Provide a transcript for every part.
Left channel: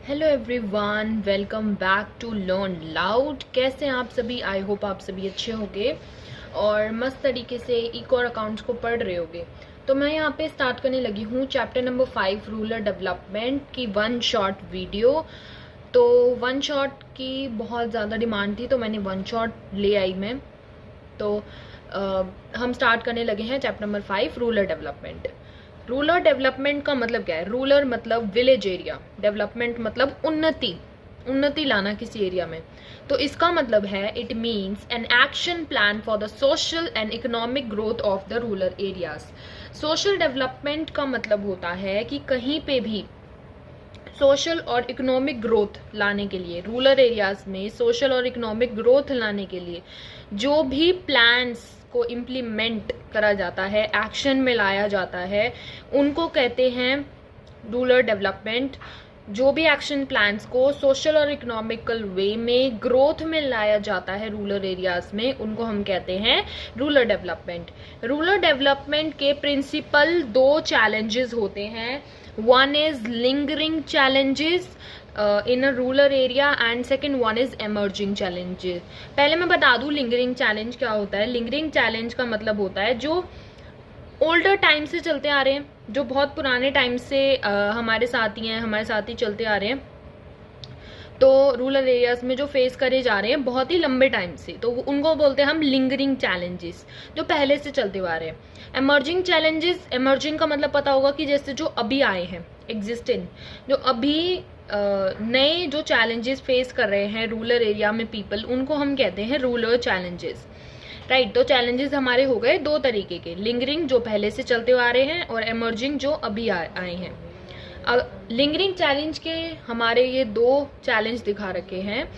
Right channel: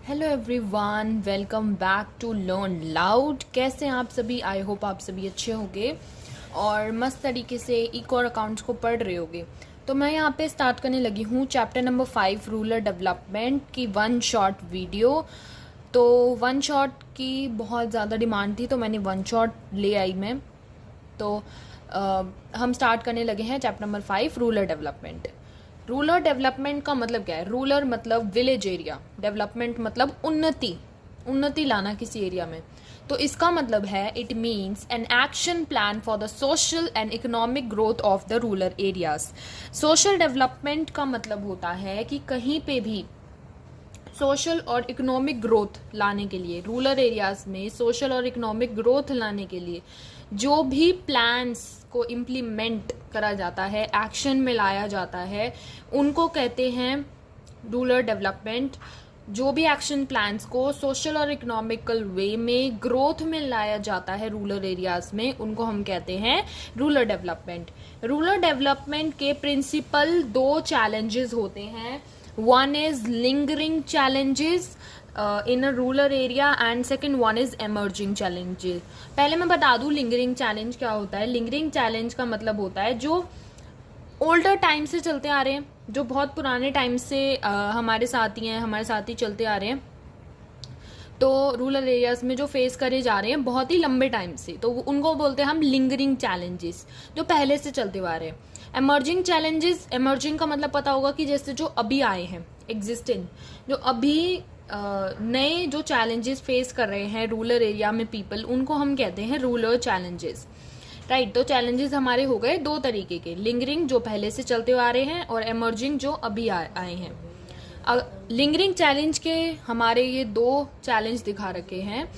Hello everyone, welcome back to Learn Loud. कैसे हैं आप सभी? आई होप आप सभी अच्छे होंगे और मस्त तरीके से इकोर अकाउंट्स को पढ़ रहे होंगे। तो मैं यहाँ पे स्टार्ट करने लगी हूँ चैप्टर नंबर 5 रूरल डेवलपमेंट की वन शॉट वीडियो। तो वन शॉट की बहुत ज़्यादा डिमांड थी तो मैंने वन शॉट ले आई मैं। तो हम स्टार्ट करने लगे हैं chapter number 5 rural development. Rural development का मतलब क्या है? रूरल मतलब विलेज एरिया, डेवलपमेंट मतलब उन्नति लाना किसी एरिया में। तो इसका मतलब है it means an action plan for the social and economic growth of the rural areas. Social development का मतलब होता है कि कहीं पे भी सोशल और इकोनॉमिक ग्रोथ लाने के लिए, रूरल एरियाज में सोशल और इकोनॉमिक ग्रोथ लाने के लिए जो भी प्लान्स को इम्प्लीमेंट करा जाता है, एक्शन में लाया जाता है, उनको कहते हैं रूरल डेवलपमेंट। जो भी एक्शन प्लान्स को सोशल और इकोनॉमिकल वे में ग्रोथ में लाया जाता है रूरल एरियाज में, उनको हम कहते हैं रूरल डेवलपमेंट। रूरल डेवलपमेंट के प्रिंसिपल 2 चैलेंजेस होते हैं। One is lingering challenges in a rural area and second one is emerging challenges. पहले मैं बता दूं लिंगरिंग चैलेंज क्या होता है। लिंगरिंग चैलेंज का मतलब होता है जो ओल्डर टाइम से चलते आ रहे हैं, जो बहुत पुराने टाइम से हमारे साथी हैं, हमारे साथी चलते आ रहे हैं, तो रूरल एरियाज में जो फेस करे जा रहे हैं बहुत ही लंबे टाइम से, तो उनको बोलते हैं हम लिंगरिंग चैलेंजेस, जो पहले से चलते हुए आ रहे हैं। एमर्जिंग चैलेंजेस, एमर्जिंग का मतलब पता होगा कि जैसे जो अभी आए हैं, एग्जिस्टिंग, जो अभी नए जो चैलेंजेस फेस कर रहे हैं रूरल एरिया में पीपल, उनको हम कहते हैं रूरल चैलेंजेस। राइट। तो चैलेंजेस हमारे हो गए 2 तरीके के, लिंगरिंग जो पहले से चलते हुए आ रहे हैं और एमर्जिंग जो अभी आए हैं। लिंगरिंग चैलेंज के हमारे ये 2 चैलेंज दिखा रखे हैं,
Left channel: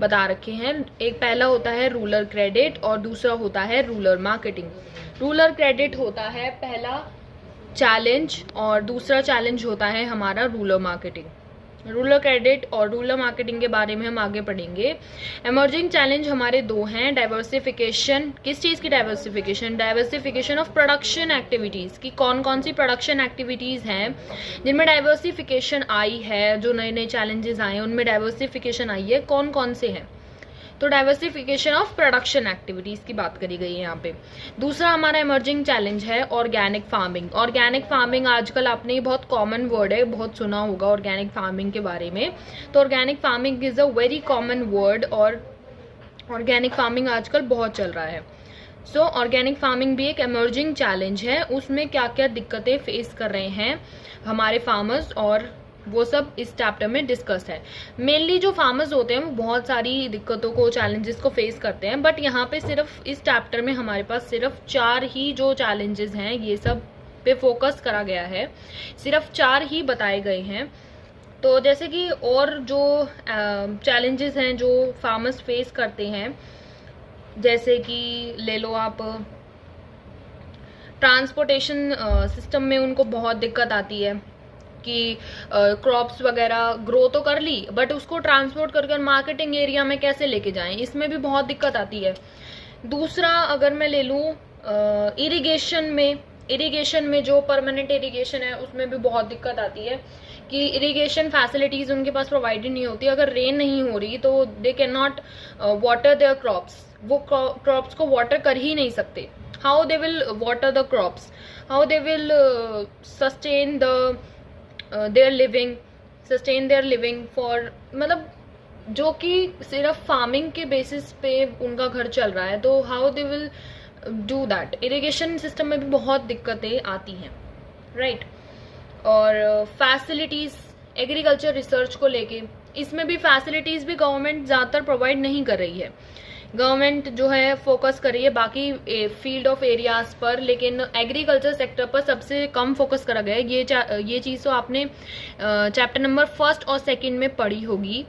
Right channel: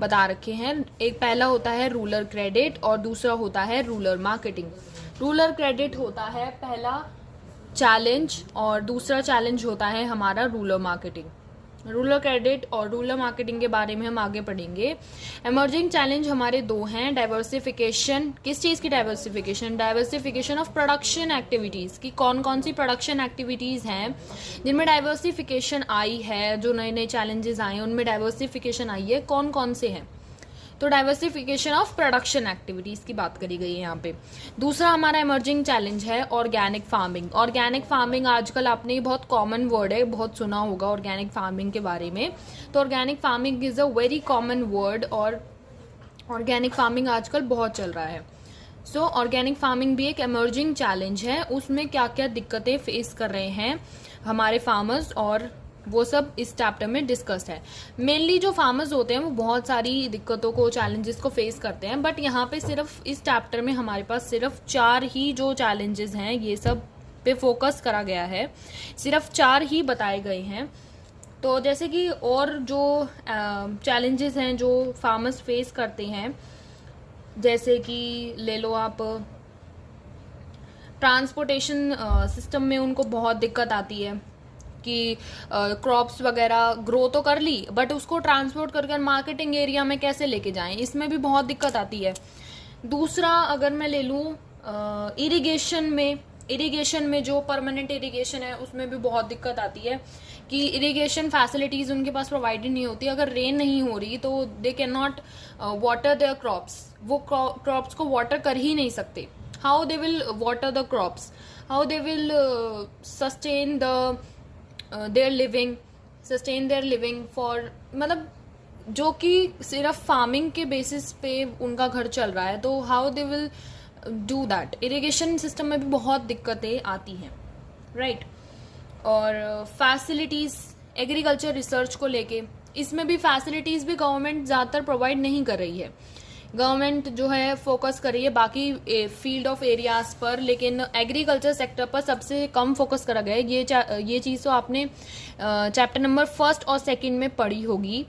बता रखे हैं। एक पहला होता है रूरल क्रेडिट और दूसरा होता है रूरल मार्केटिंग। रूरल क्रेडिट होता है पहला चैलेंज और दूसरा चैलेंज होता है हमारा रूरल मार्केटिंग। रूरल क्रेडिट और रूरल मार्केटिंग के बारे में हम आगे पढ़ेंगे। एमर्जिंग चैलेंज हमारे 2 हैं। डाइवर्सिफिकेशन, किस चीज़ की diversification? Diversification of production activities की। कौन कौन सी प्रोडक्शन एक्टिविटीज़ हैं जिनमें डाइवर्सिफिकेशन आई है, जो नए नए चैलेंजेस आए हैं उनमें डाइवर्सिफिकेशन आई है, कौन कौन से हैं? तो डाइवर्सिफिकेशन ऑफ प्रोडक्शन एक्टिविटीज की बात करी गई है यहाँ पे। दूसरा हमारा इमर्जिंग चैलेंज है ऑर्गेनिक फार्मिंग। ऑर्गेनिक फार्मिंग आजकल आपने ये बहुत कॉमन वर्ड है, बहुत सुना होगा ऑर्गेनिक फार्मिंग के बारे में। तो organic farming is a very common word और ऑर्गेनिक फार्मिंग आजकल बहुत चल रहा है। सो ऑर्गेनिक फार्मिंग भी एक इमर्जिंग चैलेंज है। उसमें क्या क्या दिक्कतें फेस कर रहे हैं हमारे फार्मर्स, और वो सब इस चैप्टर में डिस्कस है। मेनली जो फार्मर्स होते हैं वो बहुत सारी दिक्कतों को, चैलेंजेस को फेस करते हैं, बट यहाँ पे सिर्फ इस चैप्टर में हमारे पास सिर्फ 4 ही जो चैलेंजेस हैं ये सब पे फोकस करा गया है, सिर्फ 4 ही बताए गए हैं। तो जैसे कि और जो चैलेंजेस हैं जो फार्मर्स फेस करते हैं, जैसे कि ले लो आप ट्रांसपोर्टेशन सिस्टम में उनको बहुत दिक्कत आती है कि क्रॉप्स वगैरह ग्रो तो कर ली बट उसको ट्रांसपोर्ट कर कर मार्केटिंग एरिया में कैसे लेके जाएं, इसमें भी बहुत दिक्कत आती है। दूसरा अगर मैं ले लूँ इरिगेशन में जो परमानेंट इरिगेशन है उसमें भी बहुत दिक्कत आती है कि इरिगेशन फैसिलिटीज उनके पास प्रोवाइडेड नहीं होती। अगर रेन नहीं हो रही तो they can not water there crops, वो क्रॉप्स को वाटर कर ही नहीं सकते। How they will water the crops, how they will sustain their living for, मतलब जो कि सिर्फ फार्मिंग के बेसिस पे उनका घर चल रहा है, तो how they will do that. Irrigation system में भी बहुत दिक्कतें आती हैं, राइट। और फैसिलिटीज, एग्रीकल्चर रिसर्च को लेके, इसमें भी फैसिलिटीज भी गवर्नमेंट ज़्यादातर प्रोवाइड नहीं कर रही है। गवर्नमेंट जो है फोकस कर रही है बाकी फील्ड ऑफ एरियाज पर, लेकिन एग्रीकल्चर सेक्टर पर सबसे कम फोकस करा गया है। ये चीज़ तो आपने चैप्टर नंबर 1 और 2 में पढ़ी होगी,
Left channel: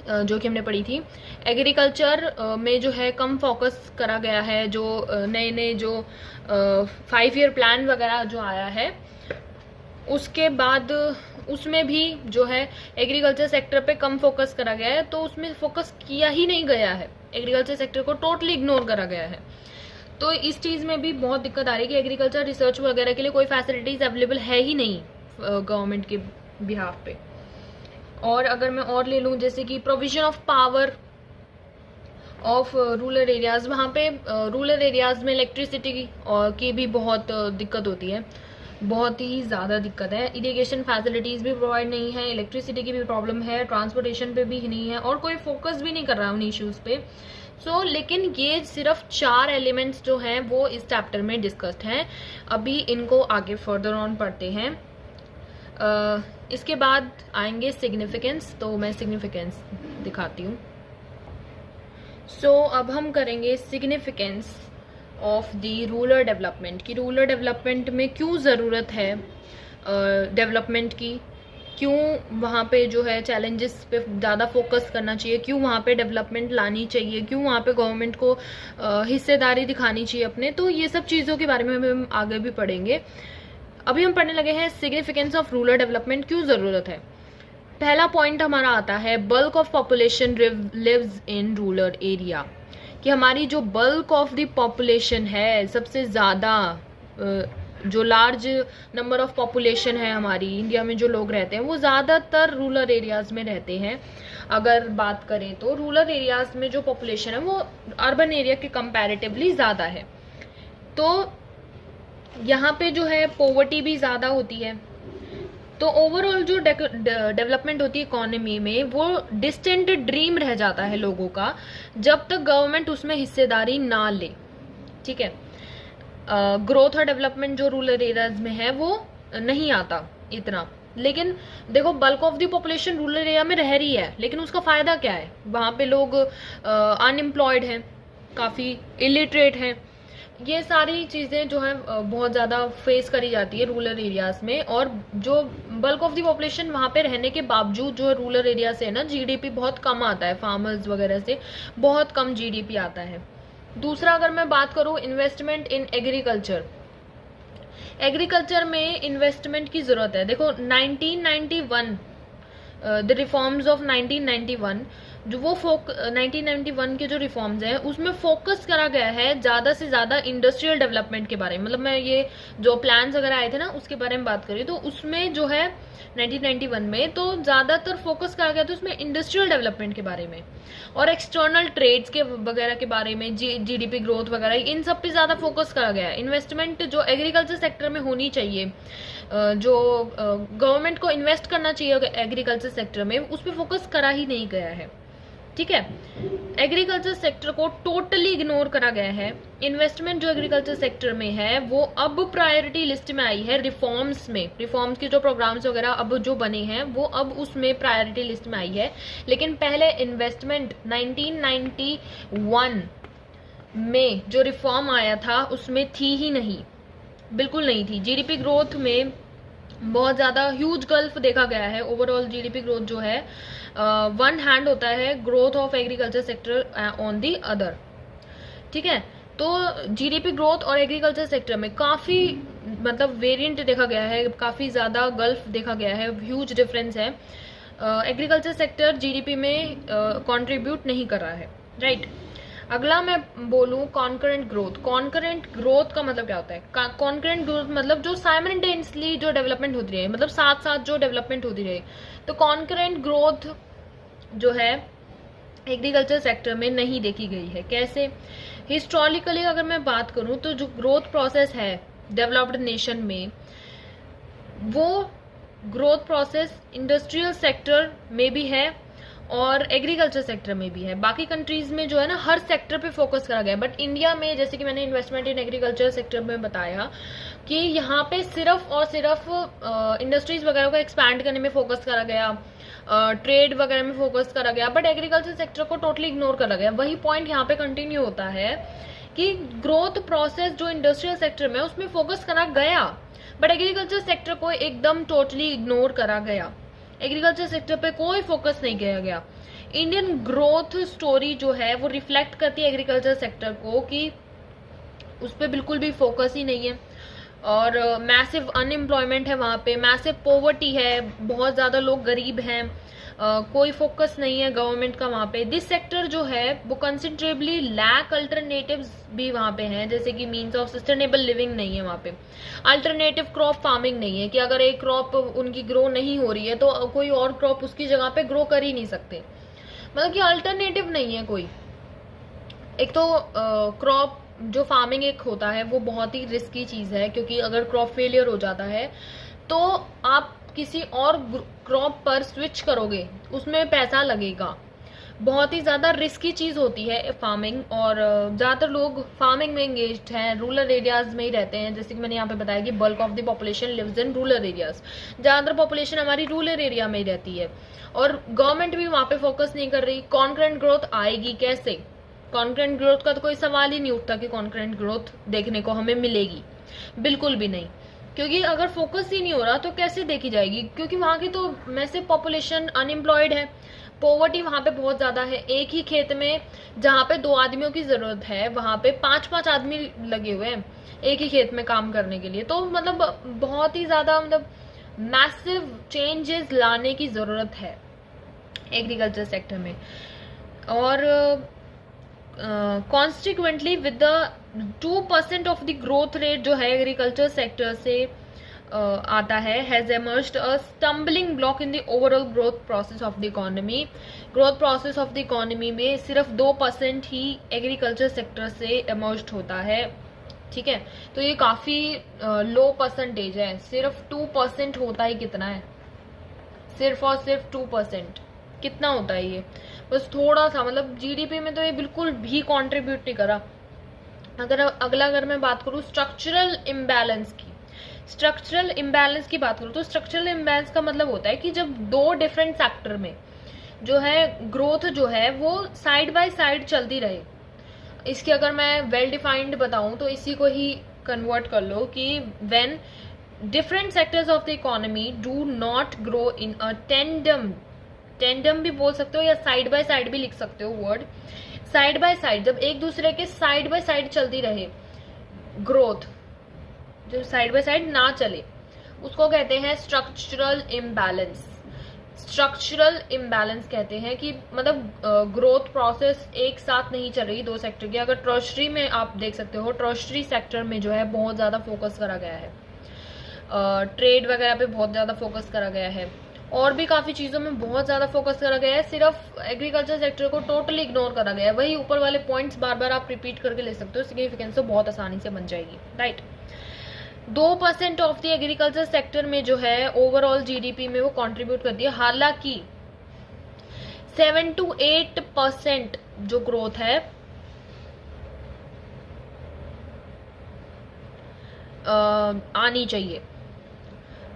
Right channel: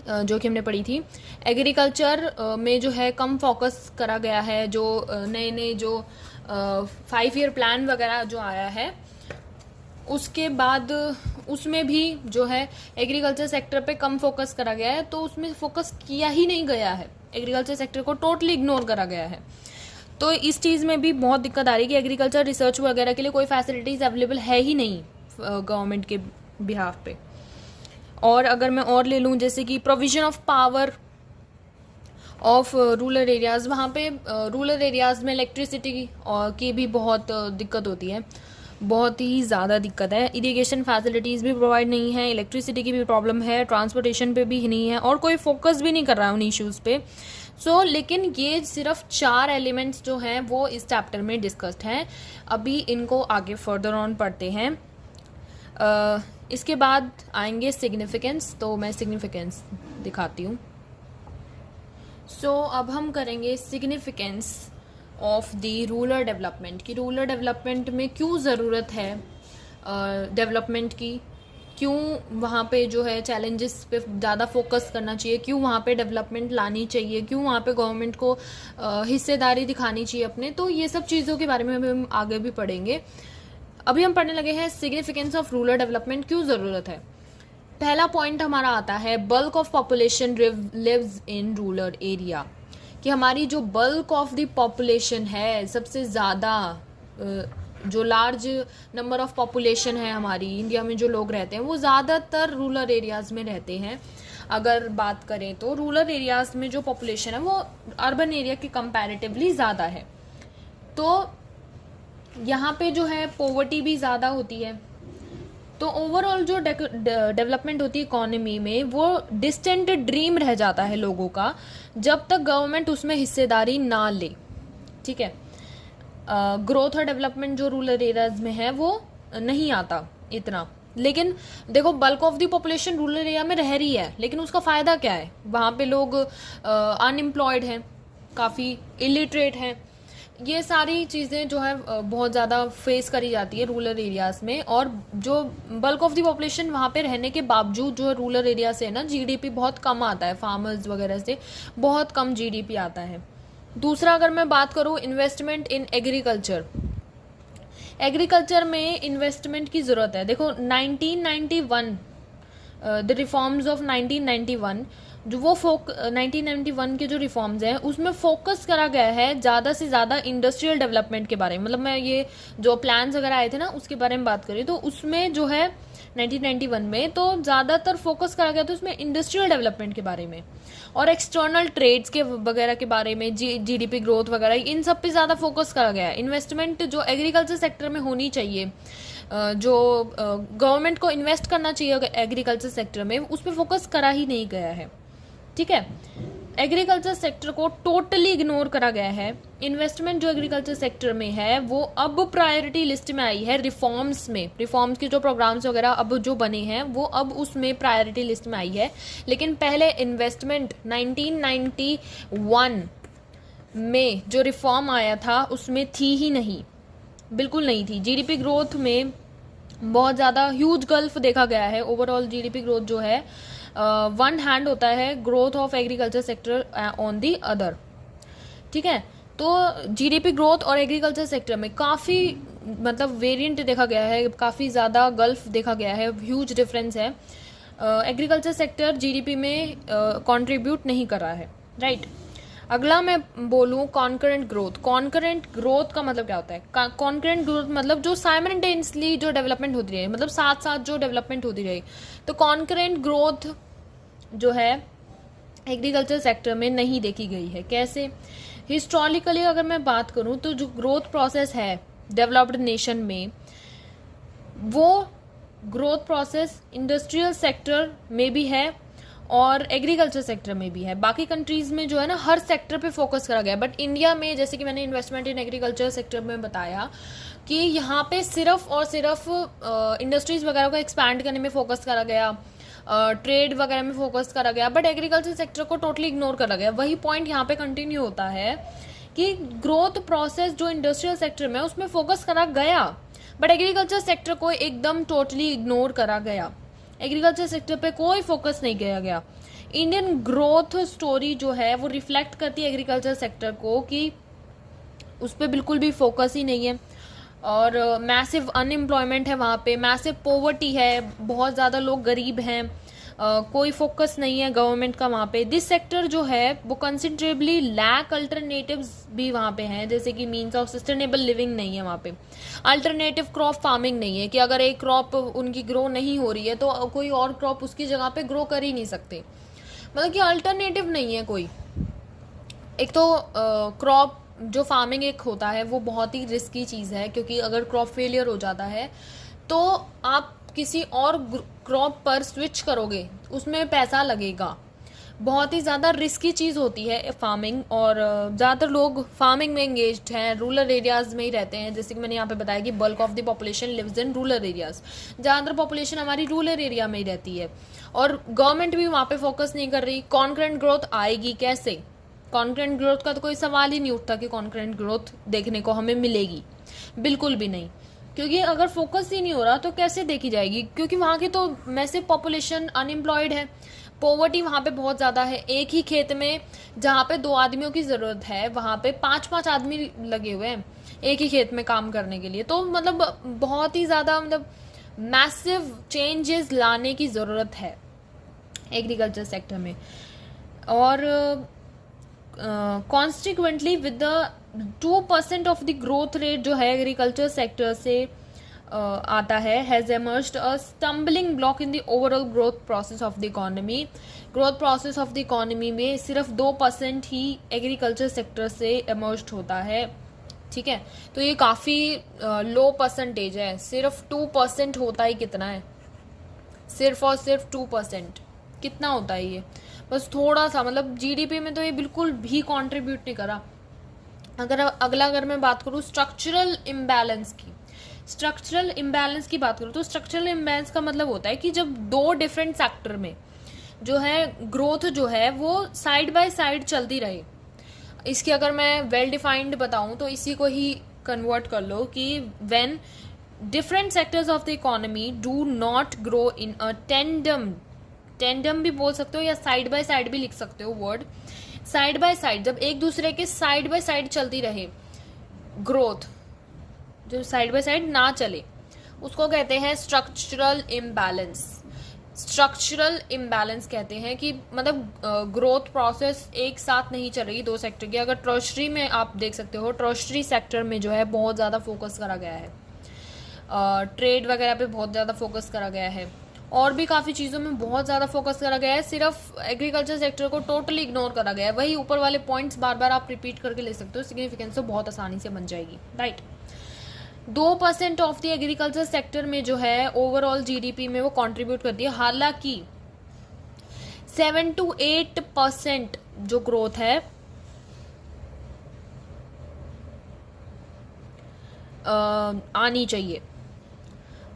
जो कि हमने पढ़ी थी। एग्रीकल्चर में जो है कम फोकस करा गया है। जो नए नए जो 5 ईयर प्लान वगैरह जो आया है उसके बाद उसमें भी जो है एग्रीकल्चर सेक्टर पे कम फोकस करा गया है, तो उसमें फोकस किया ही नहीं गया है, एग्रीकल्चर सेक्टर को टोटली इग्नोर करा गया है। तो इस चीज़ में भी बहुत दिक्कत आ रही है कि एग्रीकल्चर रिसर्च वगैरह के लिए कोई फैसिलिटीज अवेलेबल है ही नहीं गवर्नमेंट के बिहाफ पे। और अगर मैं और ले लूँ जैसे कि provision of power of rural areas, वहाँ पे रूरल एरियाज़ में इलेक्ट्रिसिटी की भी बहुत दिक्कत होती है, बहुत ही ज़्यादा दिक्कत है। इरिगेशन फैसिलिटीज़ भी प्रोवाइड नहीं है, इलेक्ट्रिसिटी की भी प्रॉब्लम है, ट्रांसपोर्टेशन पे भी नहीं है, और कोई फोकस भी नहीं कर रहा है उन इश्यूज़ पे। लेकिन ये सिर्फ 4 एलिमेंट्स जो हैं वो इस चैप्टर में डिस्कस्ड हैं। अभी इनको आगे फर्दर ऑन पढ़ते हैं। इसके बाद आएंगे सिग्निफिकेंस, तो मैं सिग्निफिकेंस दिखाती हूँ। अब हम करेंगे significance of the rural development, कि रूरल डेवलपमेंट में क्यों ज़रूरत है डेवलपमेंट की, क्यों वहाँ पे जो है चैलेंजेस पे ज़्यादा फोकस करना चाहिए, क्यों वहाँ पे डेवलपमेंट लानी चाहिए, क्यों वहाँ पे गवर्नमेंट को हिस्सेदारी दिखानी चाहिए अपने। तो ये सब चीज़ों के बारे में हम आगे भी पढ़ेंगे। अभी हम पढ़ने लगे हैं सिग्निफिकेंस ऑफ रूरल डेवलपमेंट, क्यों ज़रूरत है। पहला पॉइंट हमारा आता है bulk of population lives in rural area, कि हमारी जो बल्क ऑफ द पॉपुलेशन है, सबसे ज़्यादा जो लार्ज नंबर ऑफ पॉपुलेशन है हमारी इंडिया में, जो लोग रहते हैं वो ज़्यादातर रूरल एरियाज़ में रहते हैं। अगर बात करें तो रूरल एरियाज़ में जो पॉपुलेशन है वो अर्बन एरिया के कंपैरेटिवली ज़्यादा है। तो यहाँ पे जो है पॉवर्टी भी ज़्यादा होती है। तो ओवरऑल जो डेवलपमेंट होती है इकोनॉमी में, वो डिस्टेंट ड्रीम रह जाता है लोगों का, जब तक गवर्नमेंट उसमें हिस्सेदारी ना ले। ठीक है, ग्रोथ और डेवलपमेंट जो रूरल एरियाज में है वो नहीं आता इतना। लेकिन देखो, bulk of the population rural area में रह रही है, लेकिन उसका फ़ायदा क्या है, वहाँ पे लोग अनएम्प्लॉयड हैं, काफ़ी इलिटरेट हैं। ये सारी चीज़ें जो है बहुत ज़्यादा फेस करी जाती है रूरल एरियाज़ में। और जो बल्क ऑफ द पॉपुलेशन वहाँ पे रहने के बावजूद जो रूरल एरिया से है ना, जीडीपी बहुत कम आता है, फार्मर्स वगैरह से बहुत कम जीडीपी आता है। दूसरा, अगर मैं बात करूँ इन्वेस्टमेंट इन एग्रीकल्चर, एग्रीकल्चर में इन्वेस्टमेंट की ज़रूरत है। देखो 1991 द रिफॉर्म्स ऑफ 1991 जो वो 1991 के जो रिफॉर्म्स हैं उसमें फोकस करा गया है ज़्यादा से ज़्यादा इंडस्ट्रियल डेवलपमेंट के बारे में। मतलब मैं ये जो प्लान्स वगैरह आए थे ना उसके बारे में बात करी, तो उसमें जो है 1991 में तो ज़्यादातर फोकस करा गया था उसमें इंडस्ट्रियल डेवलपमेंट के बारे में और एक्सटर्नल ट्रेड्स के वगैरह के बारे में, जीडीपी ग्रोथ वगैरह, इन सब पे ज़्यादा फोकस करा गया है। इन्वेस्टमेंट जो एग्रीकल्चर सेक्टर में होनी चाहिए, जो गवर्नमेंट को इन्वेस्ट करना चाहिए एग्रीकल्चर सेक्टर में, उस पर फोकस करा ही नहीं गया है। ठीक है, एग्रीकल्चर सेक्टर को टोटली इग्नोर करा गया है। इन्वेस्टमेंट जो एग्रीकल्चर सेक्टर में है वो अब प्रायोरिटी लिस्ट में आई है रिफॉर्म्स में। रिफॉर्म्स के जो प्रोग्राम्स वगैरह अब जो बने हैं वो अब उसमें प्रायोरिटी लिस्ट में आई है। लेकिन पहले इन्वेस्टमेंट 1991 में जो रिफॉर्म आया था उसमें थी ही नहीं, बिल्कुल नहीं थी। जीडीपी ग्रोथ में बहुत ज़्यादा ह्यूज गल्फ देखा गया है। ओवरऑल जीडीपी ग्रोथ जो है वन हैंड होता है growth of agriculture sector on the other. ठीक है, तो जीडीपी ग्रोथ और एग्रीकल्चर सेक्टर में काफ़ी मतलब वेरिएंट देखा गया है, काफ़ी ज़्यादा गल्फ देखा गया है, ह्यूज डिफरेंस है। एग्रीकल्चर सेक्टर जीडीपी में कंट्रीब्यूट नहीं कर रहा है, राइट। अगला मैं बोलूँ कॉन्करेंट ग्रोथ। कॉन्करेंट ग्रोथ का मतलब क्या होता है? कॉन्करेंट ग्रोथ मतलब जो साइमल्टेनियसली जो डेवलपमेंट होती रहे, मतलब साथ साथ जो डेवलपमेंट होती रहे। तो कॉन्करेंट ग्रोथ जो है एग्रीकल्चर सेक्टर में नहीं देखी गई है। कैसे? हिस्टोरिकली अगर मैं बात करूँ तो जो ग्रोथ प्रोसेस है डेवलप्ड नेशन में, वो ग्रोथ प्रोसेस इंडस्ट्रियल सेक्टर में भी है और एग्रीकल्चर सेक्टर में भी है। बाकी कंट्रीज में जो है ना हर सेक्टर पे फोकस करा गया, बट इंडिया में जैसे कि मैंने इन्वेस्टमेंट इन एग्रीकल्चर सेक्टर में बताया कि यहाँ पे सिर्फ और सिर्फ इंडस्ट्रीज वगैरह को एक्सपैंड करने में फोकस करा गया, ट्रेड वगैरह में फोकस करा गया, बट एग्रीकल्चर सेक्टर को टोटली इग्नोर करा गया। वही पॉइंट यहाँ पे कंटिन्यू होता है कि ग्रोथ प्रोसेस जो इंडस्ट्रियल सेक्टर में उसमें फोकस करा गया, बट एग्रीकल्चर सेक्टर को एकदम टोटली इग्नोर करा गया। एग्रीकल्चर सेक्टर पे कोई फोकस नहीं किया गया। इंडियन ग्रोथ स्टोरी जो है वो रिफ्लेक्ट करती है एग्रीकल्चर सेक्टर को कि उस पर बिल्कुल भी फोकस ही नहीं है और मैसिव अनएम्प्लॉयमेंट है वहाँ पे, मैसिव पॉवर्टी है, बहुत ज़्यादा लोग गरीब हैं, कोई फोकस नहीं है गवर्नमेंट का वहाँ पे। दिस सेक्टर जो है वो कंसिडरेबली लैक अल्टरनेटिव्स भी वहाँ पे हैं, जैसे कि मीन्स ऑफ सस्टेनेबल लिविंग नहीं है वहाँ पे। अल्टरनेटिव क्रॉप फार्मिंग नहीं है कि अगर एक क्रॉप उनकी ग्रो नहीं हो रही है तो कोई और क्रॉप उसकी जगह पे ग्रो कर ही नहीं सकते, मतलब कि अल्टरनेटिव नहीं है कोई। एक तो क्रॉप जो फार्मिंग एक होता है वो बहुत ही रिस्की चीज़ है, क्योंकि अगर क्रॉप फेलियर हो जाता है तो आप किसी और क्रॉप पर स्विच करोगे, उसमें पैसा लगेगा, बहुत ही ज़्यादा रिस्की चीज़ होती है फार्मिंग। और ज़्यादातर लोग फार्मिंग में एंगेज्ड हैं, रूरल एरियाज़ में ही रहते हैं, जैसे कि मैंने यहाँ पे बताया कि bulk of the population lives in rural areas. ज़्यादातर पॉपुलेशन हमारी रूरल एरिया में ही रहती है और गवर्नमेंट भी वहाँ पे फोकस नहीं कर रही। कॉन्करेंट ग्रोथ आएगी कैसे? कॉन्करेंट ग्रोथ का तो कोई सवाल ही नहीं उठता कि कॉन्करेंट ग्रोथ देखने को हमें मिलेगी, बिल्कुल भी नहीं, क्योंकि अगर फोकस ही नहीं हो रहा तो कैसे देखी जाएगी? क्योंकि वहाँ की तो मैसिव पॉपुलेशन अनएम्प्लॉयड है, पॉवर्टी वहाँ पे बहुत ज़्यादा है। एक ही खेत में जहाँ पे 2 आदमियों की ज़रूरत है वहाँ पे 5-5 आदमी लगे हुए हैं एक ही खेत में काम करने के लिए। तो मतलब बहुत ही ज़्यादा मतलब मैसिव चेंजेस लाने की ज़रूरत है एग्रीकल्चर सेक्टर में। और consequently with the 2% of the growth rate जो है एग्रीकल्चर सेक्टर से आता है, has emerged a stumbling block in the overall growth process of the economy. Growth process of the economy में सिर्फ 2% ही एग्रीकल्चर सेक्टर से एमर्ज्ड होता है, ठीक है। तो ये काफ़ी लो परसेंटेज है, सिर्फ 2% होता ही कितना है, सिर्फ और सिर्फ 2% कितना होता है ये, बस थोड़ा सा, मतलब जीडीपी में तो ये बिल्कुल भी कंट्रीब्यूट नहीं करा। अगर मैं बात करूँ स्ट्रक्चरल इम्बैलेंस की बात करूँ तो स्ट्रक्चरल इम्बैलेंस का मतलब होता है कि जब 2 डिफरेंट सेक्टर में जो है ग्रोथ जो है वो साइड बाय साइड चलती रहे। इसकी अगर मैं वेल डिफाइंड बताऊँ तो इसी को ही कन्वर्ट कर लो कि when different sectors of the economy do not grow in a tandem भी बोल सकते हो या साइड बाय साइड भी लिख सकते हो वर्ड, साइड बाय साइड, जब एक दूसरे के साइड बाय साइड चलती रहे ग्रोथ, जो साइड बाय साइड ना चले, उसको कहते हैं स्ट्रक्चरल इम्बैलेंस। स्ट्रक्चरल इम्बैलेंस कहते हैं कि मतलब ग्रोथ प्रोसेस एक साथ नहीं चल रही 2 सेक्टर की। अगर टर्शरी में आप देख सकते हो, टर्शरी सेक्टर में जो है बहुत ज़्यादा फोकस करा गया है, ट्रेड वगैरह पे बहुत ज़्यादा फोकस करा गया है, और भी काफ़ी चीज़ों में बहुत ज़्यादा फोकस करा गया है, सिर्फ एग्रीकल्चर सेक्टर को टोटली इग्नोर करा गया है। वही ऊपर वाले पॉइंट्स बार बार आप रिपीट करके ले सकते हो, सिग्निफिकेंस तो बहुत आसानी से बन जाएगी, right. 2% of the agriculture sector में जो है ओवरऑल जीडीपी में वो कंट्रीब्यूट करती है, हालांकि 7 to 8% जो ग्रोथ है आनी चाहिए।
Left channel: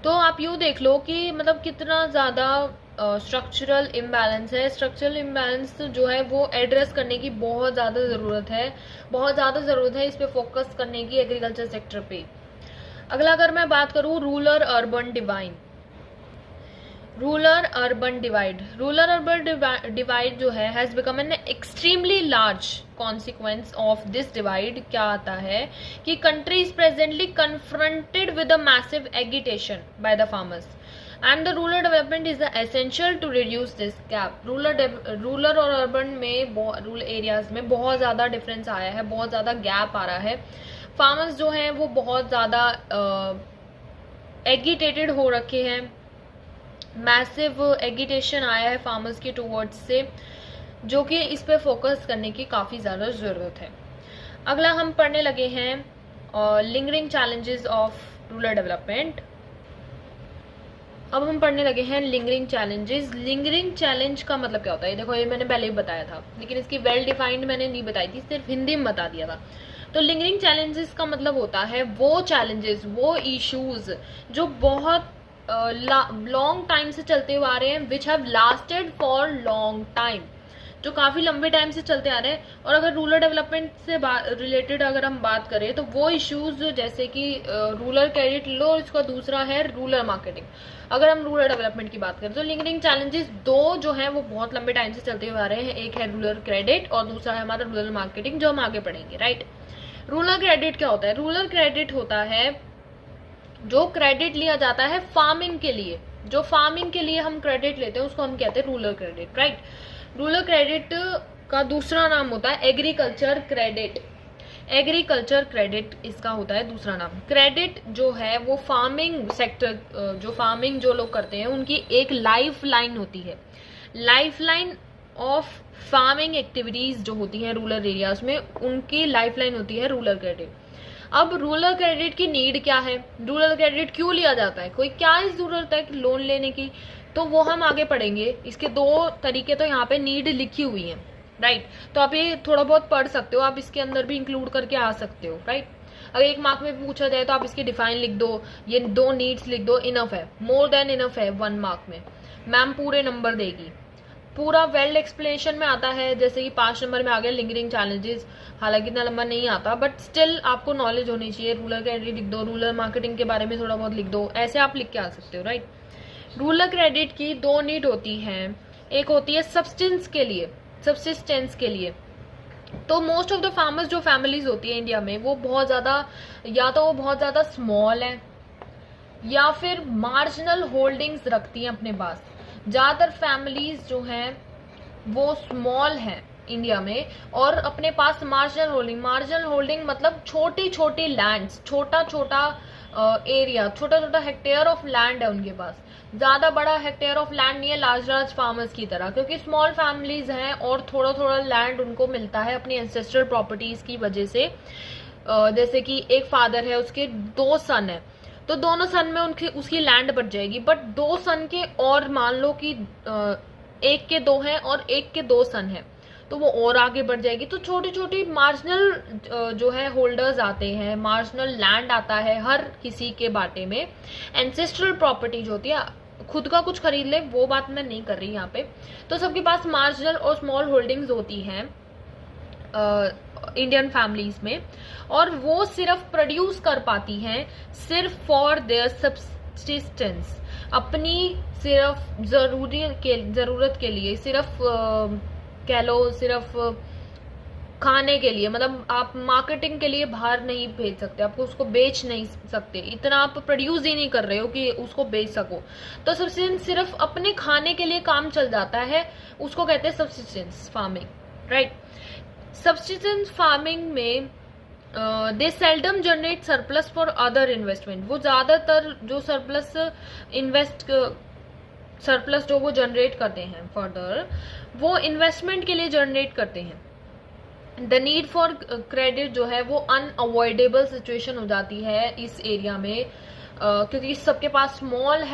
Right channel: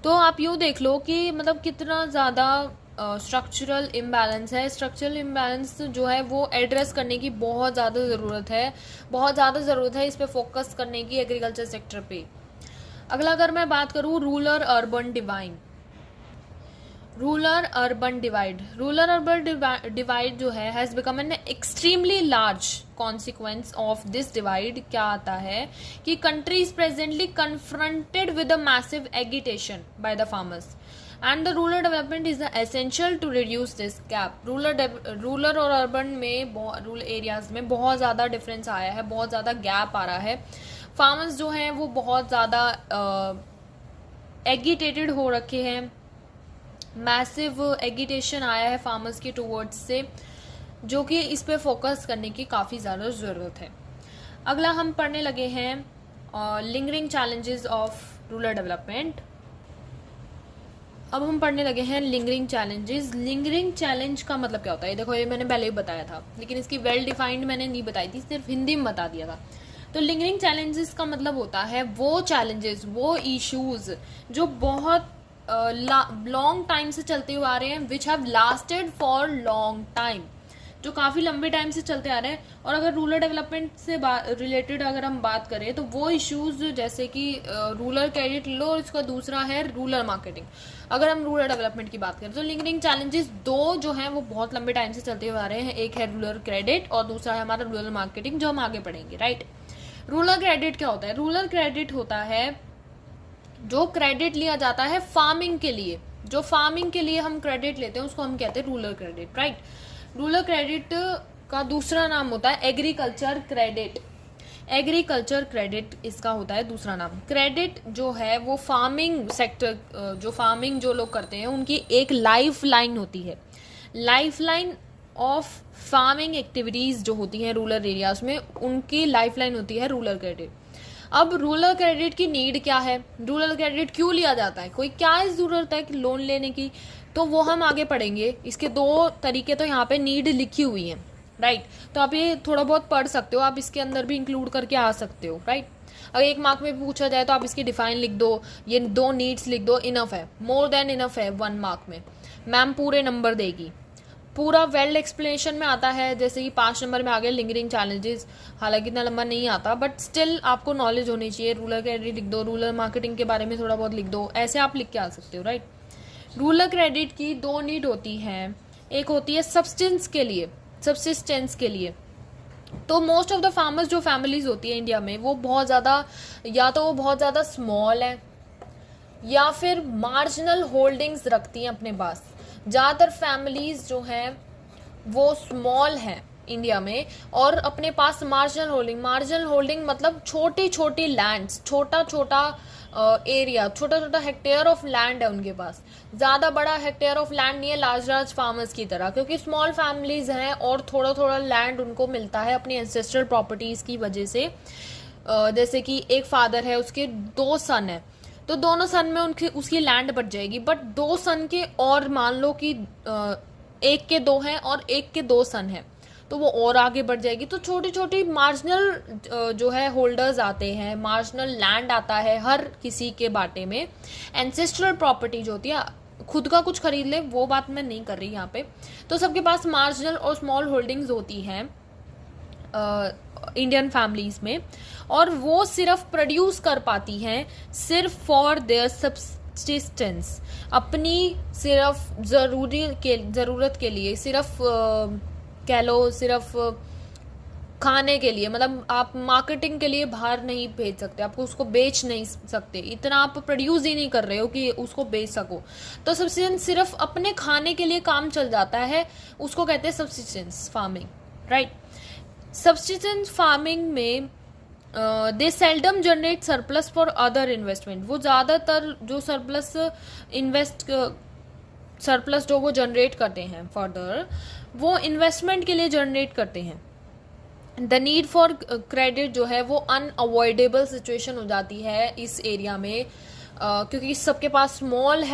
तो आप यूँ देख लो कि मतलब कितना ज़्यादा स्ट्रक्चरल इम्बैलेंस है। स्ट्रक्चरल इम्बैलेंस जो है वो एड्रेस करने की बहुत ज़्यादा ज़रूरत है, इस पर फोकस करने की एग्रीकल्चर सेक्टर पे। अगला अगर मैं बात करूँ रूरल अर्बन डिवाइड जो है has become an extremely large consequence of this divide. क्या आता है कि country is presently confronted with a massive agitation by the farmers and the rural development is the essential to reduce this gap. Rural और urban में, rural areas में बहुत ज़्यादा difference आया है, बहुत ज़्यादा गैप आ रहा है। फार्मर्स जो हैं वो बहुत ज़्यादा एगिटेटेड हो रखे हैं, मैसिव एगिटेशन आया है फार्मर्स के टूवर्ड्स से, जो कि इस पे फोकस करने की काफ़ी ज़्यादा ज़रूरत है। अगला हम पढ़ने लगे हैं lingering challenges of rural development. अब हम पढ़ने लगे हैं लिंगरिंग चैलेंजेस। लिंगरिंग चैलेंज का मतलब क्या होता है? देखो ये मैंने पहले ही बताया था, लेकिन इसकी वेल डिफाइंड मैंने नहीं बताई थी, सिर्फ हिंदी में बता दिया था। तो लिंगरिंग चैलेंजेस का मतलब होता है वो चैलेंजेस, वो इश्यूज जो बहुत लॉन्ग टाइम से चलते हुए आ रहे हैं, which have lasted for long time, जो काफ़ी लंबे टाइम से चलते आ रहे हैं। और अगर रूरल डेवलपमेंट से रिलेटेड अगर हम बात करें तो वो इश्यूज जैसे कि रूरल क्रेडिट लो, इसका दूसरा है रूरल मार्केटिंग। अगर हम रूरल डेवलपमेंट की बात करें तो लिंकिंग चैलेंजेस 2 जो हैं वो बहुत लंबे टाइम से चलते हुए आ रहे हैं, एक है रूरल क्रेडिट और दूसरा है हमारा रूरल मार्केटिंग, जो हम आगे पढ़ेंगे, राइट। रूरल क्रेडिट क्या होता है? रूरल क्रेडिट होता है जो क्रेडिट लिया जाता है फार्मिंग के लिए, जो फार्मिंग के लिए हम क्रेडिट लेते हैं उसको हम कहते हैं rural credit, right. Rural credit का दूसरा नाम होता है एग्रीकल्चर क्रेडिट। एग्रीकल्चर क्रेडिट इसका होता है दूसरा नाम। क्रेडिट जो है वो फार्मिंग सेक्टर, जो फार्मिंग जो लोग करते हैं उनकी एक लाइफ लाइन होती है। Life line of farming activities जो होती हैं रूरल एरियाज में, उनकी लाइफ लाइन होती है रूरल क्रेडिट। अब रूरल क्रेडिट की नीड क्या है, रूरल क्रेडिट क्यों लिया जाता है, कोई क्या जरूरत है लोन लेने की, तो वो हम आगे पढ़ेंगे। इसके दो तरीके तो यहाँ पे नीड लिखी हुई है, राइट। तो आप ये थोड़ा बहुत पढ़ सकते हो, आप इसके अंदर भी इंक्लूड करके आ सकते हो, राइट। अगर एक मार्क में पूछा जाए तो आप इसकी डिफाइन लिख दो, ये दो नीड्स लिख दो, इनफ है, मोर देन इनफ है 1 मार्क में। मैम पूरे नंबर देगी, पूरा वेल एक्सप्लेनेशन में आता है, जैसे कि 5 नंबर में आ गया लिंगरिंग चैलेंजेस, हालांकि इतना लंबा नहीं आता, बट स्टिल आपको नॉलेज होनी चाहिए। रूरल क्रेडिट लिख दो, रूरल मार्केटिंग के बारे में थोड़ा बहुत लिख दो, ऐसे आप लिख के आ सकते हो, राइट। रूरल क्रेडिट की 2 नीड होती हैं, एक होती है सब्सिस्टेंस के लिए। तो मोस्ट ऑफ द फार्मर्स जो फैमिलीज होती है इंडिया में, वो बहुत ज़्यादा, या तो वो बहुत ज़्यादा स्मॉल है या फिर मार्जिनल होल्डिंग्स रखती हैं अपने पास। ज़्यादातर फैमिलीज जो हैं वो स्मॉल हैं इंडिया में और अपने पास मार्जिनल होल्डिंग मतलब छोटी छोटी लैंड्स, छोटा छोटा एरिया, छोटा छोटा हेक्टेयर ऑफ लैंड है उनके पास। ज़्यादा बड़ा हेक्टेयर ऑफ लैंड नहीं है लार्ज फार्मर्स की तरह, क्योंकि स्मॉल फैमिलीज हैं और थोड़ा थोड़ा लैंड उनको मिलता है अपनी एंसेस्ट्रल प्रॉपर्टीज़ की वजह से। जैसे कि एक फादर है, उसके 2 सन है, तो दोनों सन में उसकी लैंड बढ़ जाएगी, बट 2 सन के और मान लो कि एक के 2 हैं और एक के 2 सन हैं, तो वो और आगे बढ़ जाएगी। तो छोटी छोटी मार्जिनल जो है होल्डर्स आते हैं, मार्जिनल लैंड आता है हर किसी के बाटे में। एंसेस्ट्रल प्रॉपर्टी जो होती है, खुद का कुछ खरीद ले, वो बात मैं नहीं कर रही यहाँ पे। तो सबके पास मार्जिनल और स्मॉल होल्डिंग्स होती हैं इंडियन फैमिलीज में, और वो सिर्फ प्रोड्यूस कर पाती हैं सिर्फ फॉर देयर सब्सिस्टेंस, अपनी सिर्फ ज़रूरत के लिए, सिर्फ कह लो सिर्फ खाने के लिए। मतलब आप मार्केटिंग के लिए बाहर नहीं भेज सकते, आपको उसको बेच नहीं सकते, इतना आप प्रोड्यूस ही नहीं कर रहे हो कि उसको बेच सको। तो सब्सिस्टेंस सिर्फ अपने खाने के लिए काम चल जाता है, उसको कहते हैं subsistence farming, right. Subsistence farming में they seldom generate surplus for other investment. वो ज़्यादातर जो सरप्लस जो वो जनरेट करते हैं फर्दर, वो इन्वेस्टमेंट के लिए जनरेट करते हैं। द नीड फॉर क्रेडिट जो है वो अनअवॉइडेबल सिचुएशन हो जाती है इस एरिया में, क्योंकि सबके पास स्मॉल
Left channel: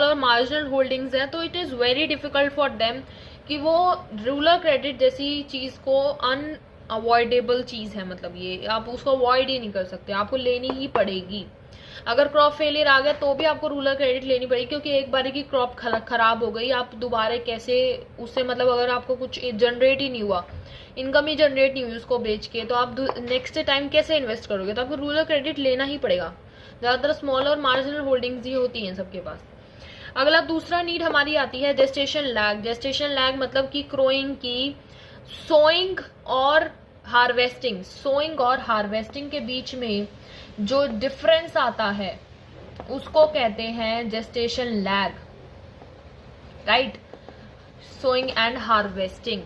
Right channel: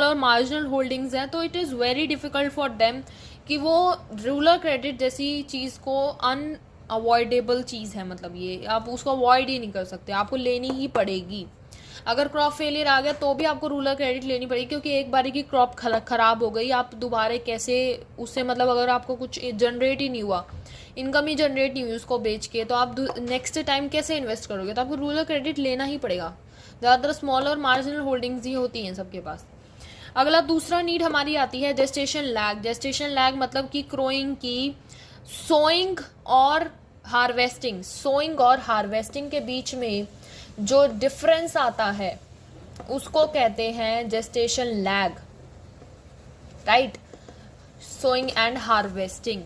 और मार्जिनल होल्डिंग्स हैं, तो it is very difficult for them कि वो रूरल क्रेडिट जैसी चीज़ को अनअवॉइडेबल चीज़ है, मतलब ये आप उसको अवॉइड ही नहीं कर सकते, आपको लेनी ही पड़ेगी। अगर क्रॉप फेलियर आ गया तो भी आपको रूरल क्रेडिट लेनी पड़ेगी, क्योंकि एक बार की क्रॉप खराब हो गई, आप दोबारा कैसे उससे, मतलब अगर आपको कुछ जनरेट ही नहीं हुआ, इनकम ही जनरेट नहीं हुई उसको बेच के, तो आप नेक्स्ट टाइम कैसे इन्वेस्ट करोगे, तो आपको रूरल क्रेडिट लेना ही पड़ेगा। ज़्यादातर स्मॉल और मार्जिनल होल्डिंग्स ही होती हैं सबके पास। अगला दूसरा नीड हमारी आती है जेस्टेशन लैग। जेस्टेशन लैग मतलब कि क्रोइंग की सोइंग और हार्वेस्टिंग के बीच में जो डिफरेंस आता है उसको कहते हैं gestation lag, right. Sowing and harvesting.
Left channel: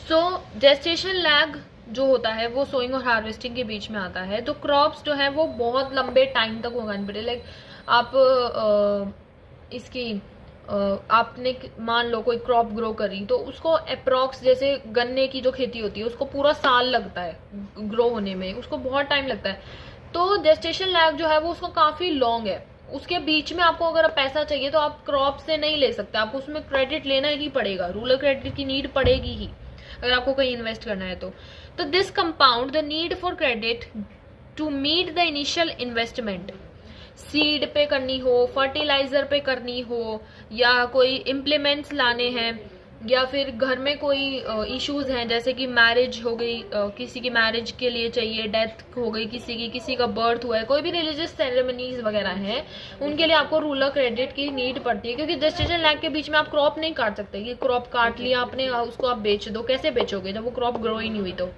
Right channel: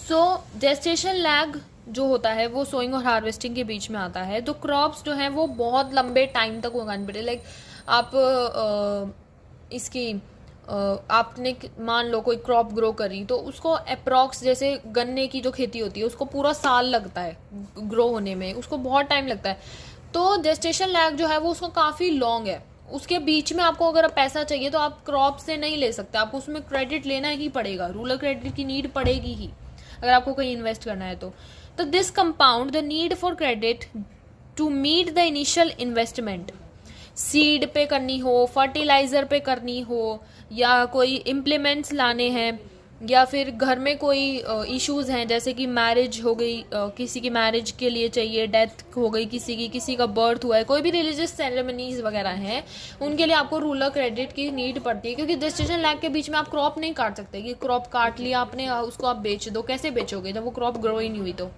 So gestation lag जो होता है वो सोइंग और हार्वेस्टिंग के बीच में आता है। तो क्रॉप्स जो है वो बहुत लंबे टाइम तक उगानी पड़े, लाइक आप आपने मान लो कोई क्रॉप ग्रो करी, तो उसको अप्रॉक्स, जैसे गन्ने की जो खेती होती है उसको पूरा साल लगता है ग्रो होने में, उसको बहुत टाइम लगता है। तो जेस्टेशन लैग जो है वो उसको काफ़ी लॉन्ग है, उसके बीच में आपको अगर पैसा चाहिए तो आप क्रॉप से नहीं ले सकते, आपको उसमें क्रेडिट लेना ही पड़ेगा, रूरल क्रेडिट की नीड पड़ेगी ही अगर आपको कहीं इन्वेस्ट करना है तो this compound the need for credit to meet the initial investment. Seed पे करनी हो, फर्टिलाइजर पे करनी हो, या कोई इम्प्लीमेंट्स लाने हैं, या फिर घर में कोई इश्यूज हैं, जैसे कि मैरिज हो गई, किसी की मैरिज के लिए चाहिए, डेथ हो गई किसी का बर्थ हुआ है, कोई भी रिलीजियस सेरेमनीज वगैरह हैं, उनके लिए आपको रूरल क्रेडिट की नीड पड़ती है। क्योंकि जेस्टेशन लैग के बीच में आप क्रॉप नहीं काट सकते कि क्रॉप काट लिया आपने, उसको आप बेच दो, कैसे बेचोगे जब वो क्रॉप ग्रो ही नहीं हुई। तो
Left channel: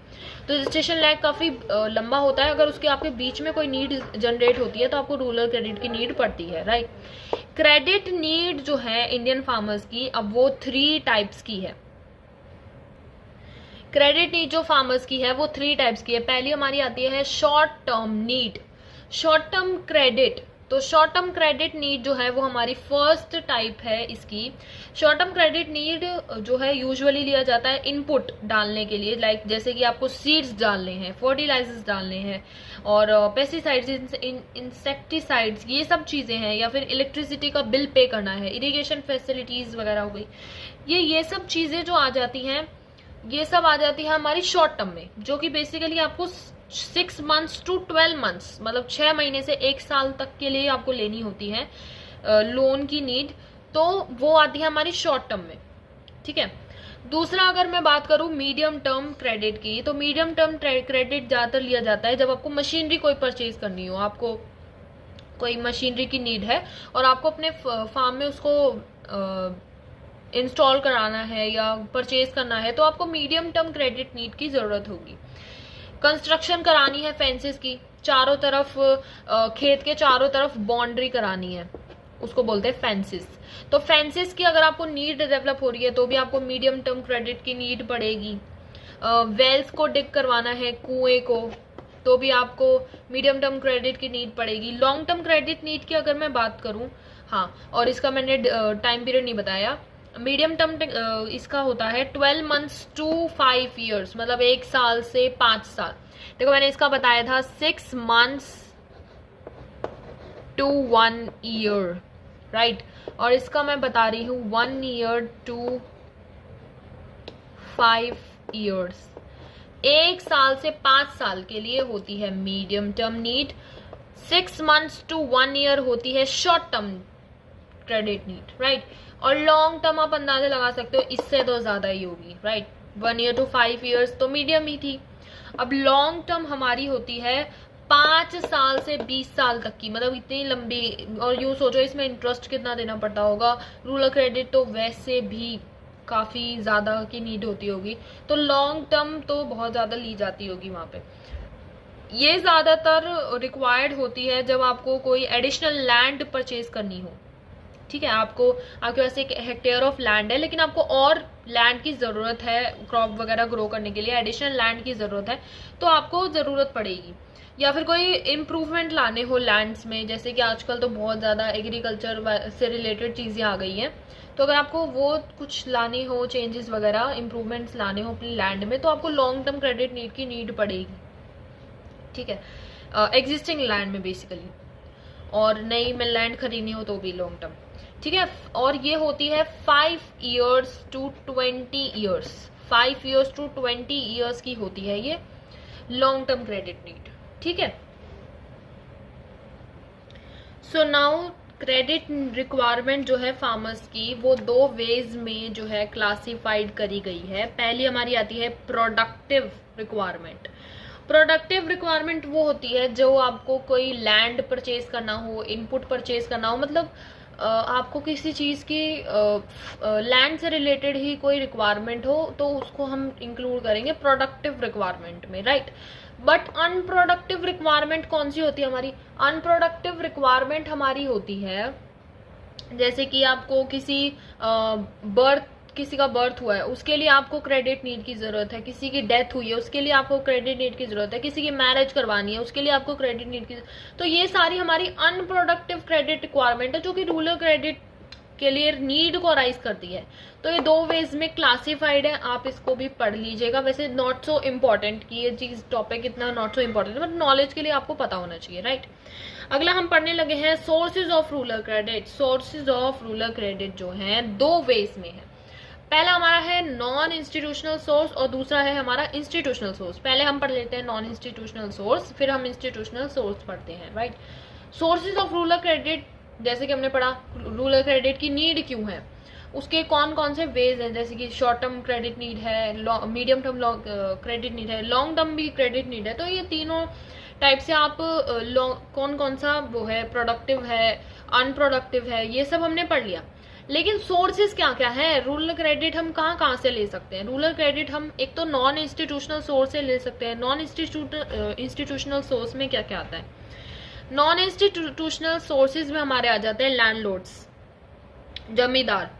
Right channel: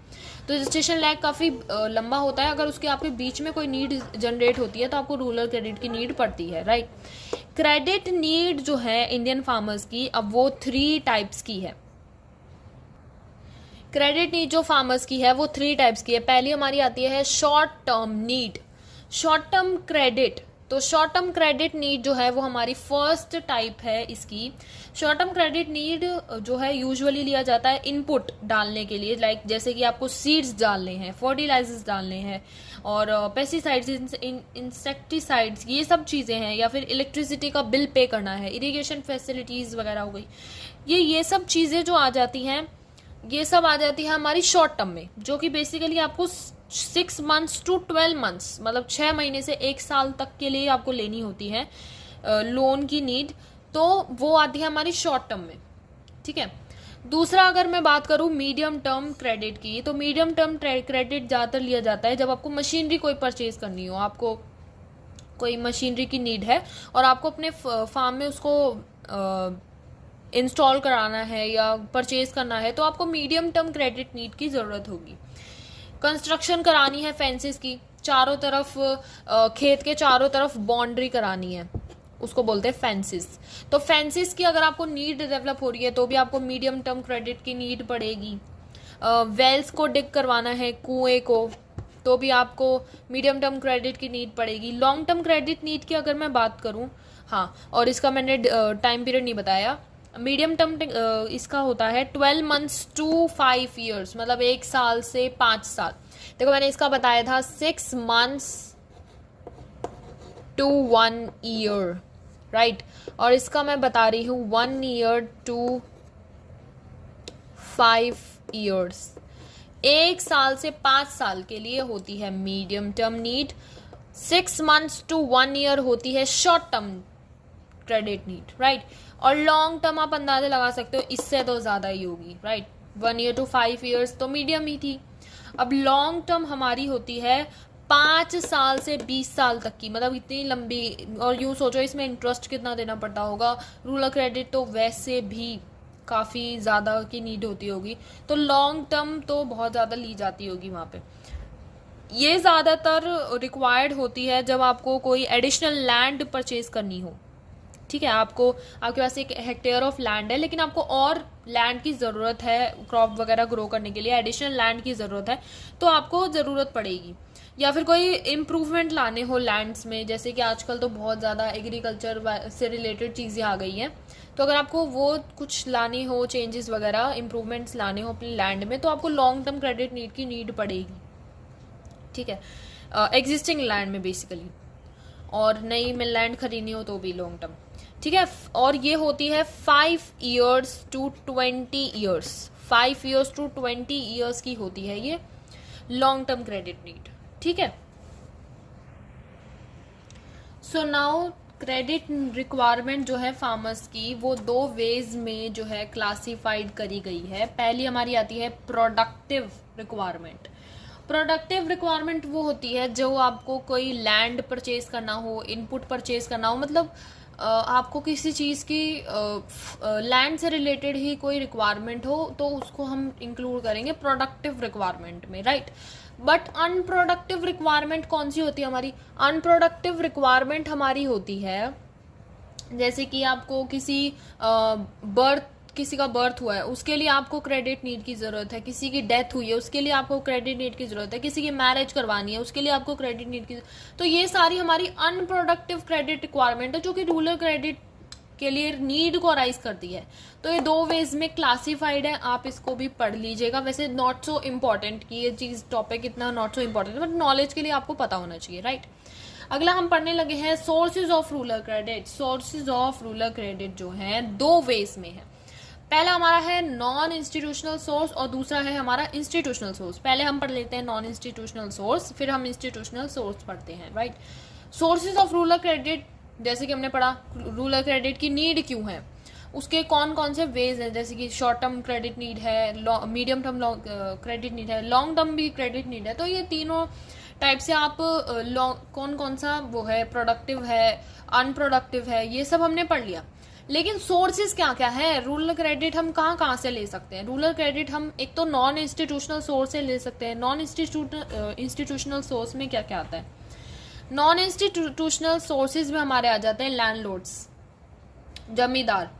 जेस्टेशन लैग काफ़ी लंबा होता है, अगर उसके आपके बीच में कोई नीड जनरेट होती है तो आपको रूरल क्रेडिट की नीड पड़ती है, राइट। क्रेडिट नीड जो है इंडियन फार्मर्स की, अब वो 3 टाइप्स की है। क्रेडिट नीड जो फार्मर्स की है वो 3 टाइप्स की है। पहली हमारी आती है short term need, short term credit. तो शॉर्ट टर्म क्रेडिट नीड जो है वो हमारी फर्स्ट टाइप है इसकी। शॉर्ट टर्म क्रेडिट नीड जो है यूजुअली लिया जाता है इनपुट डालने के लिए, लाइक जैसे कि आपको सीड्स डालने हैं, फर्टिलाइजर्स डालने हैं, और पेस्टिसाइड्स, इंसेक्टिसाइड्स, ये सब चीज़ें हैं, या फिर इलेक्ट्रिसिटी का बिल पे करना है, इरिगेशन फैसिलिटीज़ वगैरह हो गई। ये सब चीज़ें जो आ जाती हैं, ये सब आ जाती है हमारी शॉर्ट टर्म में, जो कि बेसिकली आपको 6 मंथ्स टू 12 मंथ्स, मतलब 6 महीने से 1 साल तक के लिए आपको लेनी होती है लोन की नीड। तो वो आती है हमारी शॉर्ट टर्म में, ठीक है। दूसरा अगर मैं बात करूं मीडियम टर्म क्रेडिट की, तो मीडियम टर्म क्रेडिट ज़्यादातर लिया जाता है जब आपको मशीनरी कोई परचेज करनी हो, आपको कोई मशीनरी की नीड है और आपको अपने फार्म में उसको इंस्टॉल कराना है या परचेज करना है, तो आपको मीडियम टर्म क्रेडिट नीड की ज़रूरत होगी। कंस्ट्रक्शन करानी है फेंसेस की, चारों तरफ खेत के चारों तरफ बाउंड्री करानी है, उसको बोलते हैं फेंसेस। तो फेंसेस की अगर आपको नीड डेवलप हो रही है तो भी आपको मीडियम टर्म क्रेडिट की नीड पड़ेगी। वेल्स को डिग करवाना है, कुएं को, तो भी आपको मीडियम टर्म क्रेडिट की नीड पड़ेगी। लॉन्ग टर्म क्रेडिट नीड की अगर मैं बात करूं, हाँ, और इसका मैंने टाइम पीरियड नहीं बताया। मीडियम टर्म इसका होता है 12 मंथ्स टू 5 ईयर्स, मतलब 1 साल से 5 साल। देखो मैंने इसका बताया था 6 मंथ्स टू 1 ईयर, राइट, और इसका मैं बता रही हूँ 1 ईयर टू 5 ईयर्स। 1 साल से 5 साल के लिए होती है medium term need, 6 months to 1 year होती है short term credit need, right. और लॉन्ग टर्म आप अंदाजा लगा सकते हो, इससे तो ज़्यादा ही होगी, राइट। 1 ईयर टू 5 ईयर्स तो मीडियम ही थी। अब लॉन्ग टर्म हमारी होती है 5 साल से 20 साल तक की, मतलब इतनी लंबी। और यूँ सोचो इसमें इंटरेस्ट कितना देना पड़ता होगा। रूरल क्रेडिट तो वैसे भी काफ़ी ज़्यादा की नीड होती होगी, तो लॉन्ग टर्म तो बहुत ज़्यादा ली जाती होगी वहाँ पे। ये ज़्यादातर रिक्वायर्ड होती है जब आपको कोई एडिशनल लैंड परचेज करनी हो, ठीक है। आपके पास 1 हेक्टेयर ऑफ लैंड है, लेकिन आपको और लैंड की ज़रूरत है क्रॉप वगैरह ग्रो करने के लिए, एडिशनल लैंड की ज़रूरत है, तो आपको ज़रूरत पड़ेगी। या फिर कोई इम्प्रूवमेंट लाने हो लैंड्स में, जैसे कि आजकल तो बहुत ज़्यादा एग्रीकल्चर से रिलेटेड चीज़ें आ गई हैं, तो अगर आपको वो कुछ लानी हो, चेंजेस वगैरह, इम्प्रूवमेंट्स लाने हो अपने लैंड में, तो आपको लॉन्ग टर्म क्रेडिट नीड की नीड पड़ेगी, ठीक है, एग्जिस्टिंग लैंड में बेसिकली। और नई में लैंड खरीदनी हो तो भी लॉन्ग टर्म, ठीक है। और ये होती है 5 years to 20 years, 5 years to 20 years की होती है ये लॉन्ग टर्म क्रेडिट नीड, ठीक है। सो नाउ क्रेडिट रिक्वायरमेंट जो है फार्मर्स की, वो 2 वेज में जो है क्लासिफाइड करी गई है। पहली हमारी आती है प्रोडक्टिव रिक्वायरमेंट। प्रोडक्टिव रिक्वायरमेंट वो होती है जो आपको कोई लैंड परचेज करना हो, इनपुट परचेज करना हो, मतलब आपको किसी चीज़ की लैंड से रिलेटेड ही कोई रिक्वायरमेंट हो, तो उसको हम इंक्लूड करेंगे प्रोडक्टिव रिक्वायरमेंट में, राइट। बट अनप्रोडक्टिव रिक्वायरमेंट कौन सी होती है हमारी? अनप्रोडक्टिव रिक्वायरमेंट हमारी होती है जैसे कि आपको किसी का बर्थ हुआ है, उसके लिए आपको क्रेडिट नीड की ज़रूरत है। किसी की डेथ हुई है, उसके लिए आपको क्रेडिट नीड की ज़रूरत है। किसी की मैरिज करवानी है, उसके लिए आपको क्रेडिट नीड की। तो ये सारी हमारी अनप्रोडक्टिव क्रेडिट रिक्वायरमेंट है जो कि रूरल क्रेडिट के लिए नीड को राइज करती है। तो ये 2 वेज में क्लासिफाइड है, आप इसको भी पढ़ लीजिएगा। वैसे नॉट सो इम्पॉर्टेंट कि ये चीज़ टॉपिक इतना नॉट सो इम्पॉर्टेंट है, बट नॉलेज के लिए आपको पता होना चाहिए, राइट। अगला हम पढ़ने लगे हैं sources of rural credit. Sources of rural credit जो है 2 वेज में है। पहला हमारा है नॉन इंस्टीट्यूशनल सोर्स और दूसरा है हमारा इंस्टीट्यूशनल सोर्स। पहले हम पढ़ लेते हैं नॉन इंस्टीट्यूशनल सोर्स, फिर हम इंस्टीट्यूशनल सोर्स पढ़ते हैं, right. Sources of rural credit, जैसे कि हमने पढ़ा रूरल क्रेडिट की नीड क्यों है, उसके कौन कौन से वेज हैं, जैसे कि शॉर्ट टर्म क्रेडिट नीड है, मीडियम टर्म क्रेडिट नीड है, लॉन्ग टर्म भी क्रेडिट नीड है। तो ये तीनों टाइप से आप कौन कौन सा वो है, प्रोडक्टिव है, अनप्रोडक्टिव है, ये सब हमने पढ़ लिया। लेकिन सोर्सेज क्या क्या है, रूरल क्रेडिट हम कहाँ कहाँ से ले सकते हैं? रूरल क्रेडिट हम एक तो नॉन इंस्टीट्यूशनल सोर्स से ले सकते हैं। नॉन इंस्टीट्यूशनल सोर्स में क्या क्या आता है? नॉन इंस्टीट्यूशनल सोर्सेज में हमारे आ जाते हैं लैंडलॉर्ड्स, जमींदार,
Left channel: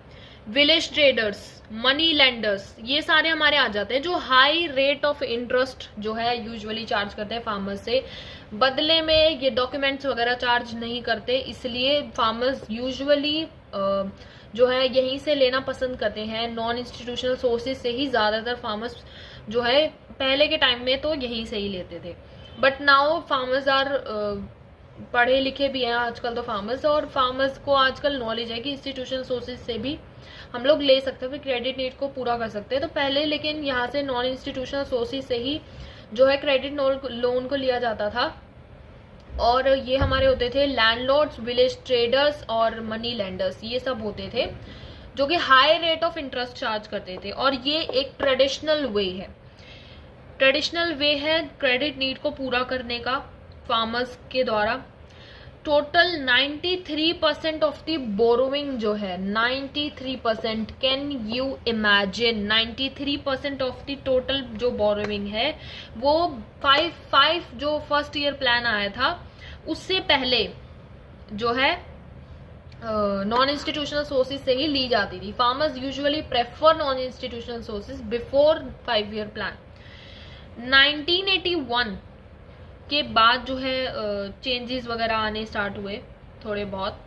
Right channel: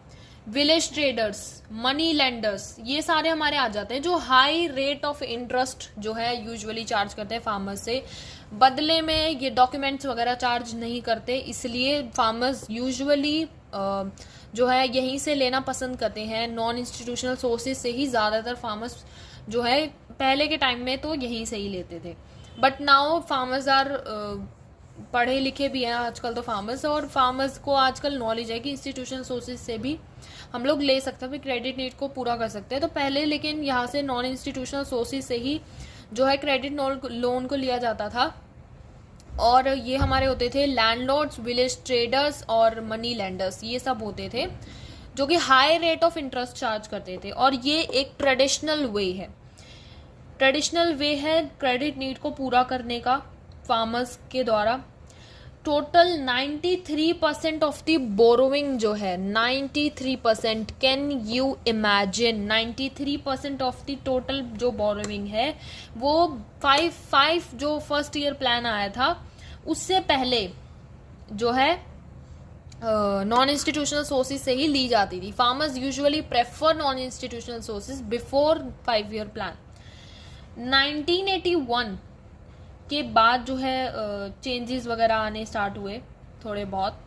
विलेज ट्रेडर्स, मनी लेंडर्स, ये सारे हमारे आ जाते हैं जो हाई रेट ऑफ इंटरेस्ट जो है यूजुअली चार्ज करते हैं फार्मर्स से। बदले में ये डॉक्यूमेंट्स वगैरह चार्ज नहीं करते, इसलिए फार्मर्स यूजुअली जो है यहीं से लेना पसंद करते हैं। नॉन इंस्टीट्यूशनल सोर्सेज से ही ज़्यादातर फार्मर्स जो है पहले के टाइम में तो यहीं से ही लेते थे, बट नाउ फार्मर्स आर पढ़े लिखे भी हैं आजकल तो फार्मर्स, और फार्मर्स को आजकल नॉलेज है कि इंस्टीट्यूशनल सोर्सेज से भी हम लोग ले सकते हैं, फिर क्रेडिट नीड को पूरा कर सकते हैं। तो पहले लेकिन यहाँ से नॉन इंस्टीट्यूशनल सोर्सेज से ही जो है क्रेडिट लोन को लिया जाता था, और ये हमारे होते थे लैंडलॉर्ड्स, विलेज ट्रेडर्स और मनी लेंडर्स, ये सब होते थे जो कि high rate of interest charge करते थे। और ये एक ट्रेडिशनल वे है क्रेडिट नीड को पूरा करने का फार्मर्स के द्वारा। टोटल 93% ऑफ द बोरोइंग जो है 93%, can you imagine 93% of the total जो बोरोइंग है वो 5 जो फर्स्ट ईयर प्लान आया था उससे पहले जो है नॉन इंस्टीट्यूशनल सोर्सेज से ही ली जाती थी। Farmers usually prefer non institutional sources before 5 year plan. 1981 के बाद जो है चेंजेस वगैरह आने स्टार्ट हुए थोड़े बहुत,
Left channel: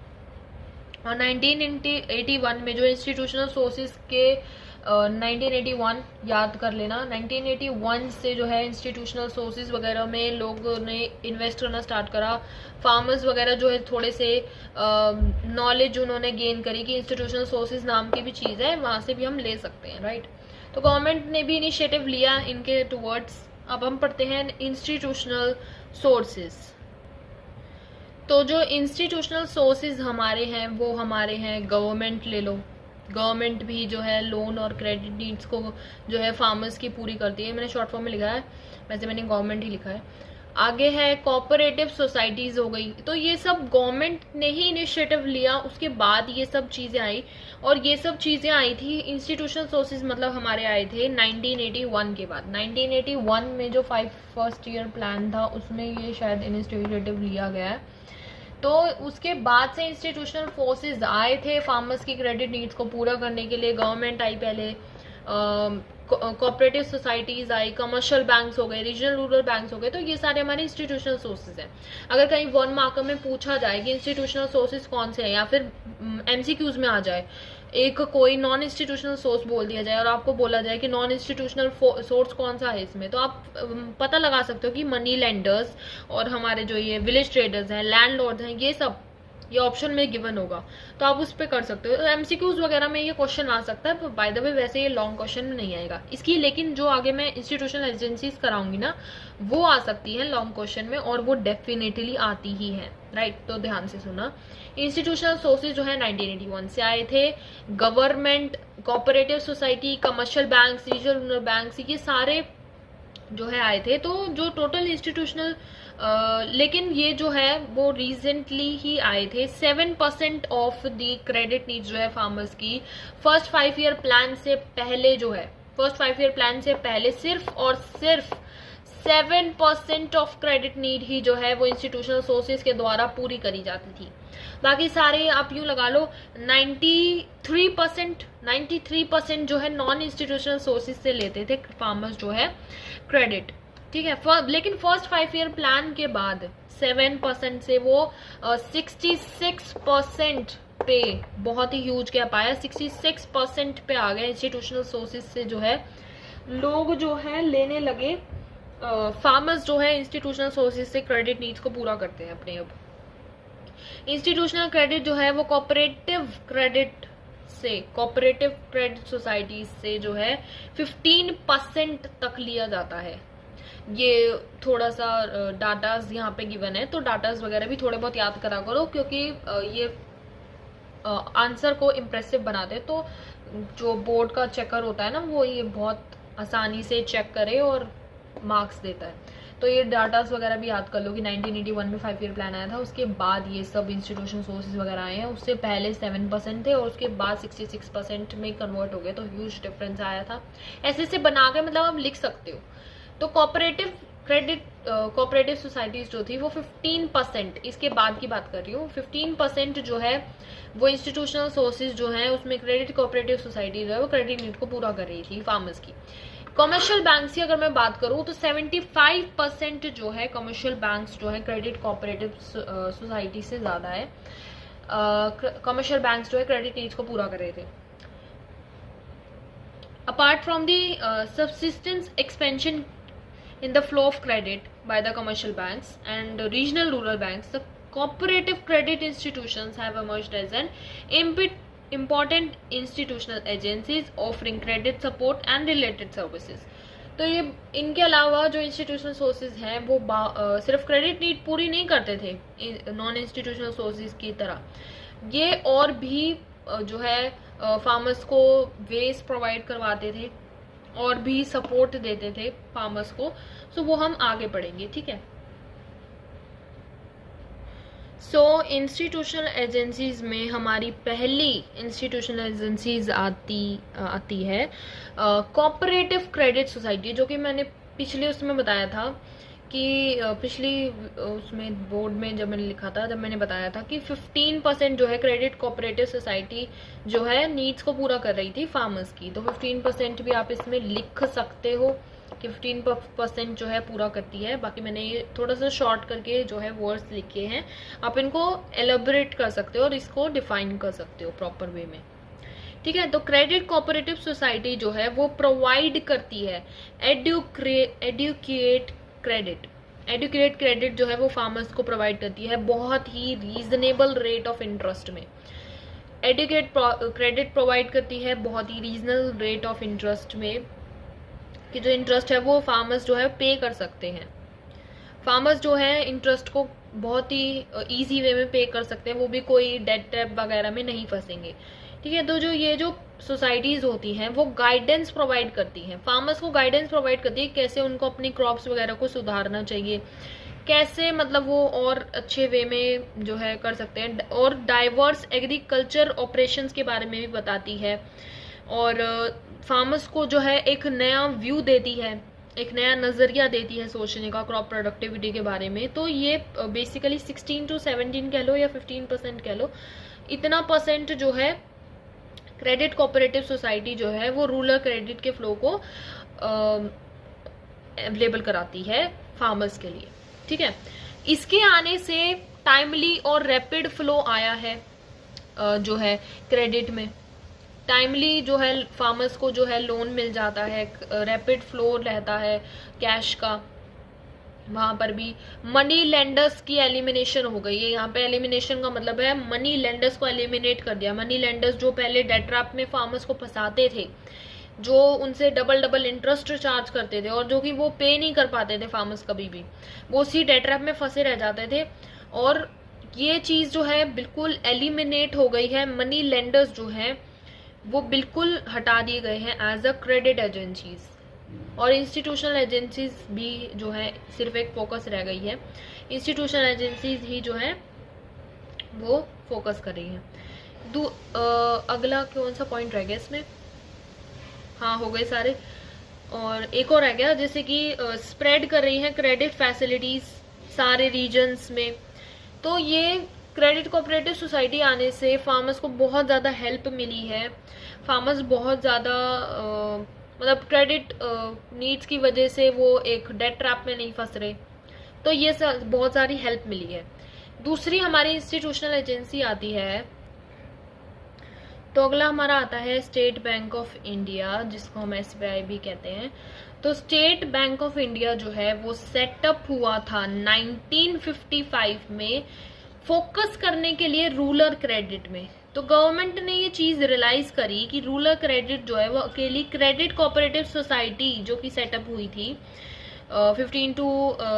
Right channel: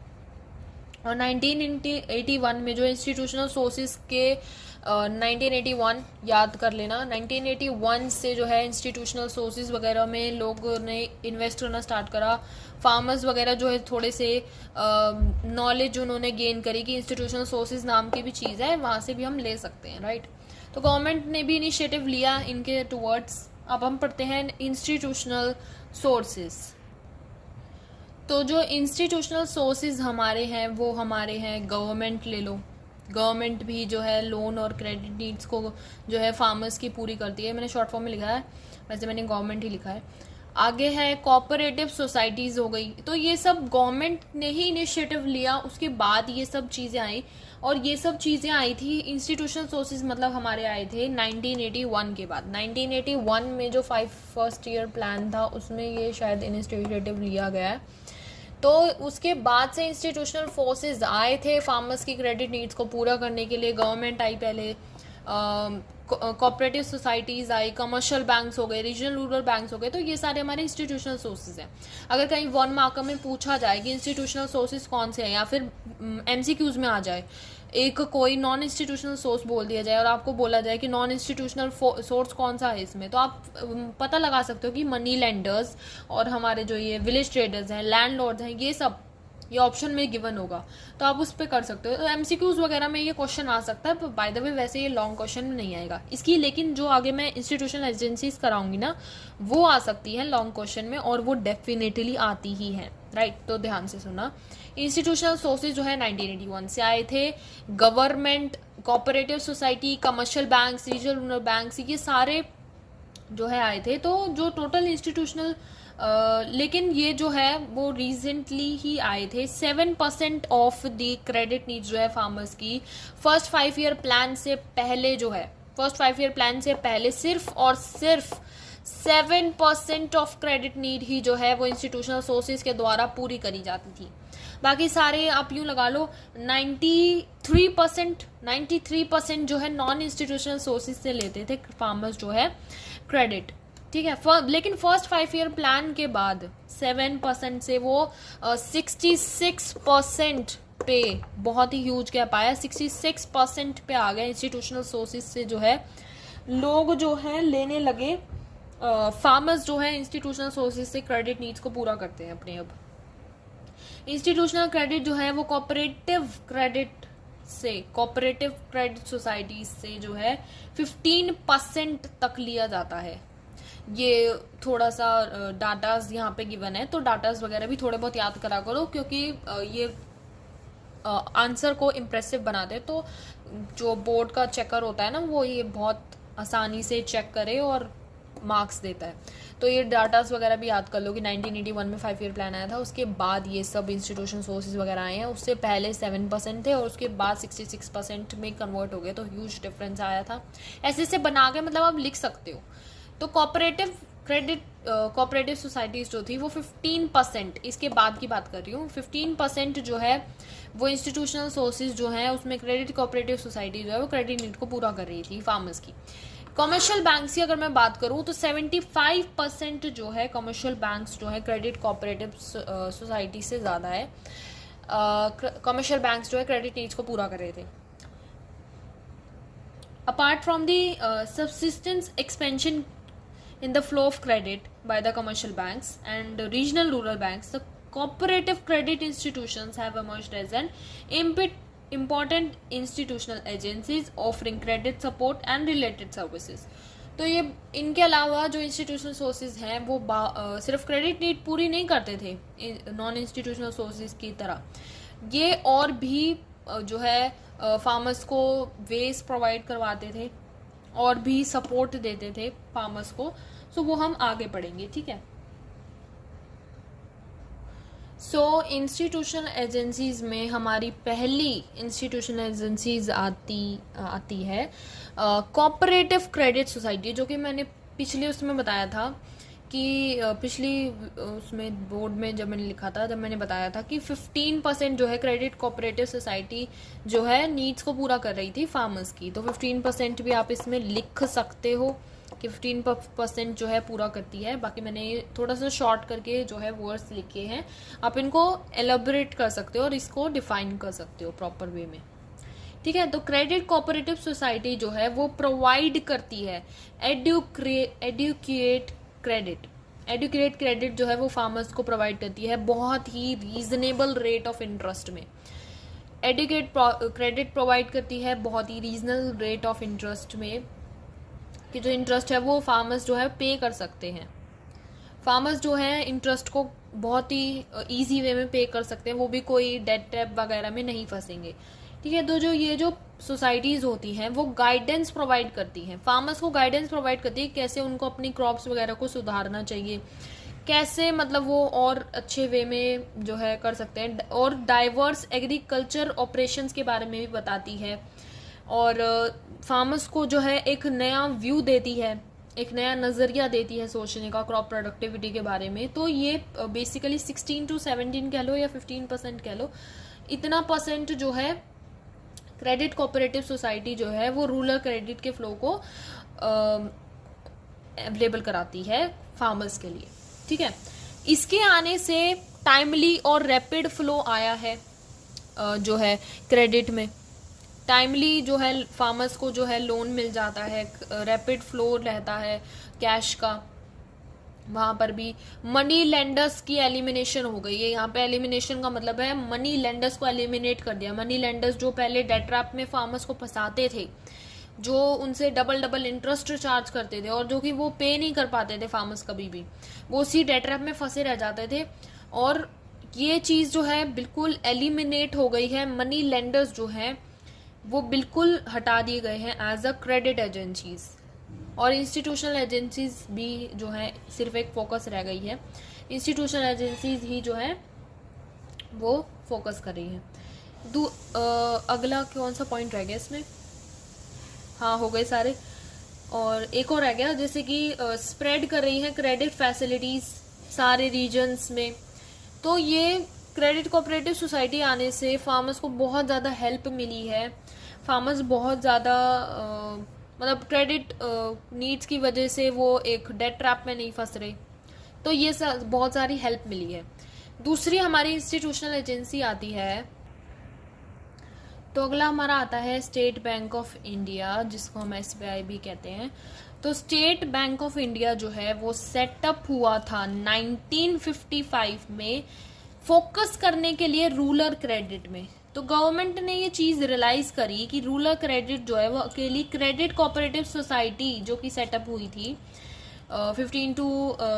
और 1981 में जो इंस्टीट्यूशनल सोर्सेज के 1981 याद कर लेना, 1981 से जो है इंस्टीट्यूशनल सोर्सेज वगैरह में लोगों ने इन्वेस्ट करना स्टार्ट करा। फार्मर्स वगैरह जो है थोड़े से नॉलेज उन्होंने गेन करी कि इंस्टीट्यूशनल सोर्सेज नाम की भी चीज़ है, वहाँ से भी हम ले सकते हैं, राइट। तो गवर्नमेंट ने भी इनिशिएटिव लिया इनके टुवर्ड्स। अब हम पढ़ते हैं इंस्टीट्यूशनल सोर्सेज। तो जो इंस्टीट्यूशनल सोर्सेज हमारे हैं वो हमारे हैं गवर्नमेंट, ले लो, गवर्नमेंट भी जो है लोन और क्रेडिट नीड्स को जो है फार्मर्स की पूरी करती है। मैंने शॉर्ट फॉर्म में लिखा है, वैसे मैंने गवर्नमेंट ही लिखा है। आगे है कोऑपरेटिव सोसाइटीज़ हो गई, तो ये सब गवर्नमेंट ने ही इनिशिएटिव लिया, उसके बाद ये सब चीज़ें आई, और ये सब चीज़ें आई थी इंस्टीट्यूशनल सोर्सेज मतलब हमारे आए थे 1981 के बाद। 1981 में जो 5 फर्स्ट ईयर प्लान था उसमें ये शायद इनिशिएटिव लिया गया है। तो उसके बाद से इंस्टीट्यूशनल फोर्सेस आए थे फार्मर्स की क्रेडिट नीड्स को पूरा करने के लिए। गवर्नमेंट आई पहले, कोऑपरेटिव सोसाइटीज़ आई, कमर्शियल बैंक्स हो गए, रीजनल रूरल बैंक्स हो गए, तो ये सारे हमारे इंस्टीट्यूशनल सोर्सेज हैं। अगर कहीं 1 मार्क में पूछा जाए कि इंस्टीट्यूशनल सोर्सेज कौन से हैं, या फिर MCQs में आ जाए एक कोई नॉन इंस्टीट्यूशनल सोर्स बोल दिया जाए और आपको बोला जाए कि नॉन इंस्टीट्यूशनल सोर्स कौन सा है इसमें, तो आप पता लगा सकते हो कि मनी लेंडर्स और हमारे जो ये विलेज ट्रेडर्स हैं, लैंडलॉर्ड्स हैं, ये सब ये ऑप्शन में गिवन होगा, तो आप उस पर कर सकते हो। MCQs वगैरह में ये क्वेश्चन आ सकता है, बाय द वे वैसे ये लॉन्ग क्वेश्चन में नहीं आएगा इसकी, लेकिन जो आगे मैं इंस्टीट्यूशनल एजेंसीज कराऊंगी ना वो आ सकती है लॉन्ग क्वेश्चन में, और वो डेफिनेटली आती ही है, राइट। तो ध्यान से सुना, इंस्टीट्यूशनल सोर्सेज जो है 1981 से आए थे। Government, cooperative society, commercial banks, regional rural banks, ये सारे जो है आए थे। तो जो टोटल इंस्टीट्यूशनल लेकिन ये जो है वो रिसेंटली ही आए थे। 7% ऑफ द क्रेडिट नीड्स जो है फार्मर्स की फर्स्ट 5 ईयर प्लान से पहले जो है, फर्स्ट 5 ईयर प्लान से पहले सिर्फ और सिर्फ 7% ऑफ क्रेडिट नीड ही जो है वो इंस्टीट्यूशनल सोर्सेज के द्वारा पूरी करी जाती थी। बाकी सारे आप यूँ लगा लो 93% जो है नॉन इंस्टीट्यूशनल सोर्सेज से लेते थे फार्मर्स जो है क्रेडिट, ठीक है। लेकिन फर्स्ट 5 ईयर प्लान के बाद 7% से वो 66% पे, बहुत ही ह्यूज गैप आया, 66% पे आ गया इंस्टीट्यूशनल सोर्सेज से जो है लोग जो है लेने लगे। फार्मर्स जो है इंस्टीट्यूशनल सोर्सेज से क्रेडिट नीड्स को पूरा करते हैं अपने। अब इंस्टीट्यूशनल क्रेडिट जो है वो कोऑपरेटिव क्रेडिट सोसाइटीज से जो है 15% तक लिया जाता है। ये थोड़ा सा डाटाज यहाँ पे गिवन है, तो डाटाज वगैरह भी थोड़े बहुत याद करा करो, क्योंकि ये आंसर को इम्प्रेसिव बना दे। तो जो बोर्ड का चेकर होता है ना वो ये बहुत आसानी से चेक करे और मार्क्स देता है। तो ये डाटास वगैरह भी याद कर लो कि 1981 में 5 ईयर प्लान आया था, उसके बाद ये सब इंस्टीट्यूशन सोर्सेज वगैरह आए हैं। उससे पहले 7% थे और उसके बाद 66% में कन्वर्ट हो गए, तो ह्यूज डिफरेंस आया था। ऐसे बना के मतलब आप लिख सकते हो। तो कोऑपरेटिव क्रेडिट कोऑपरेटिव सोसाइटीज जो थी वो 15%, इसके बाद की बात कर रही हूँ, 15% जो है वो इंस्टीट्यूशनल सोर्सेज जो है उसमें क्रेडिट कोऑपरेटिव सोसाइटी जो है वो क्रेडिट नीड को पूरा कर रही थी फार्मर्स की। कमर्शियल बैंक्स की अगर मैं बात करूँ तो 75% जो है कमर्शियल बैंक्स जो है क्रेडिट कोऑपरेटिव सोसाइटी से ज़्यादा है, कमर्शियल बैंक्स जो है क्रेडिट नीड्स को पूरा कर रहे थे। Apart from the subsistence expansion in the flow of credit by the commercial banks and regional rural banks, the cooperative credit institutions have emerged as an important institutional agencies offering credit support and related services. तो ये इनके अलावा जो institutional sources हैं वो सिर्फ credit need पूरी नहीं करते थे नॉन इंस्टीट्यूशनल सोर्सेज की तरह, ये और भी जो है फार्मर्स को वेज प्रोवाइड करवाते थे और भी सपोर्ट देते थे फार्मर्स को। सो वो हम आगे पढ़ेंगे, ठीक है। सो इंस्टीट्यूशनल एजेंसीज में हमारी पहली इंस्टीट्यूशनल एजेंसीज आती है कोऑपरेटिव क्रेडिट सोसाइटी, जो कि मैंने पिछले उसमें बताया था कि पिछली उसमें बोर्ड में जब मैंने लिखा था, जब मैंने बताया था कि 15% जो है क्रेडिट कोऑपरेटिव सोसाइटी जो है नीड्स को पूरा कर रही थी फार्मर्स की, तो 15% भी आप इसमें लिख सकते हो कि 15% जो है पूरा करती है। बाकी मैंने ये थोड़ा सा शॉर्ट करके जो है वर्ड्स लिखे हैं, आप इनको एलेबोरेट कर सकते हो और इसको डिफाइन कर सकते हो प्रॉपर वे में, ठीक है। तो क्रेडिट कोऑपरेटिव सोसाइटी जो है वो प्रोवाइड करती है एडुकेट क्रेडिट जो है वो फार्मर्स को प्रोवाइड करती है बहुत ही रीजनेबल रेट ऑफ इंटरेस्ट में। एडुकेट क्रेडिट प्रोवाइड करती है बहुत ही रीजनेबल रेट ऑफ इंटरेस्ट में, कि जो इंटरेस्ट है वो फार्मर्स जो है पे कर सकते हैं। फार्मर्स जो है इंटरेस्ट को बहुत ही इजी वे में पे कर सकते हैं, वो भी कोई डेट ट्रैप वगैरह में नहीं फंसेंगे, ठीक है। तो जो ये जो सोसाइटीज होती हैं वो गाइडेंस प्रोवाइड करती हैं, फार्मर्स को गाइडेंस प्रोवाइड करती है कैसे उनको अपनी क्रॉप्स वगैरह को सुधारना चाहिए, कैसे मतलब वो और अच्छे वे में जो है कर सकते हैं, और डाइवर्स एग्रीकल्चर ऑपरेशंस के बारे में भी बताती है, और फार्मर्स को जो है एक नया व्यू देती है, एक नया नज़रिया देती है सोचने का क्रॉप प्रोडक्टिविटी के बारे में। तो ये बेसिकली 16 to 17 कह लो या 15% कह लो, इतना परसेंट जो है क्रेडिट कोऑपरेटिव सोसाइटी जो है वो रूरल क्रेडिट के फ्लो को अवेलेबल कराती है फार्मर्स के लिए, ठीक है। इसके आने से टाइमली और रैपिड फ्लो आया है जो है क्रेडिट में, टाइमली जो है फार्मर्स को जो है लोन मिल जाता है, रैपिड फ्लो रहता है कैश का। वहाँ पर भी मनी लेंडर्स की एलिमिनेशन हो गई है, यहाँ पे एलिमिनेशन का मतलब है मनी लेंडर्स को एलिमिनेट कर दिया। मनी लेंडर्स जो पहले डेट ट्रैप में फार्मर्स को फंसाते थे, जो उनसे डबल इंटरेस्ट चार्ज करते थे और जो कि वो पे नहीं कर पाते थे फार्मर्स कभी भी, वो उसी डेट ट्रैप में फंसे रह जाते थे, और ये चीज़ जो है बिल्कुल एलिमिनेट हो गई है। मनी लेंडर्स जो हैं वो बिल्कुल हटा दिए गए हैं एज अ क्रेडिट एजेंसीज, और इंस्टीट्यूशनल एजेंसीज भी जो है सिर्फ एक फोकस रह गई है, इंस्टीट्यूशनल एजेंसीज ही जो है वो फोकस कर रही है। अगला कौन सा पॉइंट रह गया इसमें, हाँ हो गए सारे, और एक और रह गया जैसे कि स्प्रेड कर रही है क्रेडिट फैसिलिटीज सारे रीजन्स में। तो ये क्रेडिट कोऑपरेटिव सोसाइटी आने से फार्मर्स को बहुत ज़्यादा हेल्प मिली है, फार्मर्स बहुत ज़्यादा मतलब क्रेडिट नीड्स की वजह से वो एक डेट ट्रैप में नहीं फंस रहे, तो ये बहुत सारी हेल्प मिली है। दूसरी हमारी इंस्टीट्यूशनल एजेंसी आती है, तो अगला हमारा आता है स्टेट बैंक ऑफ इंडिया, जिसको हम SBI भी कहते हैं। तो स्टेट बैंक ऑफ इंडिया जो है वो सेटअप हुआ था 1955 में फोकस करने के लिए रूरल क्रेडिट में। तो गवर्नमेंट ने ये चीज़ रियलाइज करी कि रूरल क्रेडिट जो है वो अकेली क्रेडिट कोऑपरेटिव सोसाइटी जो कि सेटअप हुई थी 15 to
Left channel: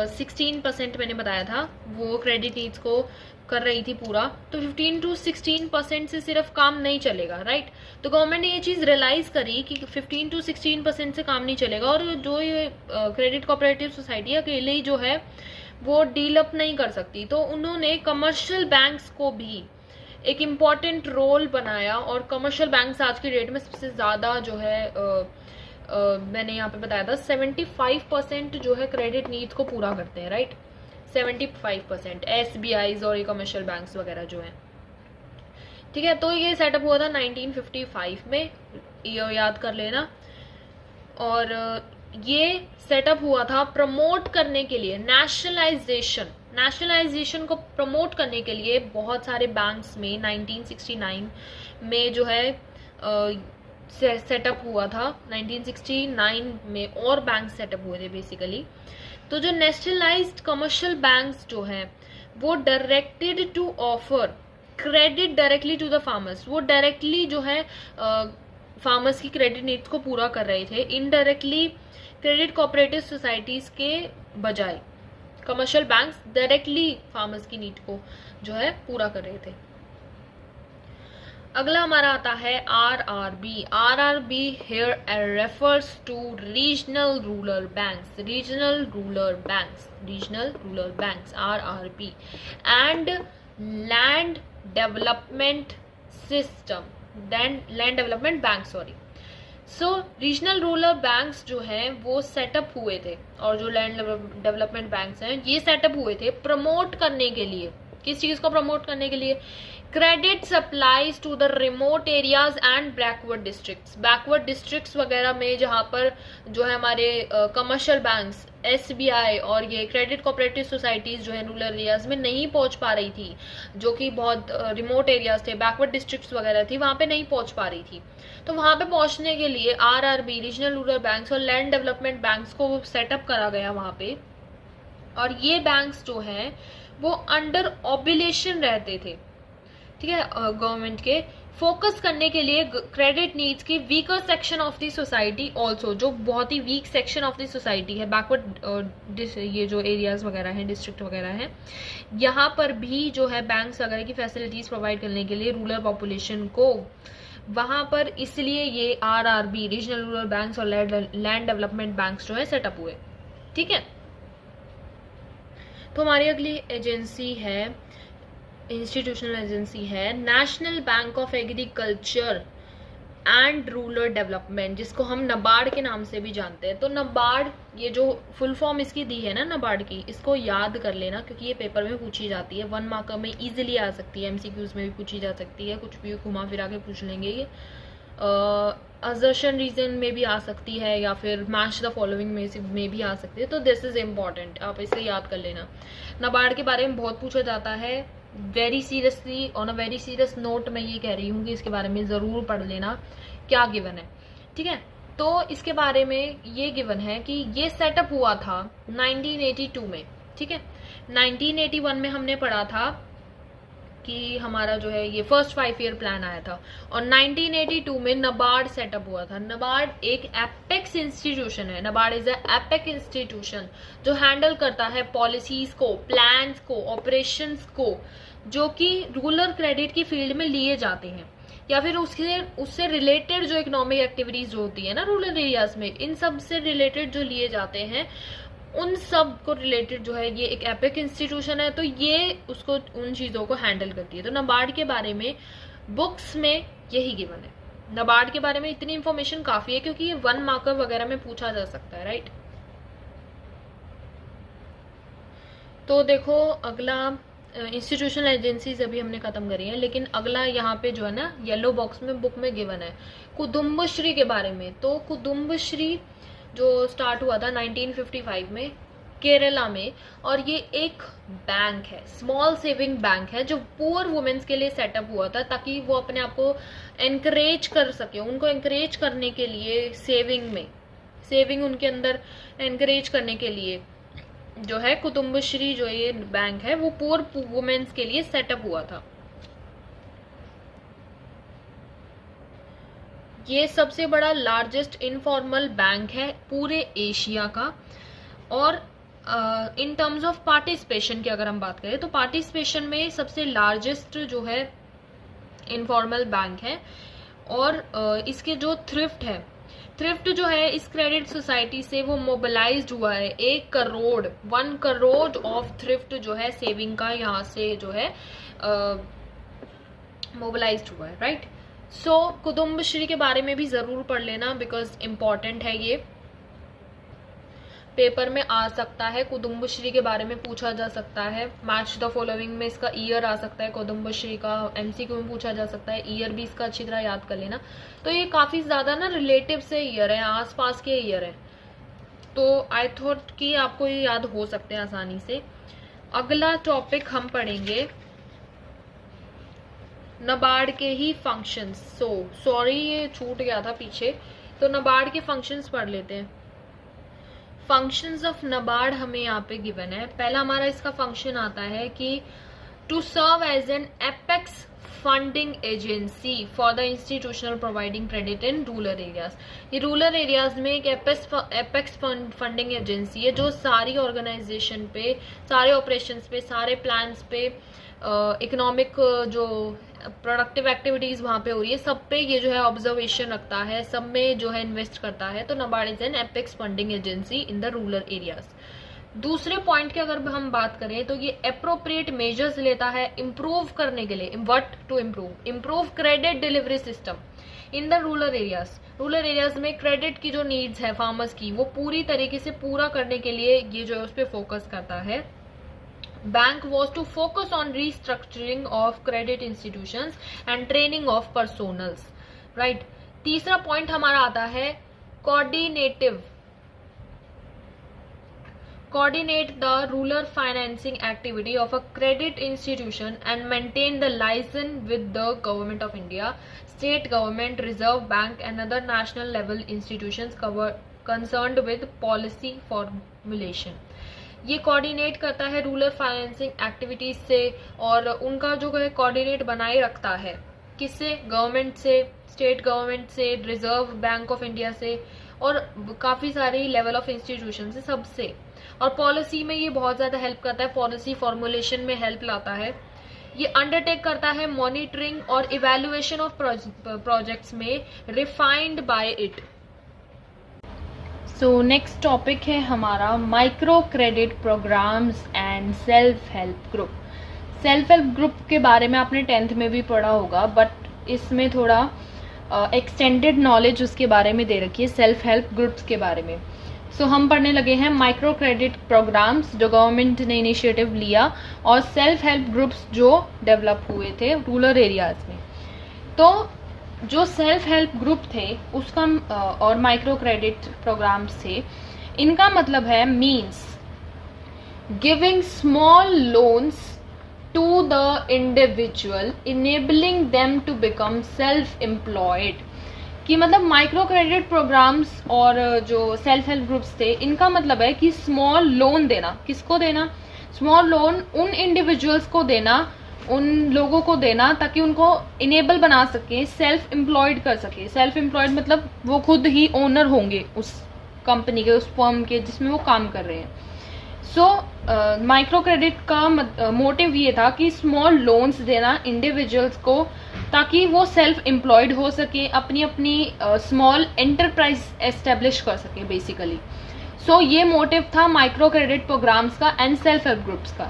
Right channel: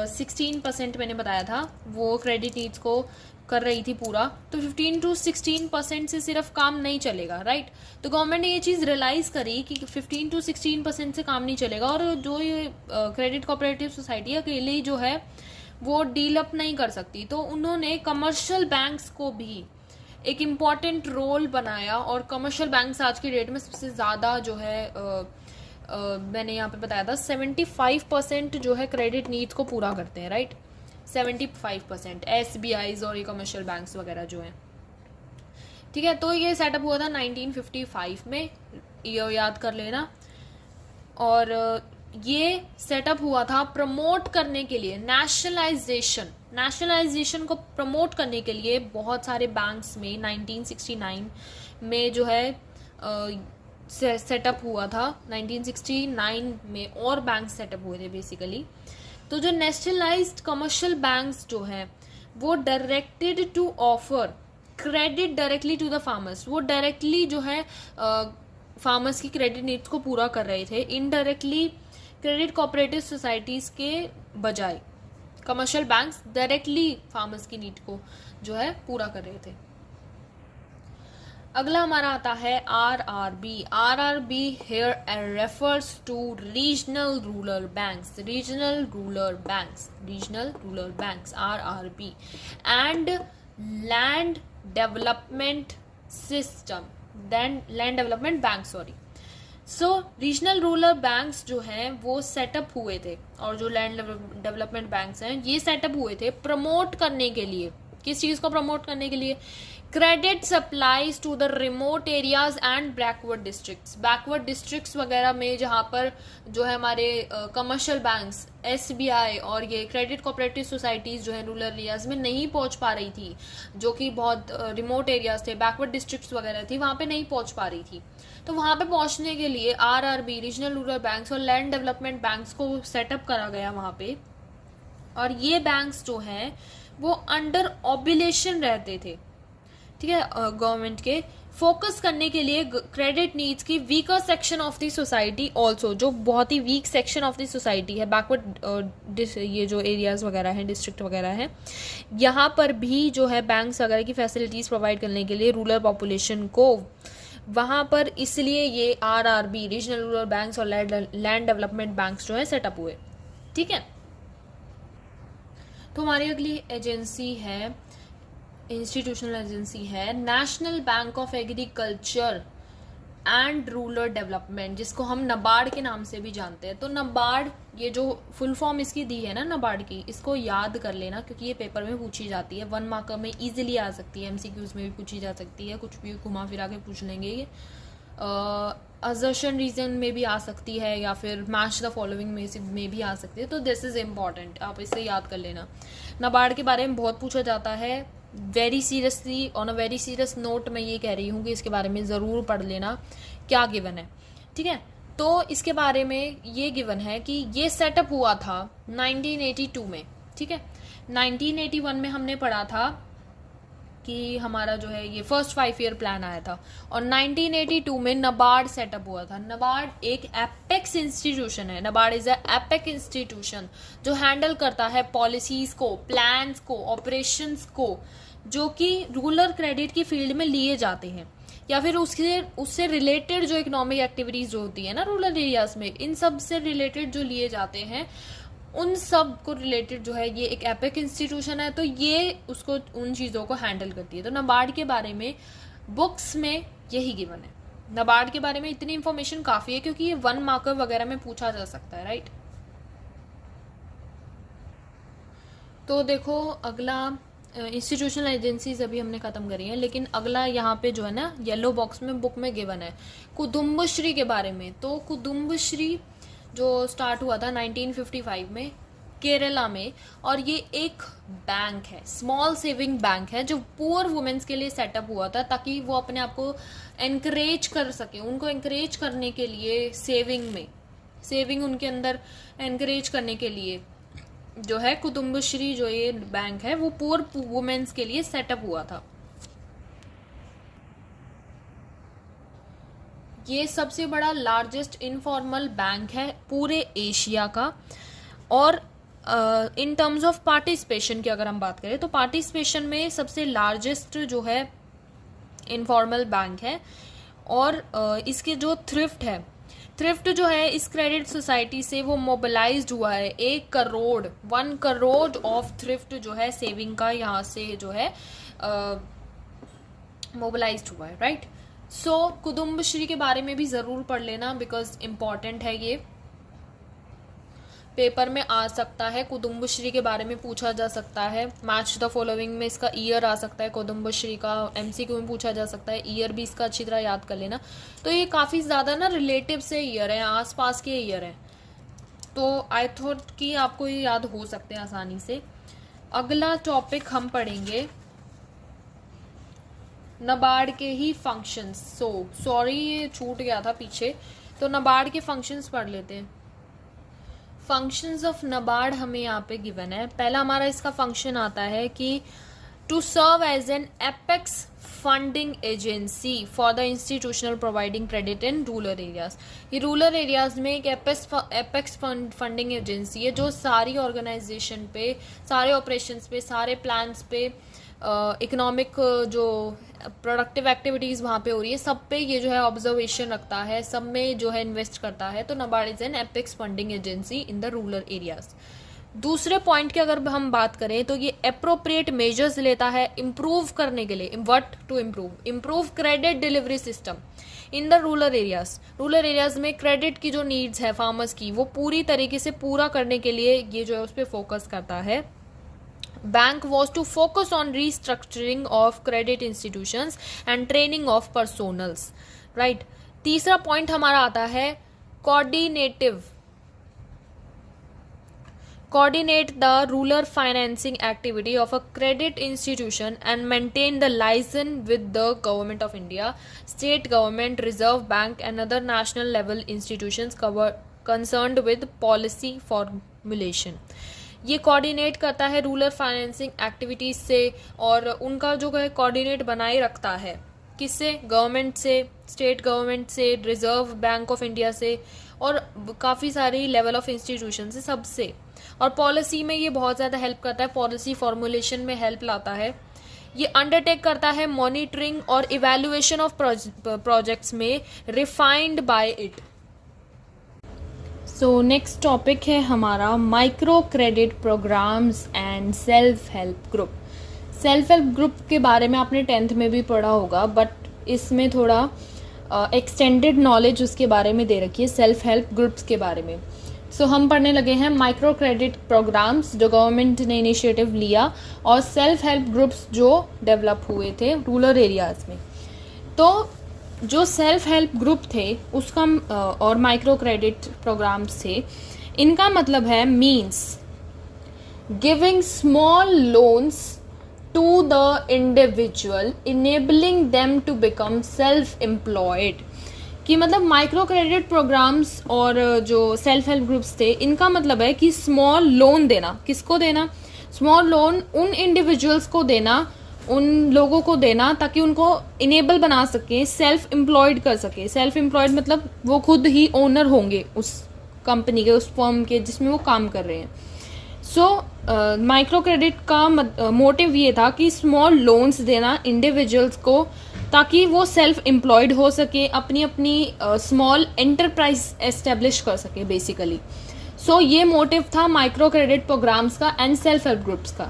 16% मैंने बताया था वो क्रेडिट नीड्स को कर रही थी पूरा, तो 15 to 16% से सिर्फ काम नहीं चलेगा, राइट। तो गवर्नमेंट ने ये चीज़ रियलाइज करी कि 15 to 16% से काम नहीं चलेगा, और जो ये क्रेडिट कोऑपरेटिव सोसाइटी अकेले ही जो है वो डील अप नहीं कर सकती, तो उन्होंने कमर्शियल बैंक्स को भी एक इम्पॉर्टेंट रोल बनाया, और कमर्शियल बैंक्स आज की डेट में सबसे ज़्यादा जो है मैंने यहाँ पे बताया था 75% जो है क्रेडिट नीड्स को पूरा करते हैं, राइट। 75% SBIs और ये कमर्शियल बैंक्स वगैरह जो हैं, ठीक है। तो ये सेटअप हुआ था 1955 में, ईयर याद कर लेना। और ये सेटअप हुआ था प्रमोट करने के लिए नेशनलाइजेशन को प्रमोट करने के लिए। बहुत सारे बैंक्स में 1969 में जो है सेटअप हुआ था। 1969 में और बैंक सेटअप हुए थे बेसिकली। तो जो नेशनलाइज्ड कमर्शियल बैंक्स जो है वो directed to offer credit directly to the farmers, वो डायरेक्टली जो है फार्मर्स की क्रेडिट नीड्स को पूरा कर रहे थे, इनडायरेक्टली क्रेडिट कोऑपरेटिव सोसाइटीज के बजाय कमर्शियल बैंक्स डायरेक्टली फार्मर्स की नीड को जो है पूरा कर रहे थे। अगला हमारा आता है RRB। RRB here refers to regional rural banks, RRB, and land development system, land development bank, sorry। So regional rural banks जो हैं वो सेटअप हुए थे, और जो लैंड डेवलपमेंट बैंक्स हैं ये सेटअप हुए थे प्रमोट करने के लिए। किस चीज़ को प्रमोट करने के लिए? Credit supplies to the remote areas and backward districts वगैरह में, जहाँ पर जो है हमारे कमर्शियल बैंक्स SBI और ये क्रेडिट कोऑपरेटिव सोसाइटीज जो है रूरल एरियाज में नहीं पहुंच पा रही थी, जो कि बहुत रिमोट एरियाज थे, बैकवर्ड डिस्ट्रिक्ट्स वगैरह थी, वहाँ पे नहीं पहुंच पा रही थी। तो वहाँ पे पहुंचने के लिए RRB, रीजनल रूरल बैंक्स और लैंड डेवलपमेंट बैंक्स को सेटअप करा गया वहाँ पे। और ये बैंक्स जो है वो अंडर ऑब्लिगेशन रहते थे, ठीक है, गवर्नमेंट के, फोकस करने के लिए क्रेडिट नीड्स की weaker section of the society also, जो बहुत ही weak section of the society है, बैकवर्ड ये जो एरियाज वगैरह हैं, डिस्ट्रिक्ट वगैरह हैं, यहाँ पर भी जो है बैंक्स वगैरह की फैसिलिटीज प्रोवाइड करने के लिए रूरल पॉपुलेशन को वहाँ पर, इसलिए ये RRB, रीजनल रूरल बैंक्स और लैंड डेवलपमेंट बैंक्स जो है सेटअप हुए, ठीक है। तो हमारी अगली एजेंसी है, इंस्टीट्यूशनल एजेंसी है national bank of agriculture and rural development, जिसको हम NABARD के नाम से भी जानते हैं। तो NABARD, ये जो फुल फॉर्म इसकी दी है ना NABARD की, इसको याद कर लेना क्योंकि ये पेपर में पूछी जाती है, 1 मार्कर में इजीली आ सकती है, MCQs में भी पूछी जा सकती है, कुछ भी घुमा फिरा के पूछ लेंगे ये। असर्शन रीजन में भी आ सकती है, या फिर मैच द फॉलोइंग में भी आ सकती है। तो दिस इज इम्पॉर्टेंट, आप इसे याद कर लेना। NABARD के बारे में बहुत पूछा जाता है, very seriously, on a very serious note मैं ये कह रही हूँ कि इसके बारे में ज़रूर पढ़ लेना क्या गिवन है, ठीक है। तो इसके बारे में ये गिवन है कि ये सेटअप हुआ था 1982 में, ठीक है। 1981 में हमने पढ़ा था कि हमारा जो है ये फर्स्ट 5 ईयर प्लान आया था, और 1982 में NABARD सेटअप हुआ था। NABARD एक एपेक्स इंस्टीट्यूशन है, NABARD is a apex institution जो हैंडल करता है पॉलिसीज को, प्लान्स को, ऑपरेशंस को, जो कि रूरल क्रेडिट की फील्ड में लिए जाते हैं, या फिर उससे रिलेटेड जो इकोनॉमिक एक्टिविटीज जो होती है ना रूरल एरियाज में, इन सब से रिलेटेड जो लिए जाते हैं, उन सब को रिलेटेड जो है ये एक एपिक इंस्टीट्यूशन है। तो ये उसको उन चीज़ों को हैंडल करती है। तो NABARD के बारे में बुक्स में यही गिवन है। NABARD के बारे में इतनी इंफॉर्मेशन काफ़ी है क्योंकि ये 1 मार्कर वगैरह में पूछा जा सकता है, राइट। तो देखो अगला इंस्टीट्यूशनल एजेंसीज अभी हमने खत्म करी है, लेकिन अगला यहाँ पे जो है ना येलो बॉक्स में बुक में गिवन है कुदुम्बश्री के बारे में। तो कुदुम्बश्री जो स्टार्ट हुआ था 1955 में केरला में, और ये एक बैंक है, स्मॉल सेविंग बैंक है, जो पुअर वुमेन्स के लिए सेटअप हुआ था ताकि वो अपने आप को एनकरेज कर सके, उनको एनकरेज करने के लिए सेविंग उनके अंदर एनकरेज करने के लिए जो है कुदुम्बश्री जो ये बैंक है वो पुअर वुमेन्स के लिए सेटअप हुआ था। ये सबसे बड़ा लार्जेस्ट इनफॉर्मल बैंक है पूरे एशिया का। और इन टर्म्स ऑफ पार्टिसिपेशन की अगर हम बात करें तो पार्टिसिपेशन में सबसे लार्जेस्ट जो है इनफॉर्मल बैंक है। और इसकी जो थ्रिफ्ट जो है इस क्रेडिट सोसाइटी से वो मोबिलाइज्ड हुआ है। 1 करोड़ ऑफ थ्रिफ्ट जो है सेविंग का यहाँ से जो है मोबिलाइज्ड हुआ है, राइट। सो कुदुम्बश्री के बारे में भी ज़रूर पढ़ लेना, बिकॉज इम्पॉर्टेंट है, ये पेपर में आ सकता है। कुदुम्बश्री के बारे में पूछा जा सकता है। मैच द फॉलोइंग में इसका ईयर आ सकता है, कुदुम्बश्री का एमसीक्यू में पूछा जा सकता है। ईयर भी इसका अच्छी तरह याद कर लेना। तो ये काफ़ी ज़्यादा ना रिलेटिव से ईयर है, आसपास के ईयर है, तो आई थॉट कि आपको ये याद हो सकते हैं आसानी से। अगला टॉपिक हम पढ़ेंगे नाबार्ड के ही फंक्शंस। सॉरी ये छूट गया था पीछे, तो नाबार्ड के फंक्शंस पढ़ लेते हैं। फंक्शंस ऑफ नाबार्ड हमें यहाँ पे गिवन है। पहला हमारा इसका फंक्शन आता है कि to serve as an apex funding agency for the institutional providing credit in rural areas. ये रूरल एरियाज में एक एपेक्स फंडिंग एजेंसी है जो सारी ऑर्गेनाइजेशन पे, सारे ऑपरेशंस पे, सारे प्लान्स पे, इकोनॉमिक जो प्रोडक्टिव एक्टिविटीज़ वहाँ पे हो रही है सब पे ये जो है ऑब्जर्वेशन रखता है, सब में जो है इन्वेस्ट करता है। तो NABARD is an apex funding agency in the rural areas. दूसरे पॉइंट की अगर हम बात करें तो ये अप्रोप्रिएट मेजर्स लेता है इम्प्रूव करने के लिए। What to improve credit delivery system in the rural areas. Rural areas में क्रेडिट की जो नीड्स है फार्मर्स की, वो पूरी तरीके से पूरा करने के लिए ये जो है उस पर फोकस करता है। Bank was to focus on restructuring of credit institutions and training of personnels, right. तीसरा पॉइंट हमारा आता है coordinate the rural financing activity of a credit institution and maintain the liaison with the government of India, state government, reserve bank and other national level institutions concerned with policy formulation। ये coordinate करता है rural financing activities से और उनका जो है coordinate बनाए रखता है किससे, गवर्नमेंट से, स्टेट गवर्नमेंट से, रिजर्व बैंक ऑफ इंडिया से और काफ़ी सारी लेवल ऑफ इंस्टीट्यूशन से, सबसे। और पॉलिसी में ये बहुत ज़्यादा हेल्प करता है, पॉलिसी फॉर्मुलेशन में हेल्प लाता है। ये अंडरटेक करता है मॉनिटरिंग और इवैल्यूएशन ऑफ प्रोजेक्ट्स में refined by it. So next topic है हमारा micro credit programmes and self help group. Self help group के बारे में आपने 10th में भी पढ़ा होगा, बट इसमें थोड़ा एक्सटेंडेड नॉलेज उसके बारे में दे रखी है, सेल्फ हेल्प ग्रुप्स के बारे में। सो हम पढ़ने लगे हैं माइक्रो क्रेडिट प्रोग्राम्स जो गवर्नमेंट ने इनिशिएटिव लिया और सेल्फ हेल्प ग्रुप्स जो डेवलप हुए थे रूरल एरियाज में। तो जो सेल्फ हेल्प ग्रुप थे उसका और माइक्रो क्रेडिट प्रोग्राम्स थे, इनका मतलब है means giving small loans to the individual enabling them to become self employed. कि मतलब माइक्रो क्रेडिट प्रोग्राम्स और जो सेल्फ हेल्प ग्रुप्स थे, इनका मतलब है कि स्मॉल लोन देना। किसको देना? स्मॉल लोन उन इंडिविजुअल्स को देना, उन लोगों को देना ताकि उनको इनेबल बना सके, सेल्फ एम्प्लॉयड कर सके। सेल्फ एम्प्लॉयड मतलब वो खुद ही ओनर होंगे उस कंपनी के, उस फर्म के जिसमें वो काम कर रहे हैं। सो माइक्रो क्रेडिट का मोटिव ये था कि स्मॉल लोन्स देना इंडिविजुअल्स को ताकि वो सेल्फ एम्प्लॉयड हो सके, अपनी अपनी स्मॉल एंटरप्राइज एस्टेब्लिश कर सके बेसिकली। सो ये मोटिव था माइक्रो क्रेडिट प्रोग्राम्स का एंड सेल्फ हेल्प ग्रुप्स का।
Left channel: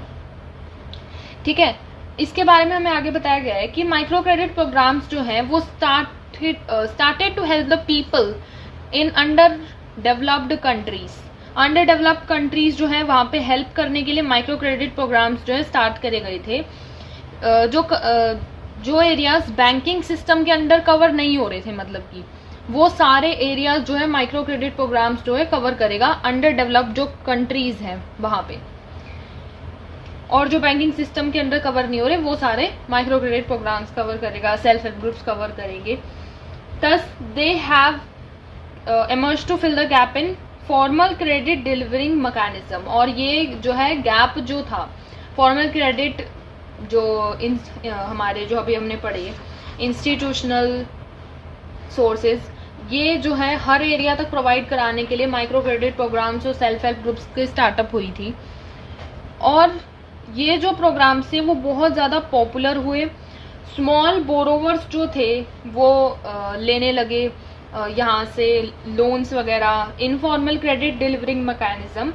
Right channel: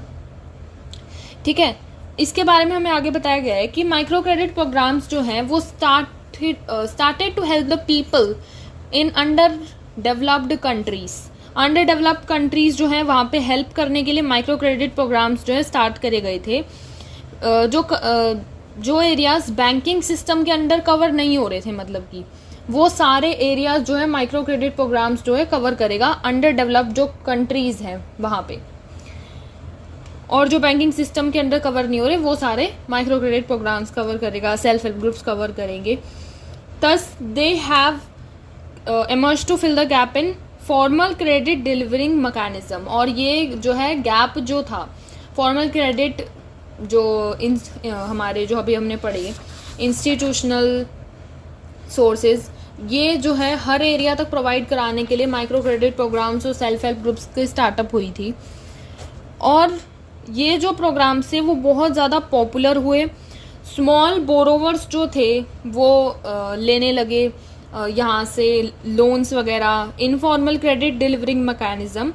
ठीक है, इसके बारे में हमें आगे बताया गया है कि माइक्रो क्रेडिट प्रोग्राम्स जो हैं वो started to help the people in underdeveloped countries. Underdeveloped countries जो हैं वहाँ पे हेल्प करने के लिए माइक्रो क्रेडिट प्रोग्राम्स जो है स्टार्ट करे गए थे। जो एरियाज बैंकिंग सिस्टम के अंडर कवर नहीं हो रहे थे, मतलब कि वो सारे एरियाज जो है माइक्रो क्रेडिट प्रोग्राम्स जो है कवर करेगा, अंडर डेवलप्ड जो कंट्रीज हैं वहाँ पे। और जो बैंकिंग सिस्टम के अंडर कवर नहीं हो रहे वो सारे माइक्रो क्रेडिट प्रोग्राम्स कवर करेगा, सेल्फ हेल्प ग्रुप्स कवर करेंगे। Thus they have emerged to fill the gap in formal credit delivering mechanism। और ये जो है गैप जो था फॉर्मल क्रेडिट जो हमारे जो अभी हमने पढ़े इंस्टीट्यूशनल सोर्सेज, ये जो है हर एरिया तक प्रोवाइड कराने के लिए माइक्रो क्रेडिट प्रोग्राम्स और सेल्फ हेल्प ग्रुप्स की स्टार्टअप हुई थी। और ये जो प्रोग्राम्स थे वो बहुत ज़्यादा पॉपुलर हुए। स्मॉल बोरोवर्स जो थे वो लेने लगे यहाँ से लोन्स वगैरह। Informal credit delivering mechanism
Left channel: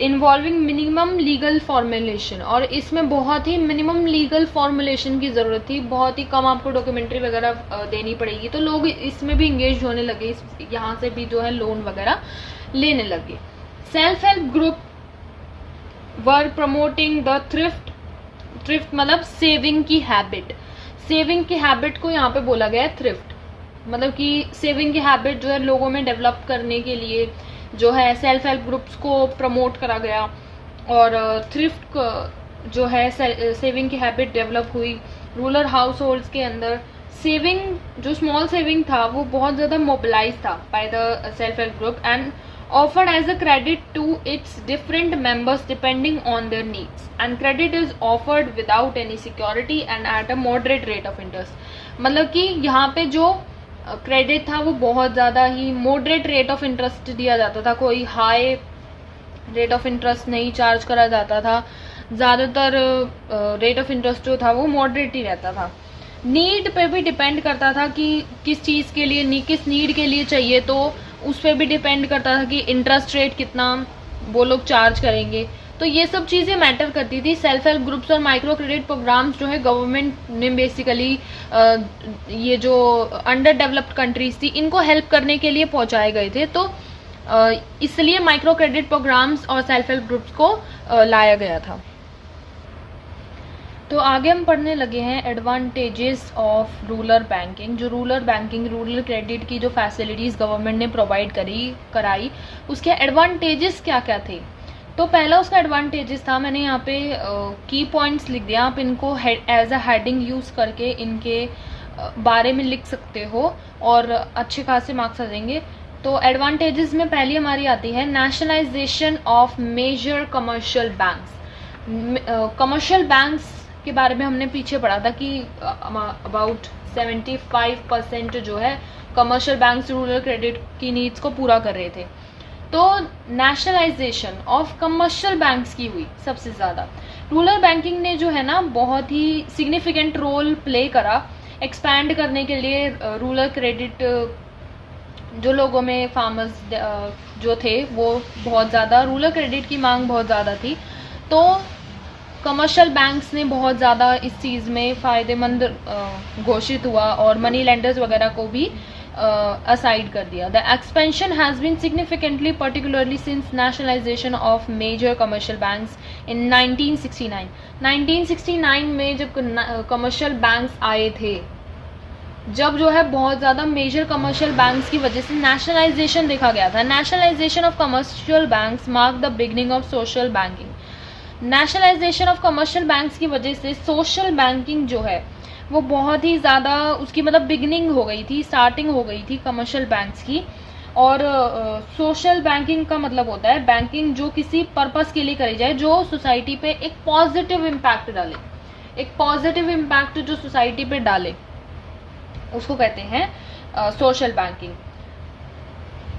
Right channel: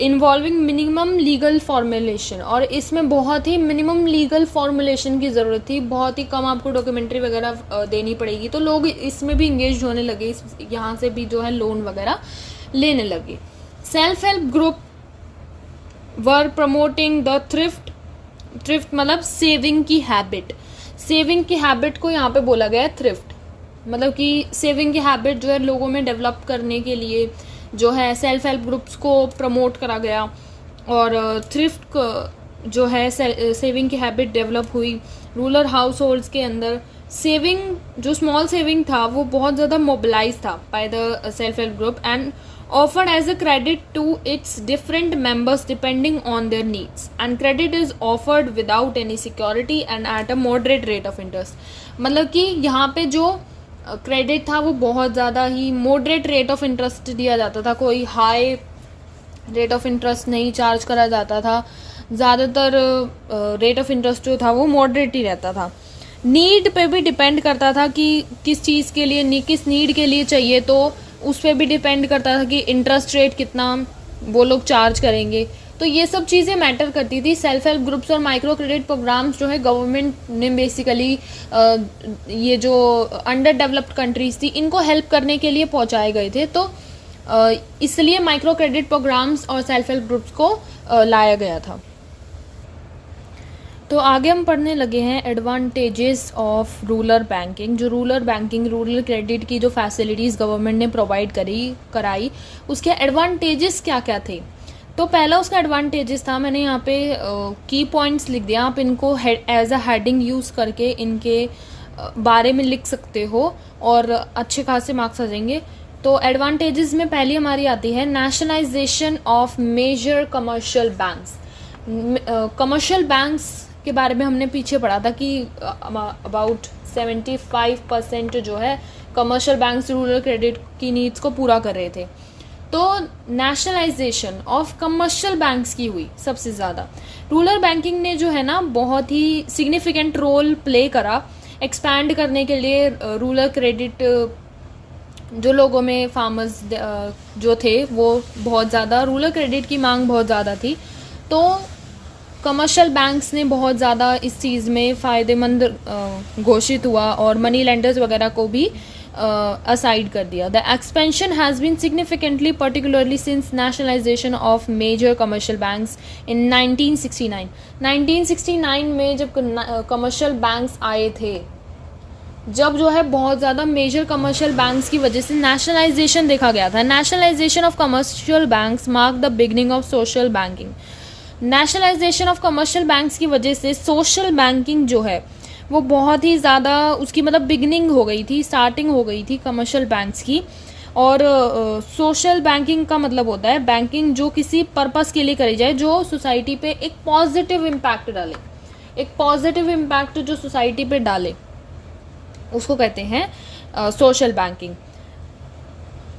involving minimum legal formulation, और इसमें बहुत ही मिनिमम लीगल फॉर्मुलेशन की ज़रूरत थी, बहुत ही कम आपको डॉक्यूमेंट्री वगैरह देनी पड़ेगी, तो लोग इसमें भी इंगेज होने लगे, यहाँ से भी जो है लोन वगैरह लेने लगे। Self help group were promoting the thrift मतलब सेविंग की हैबिट, सेविंग की हैबिट को यहाँ पे बोला गया है थ्रिफ्ट, मतलब कि सेविंग की हैबिट जो है लोगों में डेवलप करने के लिए जो है सेल्फ हेल्प ग्रुप्स को प्रमोट करा गया, और थ्रिफ्ट जो है सेविंग की हैबिट डेवलप हुई रूरल हाउस होल्ड्स के अंदर। सेविंग जो स्मॉल सेविंग था वो बहुत ज़्यादा मोबिलाइज था by the self help group and offered as a credit to its different members depending on their needs, and credit is offered without any security and at a moderate rate of interest। मतलब कि यहाँ पे जो credit था वो बहुत ज़्यादा ही moderate rate of interest दिया जाता था, कोई हाई रेट ऑफ इंटरेस्ट नहीं चार्ज करा जाता था, ज़्यादातर रेट ऑफ इंटरेस्ट जो था वो मॉडरेट ही रहता था। नीड पे भी डिपेंड करता था कि किस चीज़ के लिए किस नीड के लिए चाहिए, तो उस पर भी डिपेंड करता था कि इंटरेस्ट रेट कितना वो लोग चार्ज करेंगे, तो ये सब चीज़ें मैटर करती थी। सेल्फ हेल्प ग्रुप्स और माइक्रो क्रेडिट प्रोग्राम्स जो है गवर्नमेंट ने बेसिकली ये जो अंडर डेवलप्ड कंट्रीज थी इनको हेल्प करने के लिए पहुंचाए गए थे, तो इसलिए माइक्रो क्रेडिट प्रोग्राम्स और सेल्फ हेल्प ग्रुप्स को लाया गया था। तो आगे हम पढ़ने लगे हैं एडवांटेजेस ऑफ रूरल बैंकिंग। जो रूरल बैंकिंग रूरल क्रेडिट की जो फैसिलिटीज़ गवर्नमेंट ने प्रोवाइड कराई उसके एडवांटेजेस क्या क्या थे। तो पहला उसका एडवांटेजेस था, मैंने यहाँ पे की पॉइंट्स लिख दिया, आप इनको एज अ हेडिंग यूज़ करके इनके बारे में लिख सकते हो और अच्छे खासे मार्क्स आ जाएंगे। तो एडवांटेजेस में पहली हमारी आती है nationalisation of major commercial banks. Commercial banks के बारे में हमने पीछे पढ़ा था कि अबाउट 75% जो है कमर्शियल बैंक्स रूरल क्रेडिट की नीड्स को पूरा कर रहे थे। तो नेशनलाइजेशन ऑफ कमर्शियल बैंक्स की हुई सबसे ज़्यादा। रूरल बैंकिंग ने जो है ना बहुत ही सिग्निफिकेंट रोल प्ले करा एक्सपैंड करने के लिए। रूरल क्रेडिट जो लोगों में फार्मर्स जो थे वो बहुत ज़्यादा रूरल क्रेडिट की मांग बहुत ज़्यादा थी, तो कमर्शियल बैंक्स ने बहुत ज़्यादा इस चीज़ में फ़ायदेमंद घोषित हुआ और मनी लेंडर्स वगैरह को भी असाइड कर दिया। The expansion has been significantly particularly since nationalisation of major commercial banks in 1969। 1969 में जब कमर्शियल बैंक्स आए थे, जब जो है बहुत ज़्यादा मेजर कमर्शियल बैंक्स की वजह से नेशनलाइजेशन देखा गया था। Nationalisation of commercial banks mark the beginning of social banking. Nationalisation of commercial banks की वजह से सोशल बैंकिंग जो है वो बहुत ही ज़्यादा उसकी मतलब बिगनिंग हो गई थी, स्टार्टिंग हो गई थी कमर्शियल बैंक्स की। और सोशल बैंकिंग का मतलब होता है बैंकिंग जो किसी पर्पस के लिए करी जाए, जो सोसाइटी पे एक पॉजिटिव इम्पैक्ट डाले, एक पॉजिटिव इम्पैक्ट जो सोसाइटी पे डाले उसको कहते हैं सोशल बैंकिंग।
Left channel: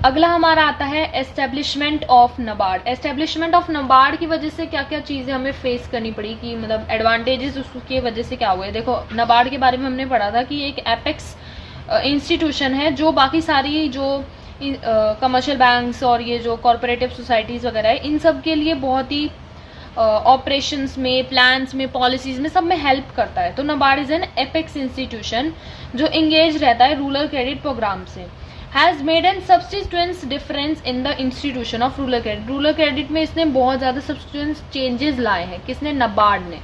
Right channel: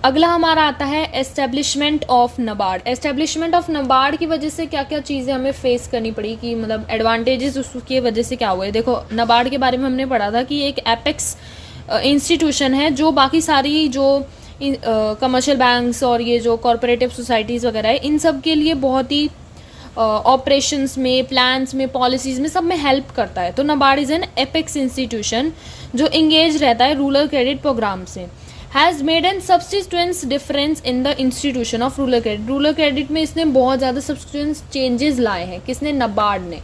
अगला हमारा आता है establishment of NABARD. Establishment of NABARD की वजह से क्या क्या चीज़ें हमें फेस करनी पड़ी कि मतलब एडवांटेजेस उसकी वजह से क्या हुए। देखो नबार्ड के बारे में हमने पढ़ा था कि एक एपेक्स इंस्टीट्यूशन है जो बाकी सारी जो कमर्शियल बैंक्स और ये जो कॉरपोरेटिव सोसाइटीज़ वगैरह है इन सब के लिए बहुत ही ऑपरेशंस में, प्लान्स में, पॉलिसीज़ में सब में हेल्प करता है। तो NABARD is an apex institution जो इंगेज रहता है रूरल क्रेडिट प्रोग्राम से। Has made an substantial difference in the institution of rural credit. Rural credit में इसने बहुत ज़्यादा सब्स्टिट्यूएंस चेंजेस लाए हैं, किसने? नबार्ड ने।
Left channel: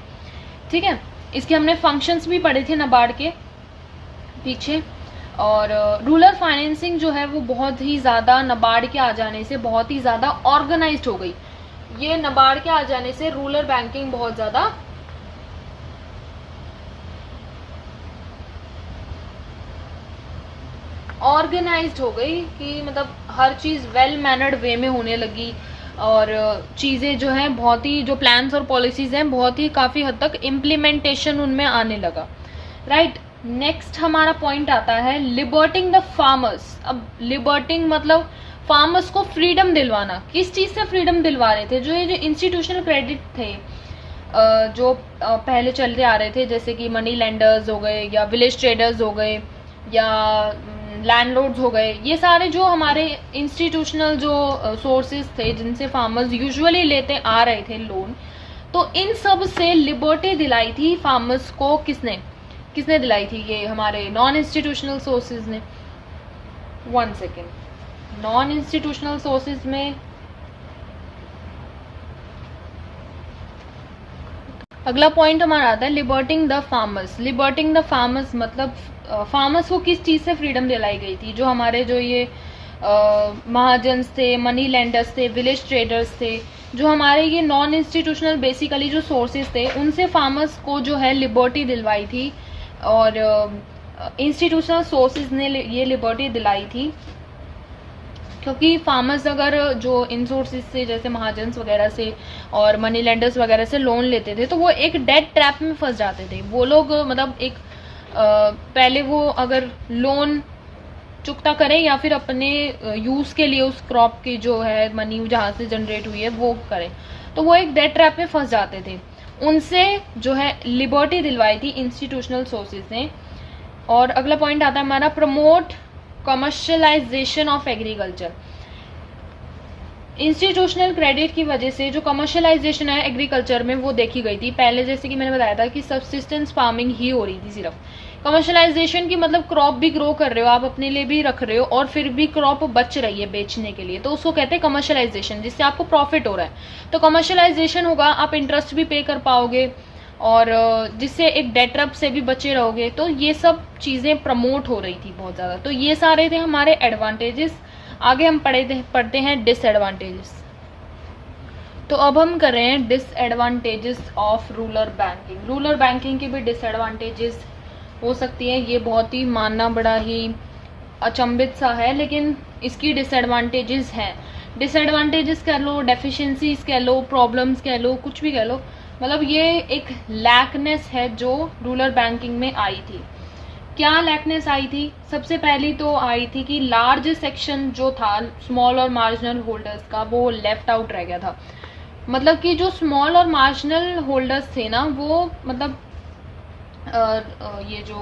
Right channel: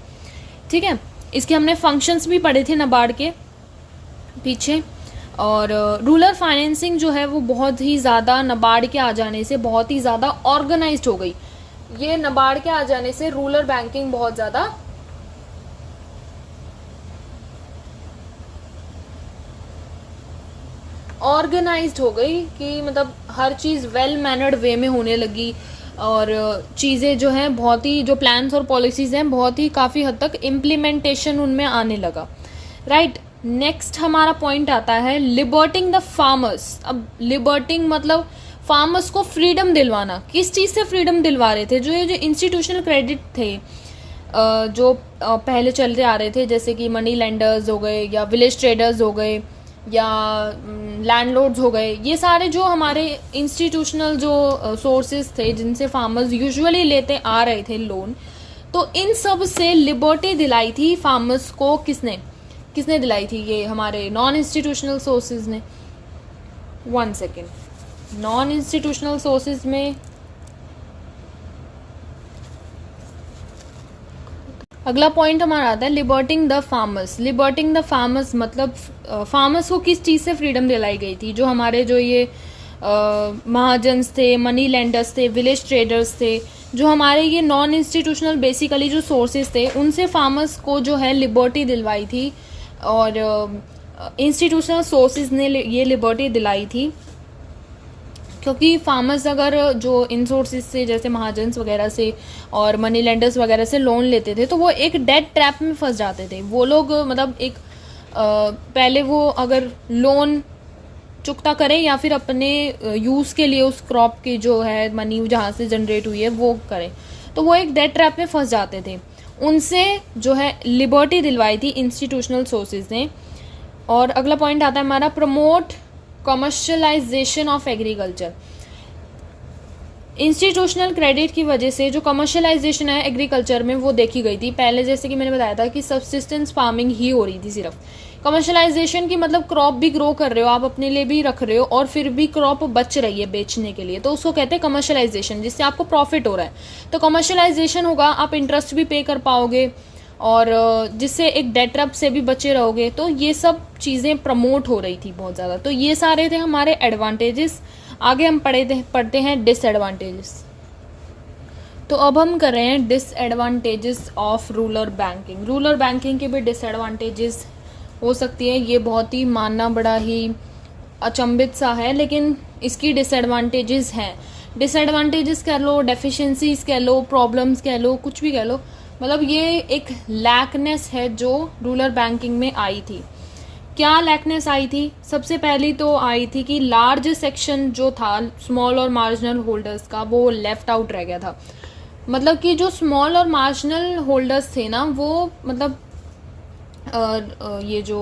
ठीक है, इसके हमने फंक्शंस भी पढ़े थे नबार्ड के पीछे। और रूरल फाइनेंसिंग जो है वो बहुत ही ज़्यादा नबार्ड के आ जाने से बहुत ही ज़्यादा ऑर्गेनाइज्ड हो गई। ये नबार्ड के आ जाने से रूरल बैंकिंग बहुत ज़्यादा ऑर्गेनाइज्ड हो गई कि मतलब हर चीज़ वेल मैनर्ड वे में होने लगी और चीज़ें जो हैं बहुत ही जो प्लान्स और पॉलिसीज़ हैं बहुत ही काफ़ी हद तक इम्प्लीमेंटेशन उनमें आने लगा। राइट, नेक्स्ट हमारा पॉइंट आता है लिबर्टिंग द फार्मर्स। अब लिबर्टिंग मतलब फार्मर्स को फ्रीडम दिलवाना। किस चीज़ से फ्रीडम दिलवा रहे थे? जो ये जो इंस्टीट्यूशनल क्रेडिट थे जो पहले चलते आ रहे थे, जैसे कि मनी लेंडर्स हो गए या विलेज ट्रेडर्स हो गए या लैंडलॉर्ड्स हो गए, ये सारे जो हमारे इंस्टीट्यूशनल जो सोर्सेज थे जिनसे फार्मर्स यूजुअली लेते आ रहे थे लोन, तो इन सब से लिबर्टी दिलाई थी फार्मर्स को। किसने किसने दिलाई थी? ये हमारे नॉन इंस्टीट्यूशनल सोर्सेज ने। 1 सेकेंड, नॉन इंस्टीट्यूशनल सोर्सेज में अगला पॉइंट हमारा आता है लिबर्टिंग द फार्मर्स। लिबर्टिंग द फार्मर्स मतलब फार्मर्स को किस चीज़ से फ्रीडम दिलाई गई थी? जो हमारे जो ये महाजन्स थे, मनी लेंडर्स थे, विलेज ट्रेडर्स थे, जो हमारे ये नॉन इंस्टीट्यूशनल बेसिकली जो सोर्सेज थे, उनसे फार्मर्स को जो है लिबर्टी दिलवाई थी। और इंस्टीट्यूशनल सोर्सेज ने ये लिबर्टी दिलाई थी, क्योंकि फार्मर्स अगर जो इन सोर्सेज से जैसे महाजन्स वगैरह से और मनी लेंडर्स वगैरह से लोन लेते थे, तो वो एक डेट ट्रैप में फंस जाते थे। वो लोग मतलब एक पहले वो अगर लोन चुकता करें या फिर अपने यूज़ के लिए उस क्रॉप की जो है मनी जहाँ से जनरेट हुई है वो करें, तो वो एक डेट ट्रैप में फंस जाते थे। उनसे जो है लिबर्टी दिलवाई थी इंस्टीट्यूशनल सोर्सेज ने। और अगला पॉइंट आता है हमारा promote commercialisation of agriculture. Institutional credit की वजह से जो कमर्शलाइजेशन है एग्रीकल्चर में वो देखी गई थी। पहले जैसे कि मैंने बताया था कि सब्सिस्टेंस फार्मिंग ही हो रही थी सिर्फ। कमर्शलाइजेशन की मतलब क्रॉप भी ग्रो कर रहे हो आप, अपने लिए भी रख रहे हो और फिर भी क्रॉप बच रही है बेचने के लिए, तो उसको कहते हैं कमर्शलाइजेशन, जिससे आपको प्रॉफिट हो रहा है। तो कमर्शलाइजेशन होगा, आप इंटरेस्ट भी पे कर पाओगे और जिससे एक डेट ट्रैप से भी बचे रहोगे। तो ये सब चीज़ें प्रमोट हो रही थी बहुत ज़्यादा। तो ये सारे थे हमारे एडवांटेजेस। आगे हम पढ़ते हैं डिसएडवांटेजेस। तो अब हम कर रहे हैं disadvantages of rural banking. Rural banking के भी डिसएडवांटेजेस हो सकती है। ये बहुत ही मानना बड़ा ही अचंभित सा है, लेकिन इसकी डिसएडवांटेजेस हैं। डिसएडवांटेजेस कह लो, डेफिशिएंसीज कह लो, प्रॉब्लम्स कह लो, कुछ भी कह लो, मतलब ये एक लैकनेस है जो रूरल बैंकिंग में आई थी। क्या लैकनेस आई थी? सबसे पहली तो आई थी कि लार्ज सेक्शन जो था स्मॉल और मार्जिनल होल्डर्स का, वो लेफ्ट आउट रह गया था। मतलब कि जो स्मॉल और मार्जिनल होल्डर्स थे ना, वो मतलब ये जो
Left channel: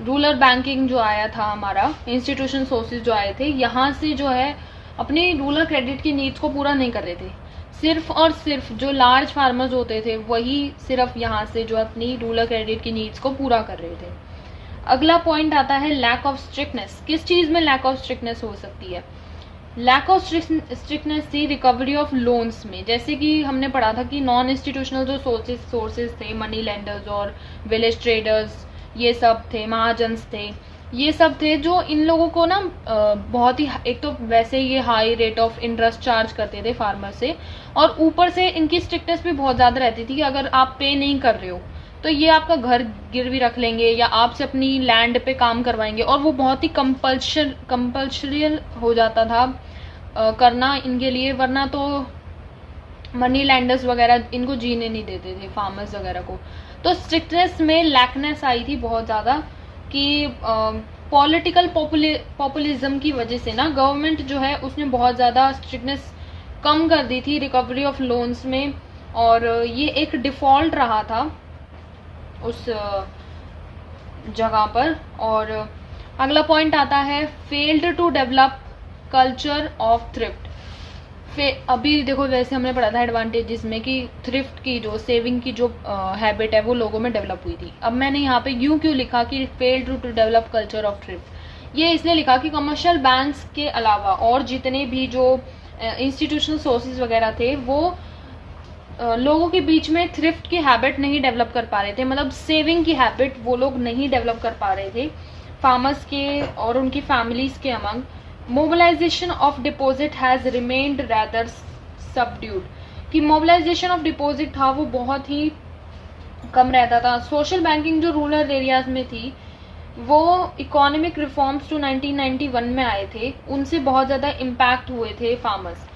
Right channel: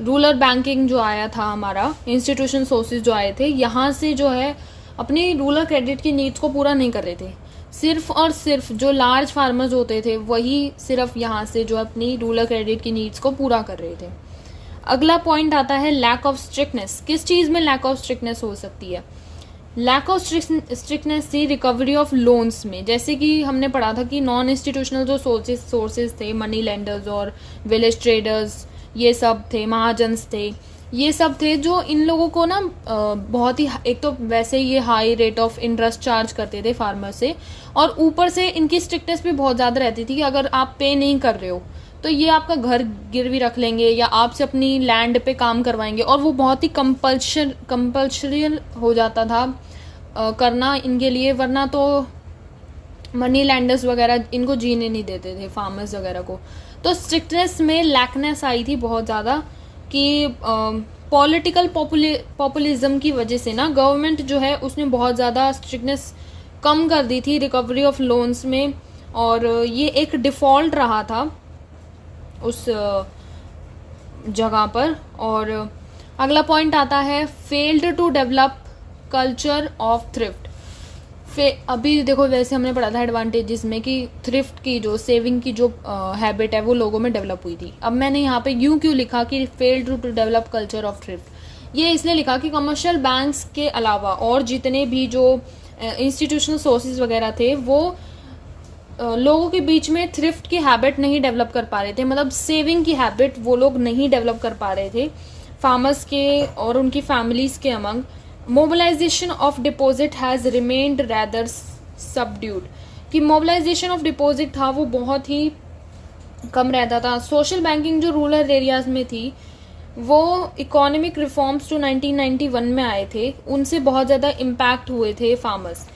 रूरल बैंकिंग जो आया था हमारा, इंस्टीट्यूशन सोर्सेज जो आए थे, यहाँ से जो है अपनी रूरल क्रेडिट की नीड्स को पूरा नहीं कर रहे थे। सिर्फ और सिर्फ जो लार्ज फार्मर्स होते थे वही सिर्फ यहाँ से जो अपनी रूरल क्रेडिट की नीड्स को पूरा कर रहे थे। अगला पॉइंट आता है लैक ऑफ स्ट्रिक्टनेस। किस चीज़ में लैक ऑफ स्ट्रिक्टनेस हो सकती है? लैक ऑफ स्ट्रिक्टनेस थी रिकवरी ऑफ लोन्स में। जैसे कि हमने पढ़ा था कि नॉन इंस्टीट्यूशनल जो सोर्सेज थे, मनी लेंडर्स और विलेज ट्रेडर्स, ये सब थे, महाजन्स थे, ये सब थे जो इन लोगों को ना बहुत ही, एक तो वैसे ये high rate of interest charge करते थे फार्मर से, और ऊपर से इनकी स्ट्रिक्टनेस भी बहुत ज़्यादा रहती थी कि अगर आप पे नहीं कर रहे हो तो ये आपका घर गिरवी रख लेंगे या आपसे अपनी लैंड पे काम करवाएंगे। और वो बहुत ही कंपल्सरियल हो जाता था करना इनके लिए, वरना तो मनी लैंडर्स वगैरह इनको जीने नहीं देते थे फार्मर्स वगैरह को। तो स्ट्रिक्टनेस में लैकनेस आई थी बहुत ज़्यादा कि पॉलिटिकल पॉपुलिज्म की वजह से ना गवर्नमेंट जो है उसने बहुत ज़्यादा स्ट्रिक्टनेस कम कर दी थी रिकवरी ऑफ लोन्स में, और ये एक डिफ़ॉल्ट रहा था उस जगह पर। और अगला पॉइंट आता है failed to develop culture of thrift. अभी देखो, वैसे हमने पढ़ा था एडवांटेजेस में कि थ्रिफ्ट की जो सेविंग की जो हैबिट है वो लोगों में डेवलप हुई थी। अब मैंने यहाँ पे यूं क्यों लिखा कि failed to develop culture of thrift? ये इसलिए लिखा कि कमर्शियल बैंक्स के अलावा और जितने भी जो इंस्टीट्यूशनल सोर्सेज वगैरह थे वो लोगों के बीच में थ्रिफ्ट की हैबिट नहीं डेवलप कर पा रहे थे। मतलब सेविंग की हैबिट वो लोग नहीं डेवलप कर पा रहे थे फार्मर्स के और उनकी फैमिलीज के among. Mobilisation of deposit has remained rather subdued. कि मोबिलाइजेशन ऑफ डिपॉजिट था वो बहुत ही कम रहता था। सोशल बैंकिंग जो रूरल एरियाज में थी वो इकोनॉमिक रिफॉर्म्स जो 1991 में आए थे उनसे बहुत ज़्यादा इम्पैक्ट हुए थे फार्मर्स,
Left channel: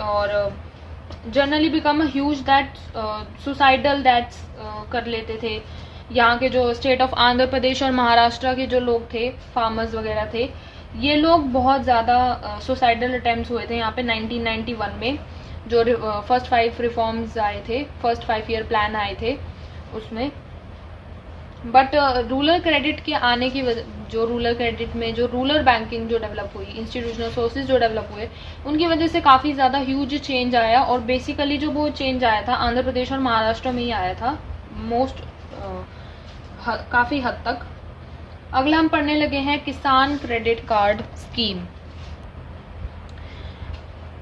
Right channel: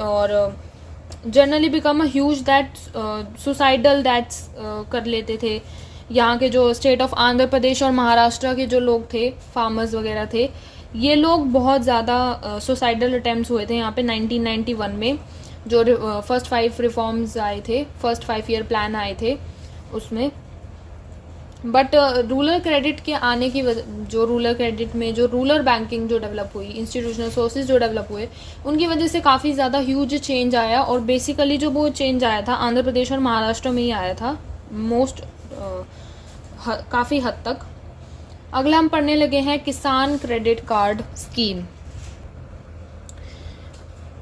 और generally become a huge that suicidal that's कर लेते थे। यहाँ के जो स्टेट ऑफ आंध्र प्रदेश और महाराष्ट्र के जो लोग थे, फार्मर्स वगैरह थे, ये लोग बहुत ज़्यादा सुसाइडल अटैम्प्ट्स हुए थे यहाँ पे 1991 में। जो फर्स्ट 5 रिफॉर्म्स आए थे, फर्स्ट 5 ईयर प्लान आए थे उसमें। बट रूरल क्रेडिट के आने की वजह, जो रूरल क्रेडिट में जो रूरल बैंकिंग जो डेवलप हुई, इंस्टीट्यूशनल सोर्सेज जो डेवलप हुए, उनकी वजह से काफ़ी ज़्यादा ह्यूज चेंज आया। और बेसिकली जो वो चेंज आया था आंध्र प्रदेश और महाराष्ट्र में ही आया था मोस्ट, काफ़ी हद तक। अगला हम पढ़ने लगे हैं किसान क्रेडिट कार्ड स्कीम।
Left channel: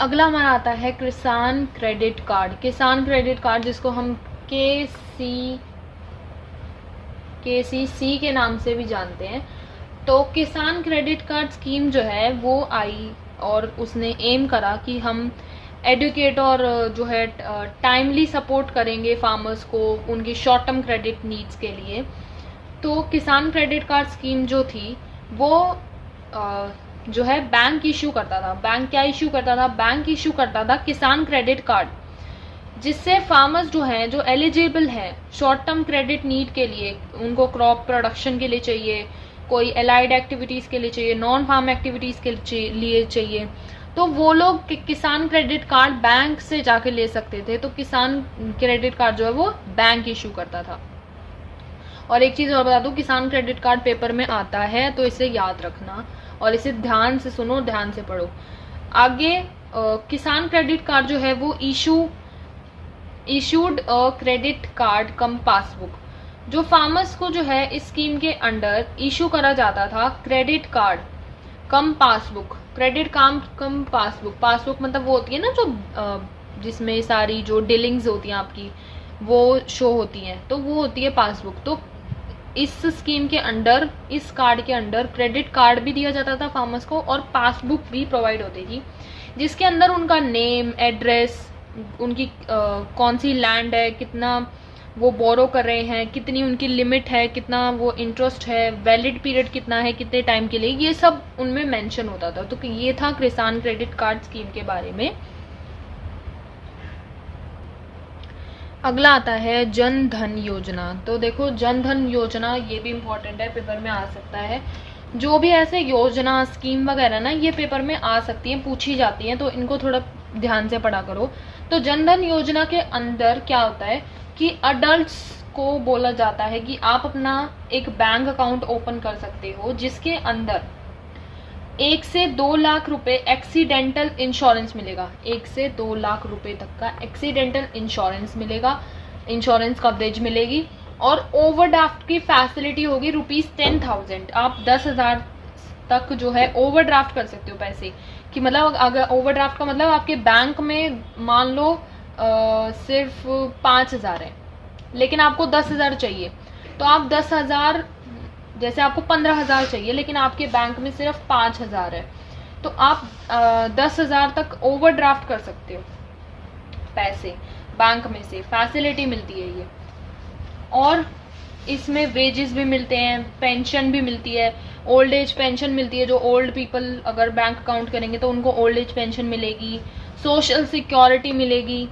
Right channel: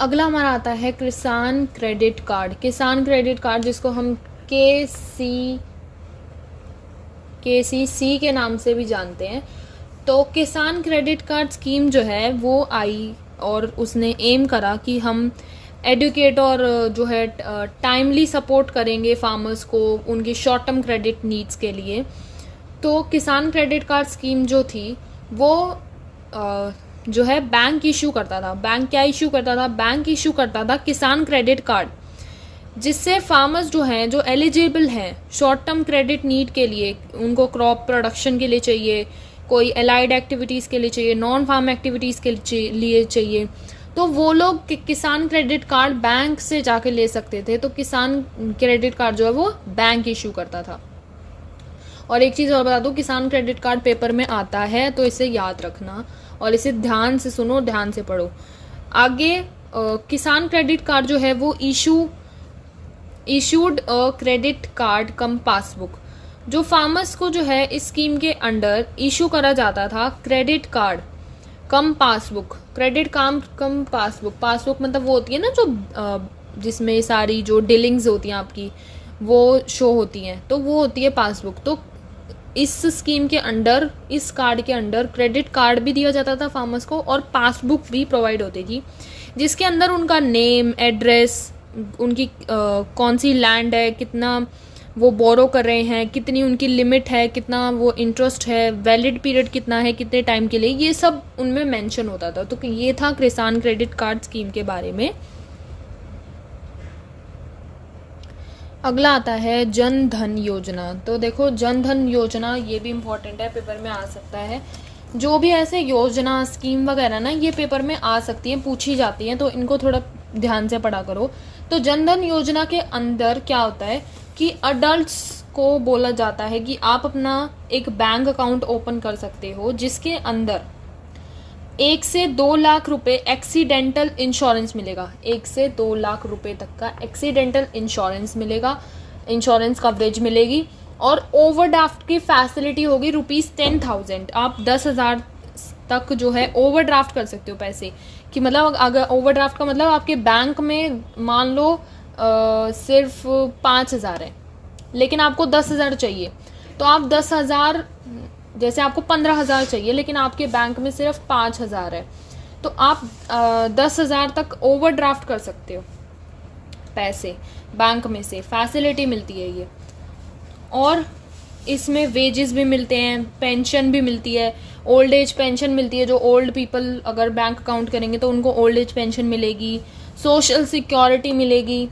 अगला हमारा आता है किसान क्रेडिट कार्ड। किसान क्रेडिट कार्ड जिसको हम KCC के नाम से भी जानते हैं। तो किसान क्रेडिट कार्ड स्कीम जो है वो आई और उसने एम करा कि हम एडुकेट और जो है टाइमली सपोर्ट करेंगे फार्मर्स को उनकी शॉर्ट टर्म क्रेडिट नीड्स के लिए। तो किसान क्रेडिट कार्ड स्कीम जो थी वो जो है बैंक इशू करता था। बैंक क्या इशू करता था? बैंक इशू करता था किसान क्रेडिट कार्ड, जिससे फार्मर्स जो हैं, जो एलिजिबल हैं शॉर्ट टर्म क्रेडिट नीड के लिए, उनको क्रॉप प्रोडक्शन के लिए चाहिए, कोई एलाइड एक्टिविटीज़ के लिए चाहिए, नॉन फार्म एक्टिविटीज़ के लिए चाहिए, तो वो लोग किसान क्रेडिट कार्ड बैंक से जाके ले सकते थे। तो किसान क्रेडिट कार्ड जो है वो बैंक इशू करता था। और एक चीज़ और बता दूँ, किसान क्रेडिट कार्ड पेपर में आता है तो इसे याद रखना और इसे ध्यान से सुनो, ध्यान से पढ़ो। आगे किसान क्रेडिट कार्ड जो है वो issued a credit card come passbook. जो फार्मर्स को जो है इस स्कीम के अंडर इशू करा जाता था क्रेडिट कार्ड कम पासबुक। क्रेडिट कार्ड कम पासबुक, पासबुक मतलब वो होती है ना जो जिसमें सारी जो डीलिंग्स होती हैं आपकी वो शो होती हैं, तो वो होती है पासबुक। तो इस स्कीम के अंडर, इस कार्ड के अंडर क्रेडिट कार्ड भी दिया जाता था फार्मर्स को और पासबुक भी प्रोवाइड होती थी, जिसके अंदर उनका नेम, एड्रेस, उनकी कौन सी लैंड है, कितना वो बोरो कर रहे हैं, कितनी उनकी लिमिट है, कितना वो इंटरेस्ट है, वैलिड पीरियड कितना है, कितने टाइम के लिए, ये सब उनमें मेंशन होता था। तो ये था किसान क्रेडिट कार्ड स्कीम के बारे में। अगला आता है जन धन योजना। तो देखो जन धन योजना ये भी इम्पोर्टेंट है, पेपर में आ सकता है। जो भी ऐसे योजना, स्कीम वगैरह ना ये पेपर में आ सकती हैं, पूछी जाती हैं, तो इनको थोड़ा ध्यान से पढ़ा करो। तो जन धन योजना के अंदर क्या होता है कि अडल्ट्स को बोला जाता है कि आप अपना एक बैंक अकाउंट ओपन कर सकते हो जिसके अंदर 1 से 2 लाख रुपए एक्सीडेंटल इंश्योरेंस मिलेगा। 1 से 2 लाख रुपए तक का एक्सीडेंटल इंश्योरेंस मिलेगा, इंश्योरेंस कवरेज मिलेगी। और ओवरड्राफ्ट की फैसिलिटी होगी ₹10,000। आप 10,000 तक जो है ओवरड्राफ्ट कर सकते हो पैसे कि, मतलब अगर ओवरड्राफ्ट का मतलब आपके बैंक में मान लो सिर्फ 5,000 है लेकिन आपको 10,000 चाहिए, तो आप 10,000, जैसे आपको 15,000 चाहिए लेकिन आपके बैंक में सिर्फ 5,000 है, तो आप 10,000 तक ओवरड्राफ्ट कर सकते हो पैसे बैंक में से, फैसिलिटी मिलती है ये। और इसमें वेजेस भी मिलते हैं, पेंशन भी मिलती है, ओल्ड एज पेंशन मिलती है। जो ओल्ड पीपल अगर बैंक अकाउंट करेंगे तो उनको ओल्ड एज पेंशन मिलेगी, सोशल सिक्योरिटी मिलेगी।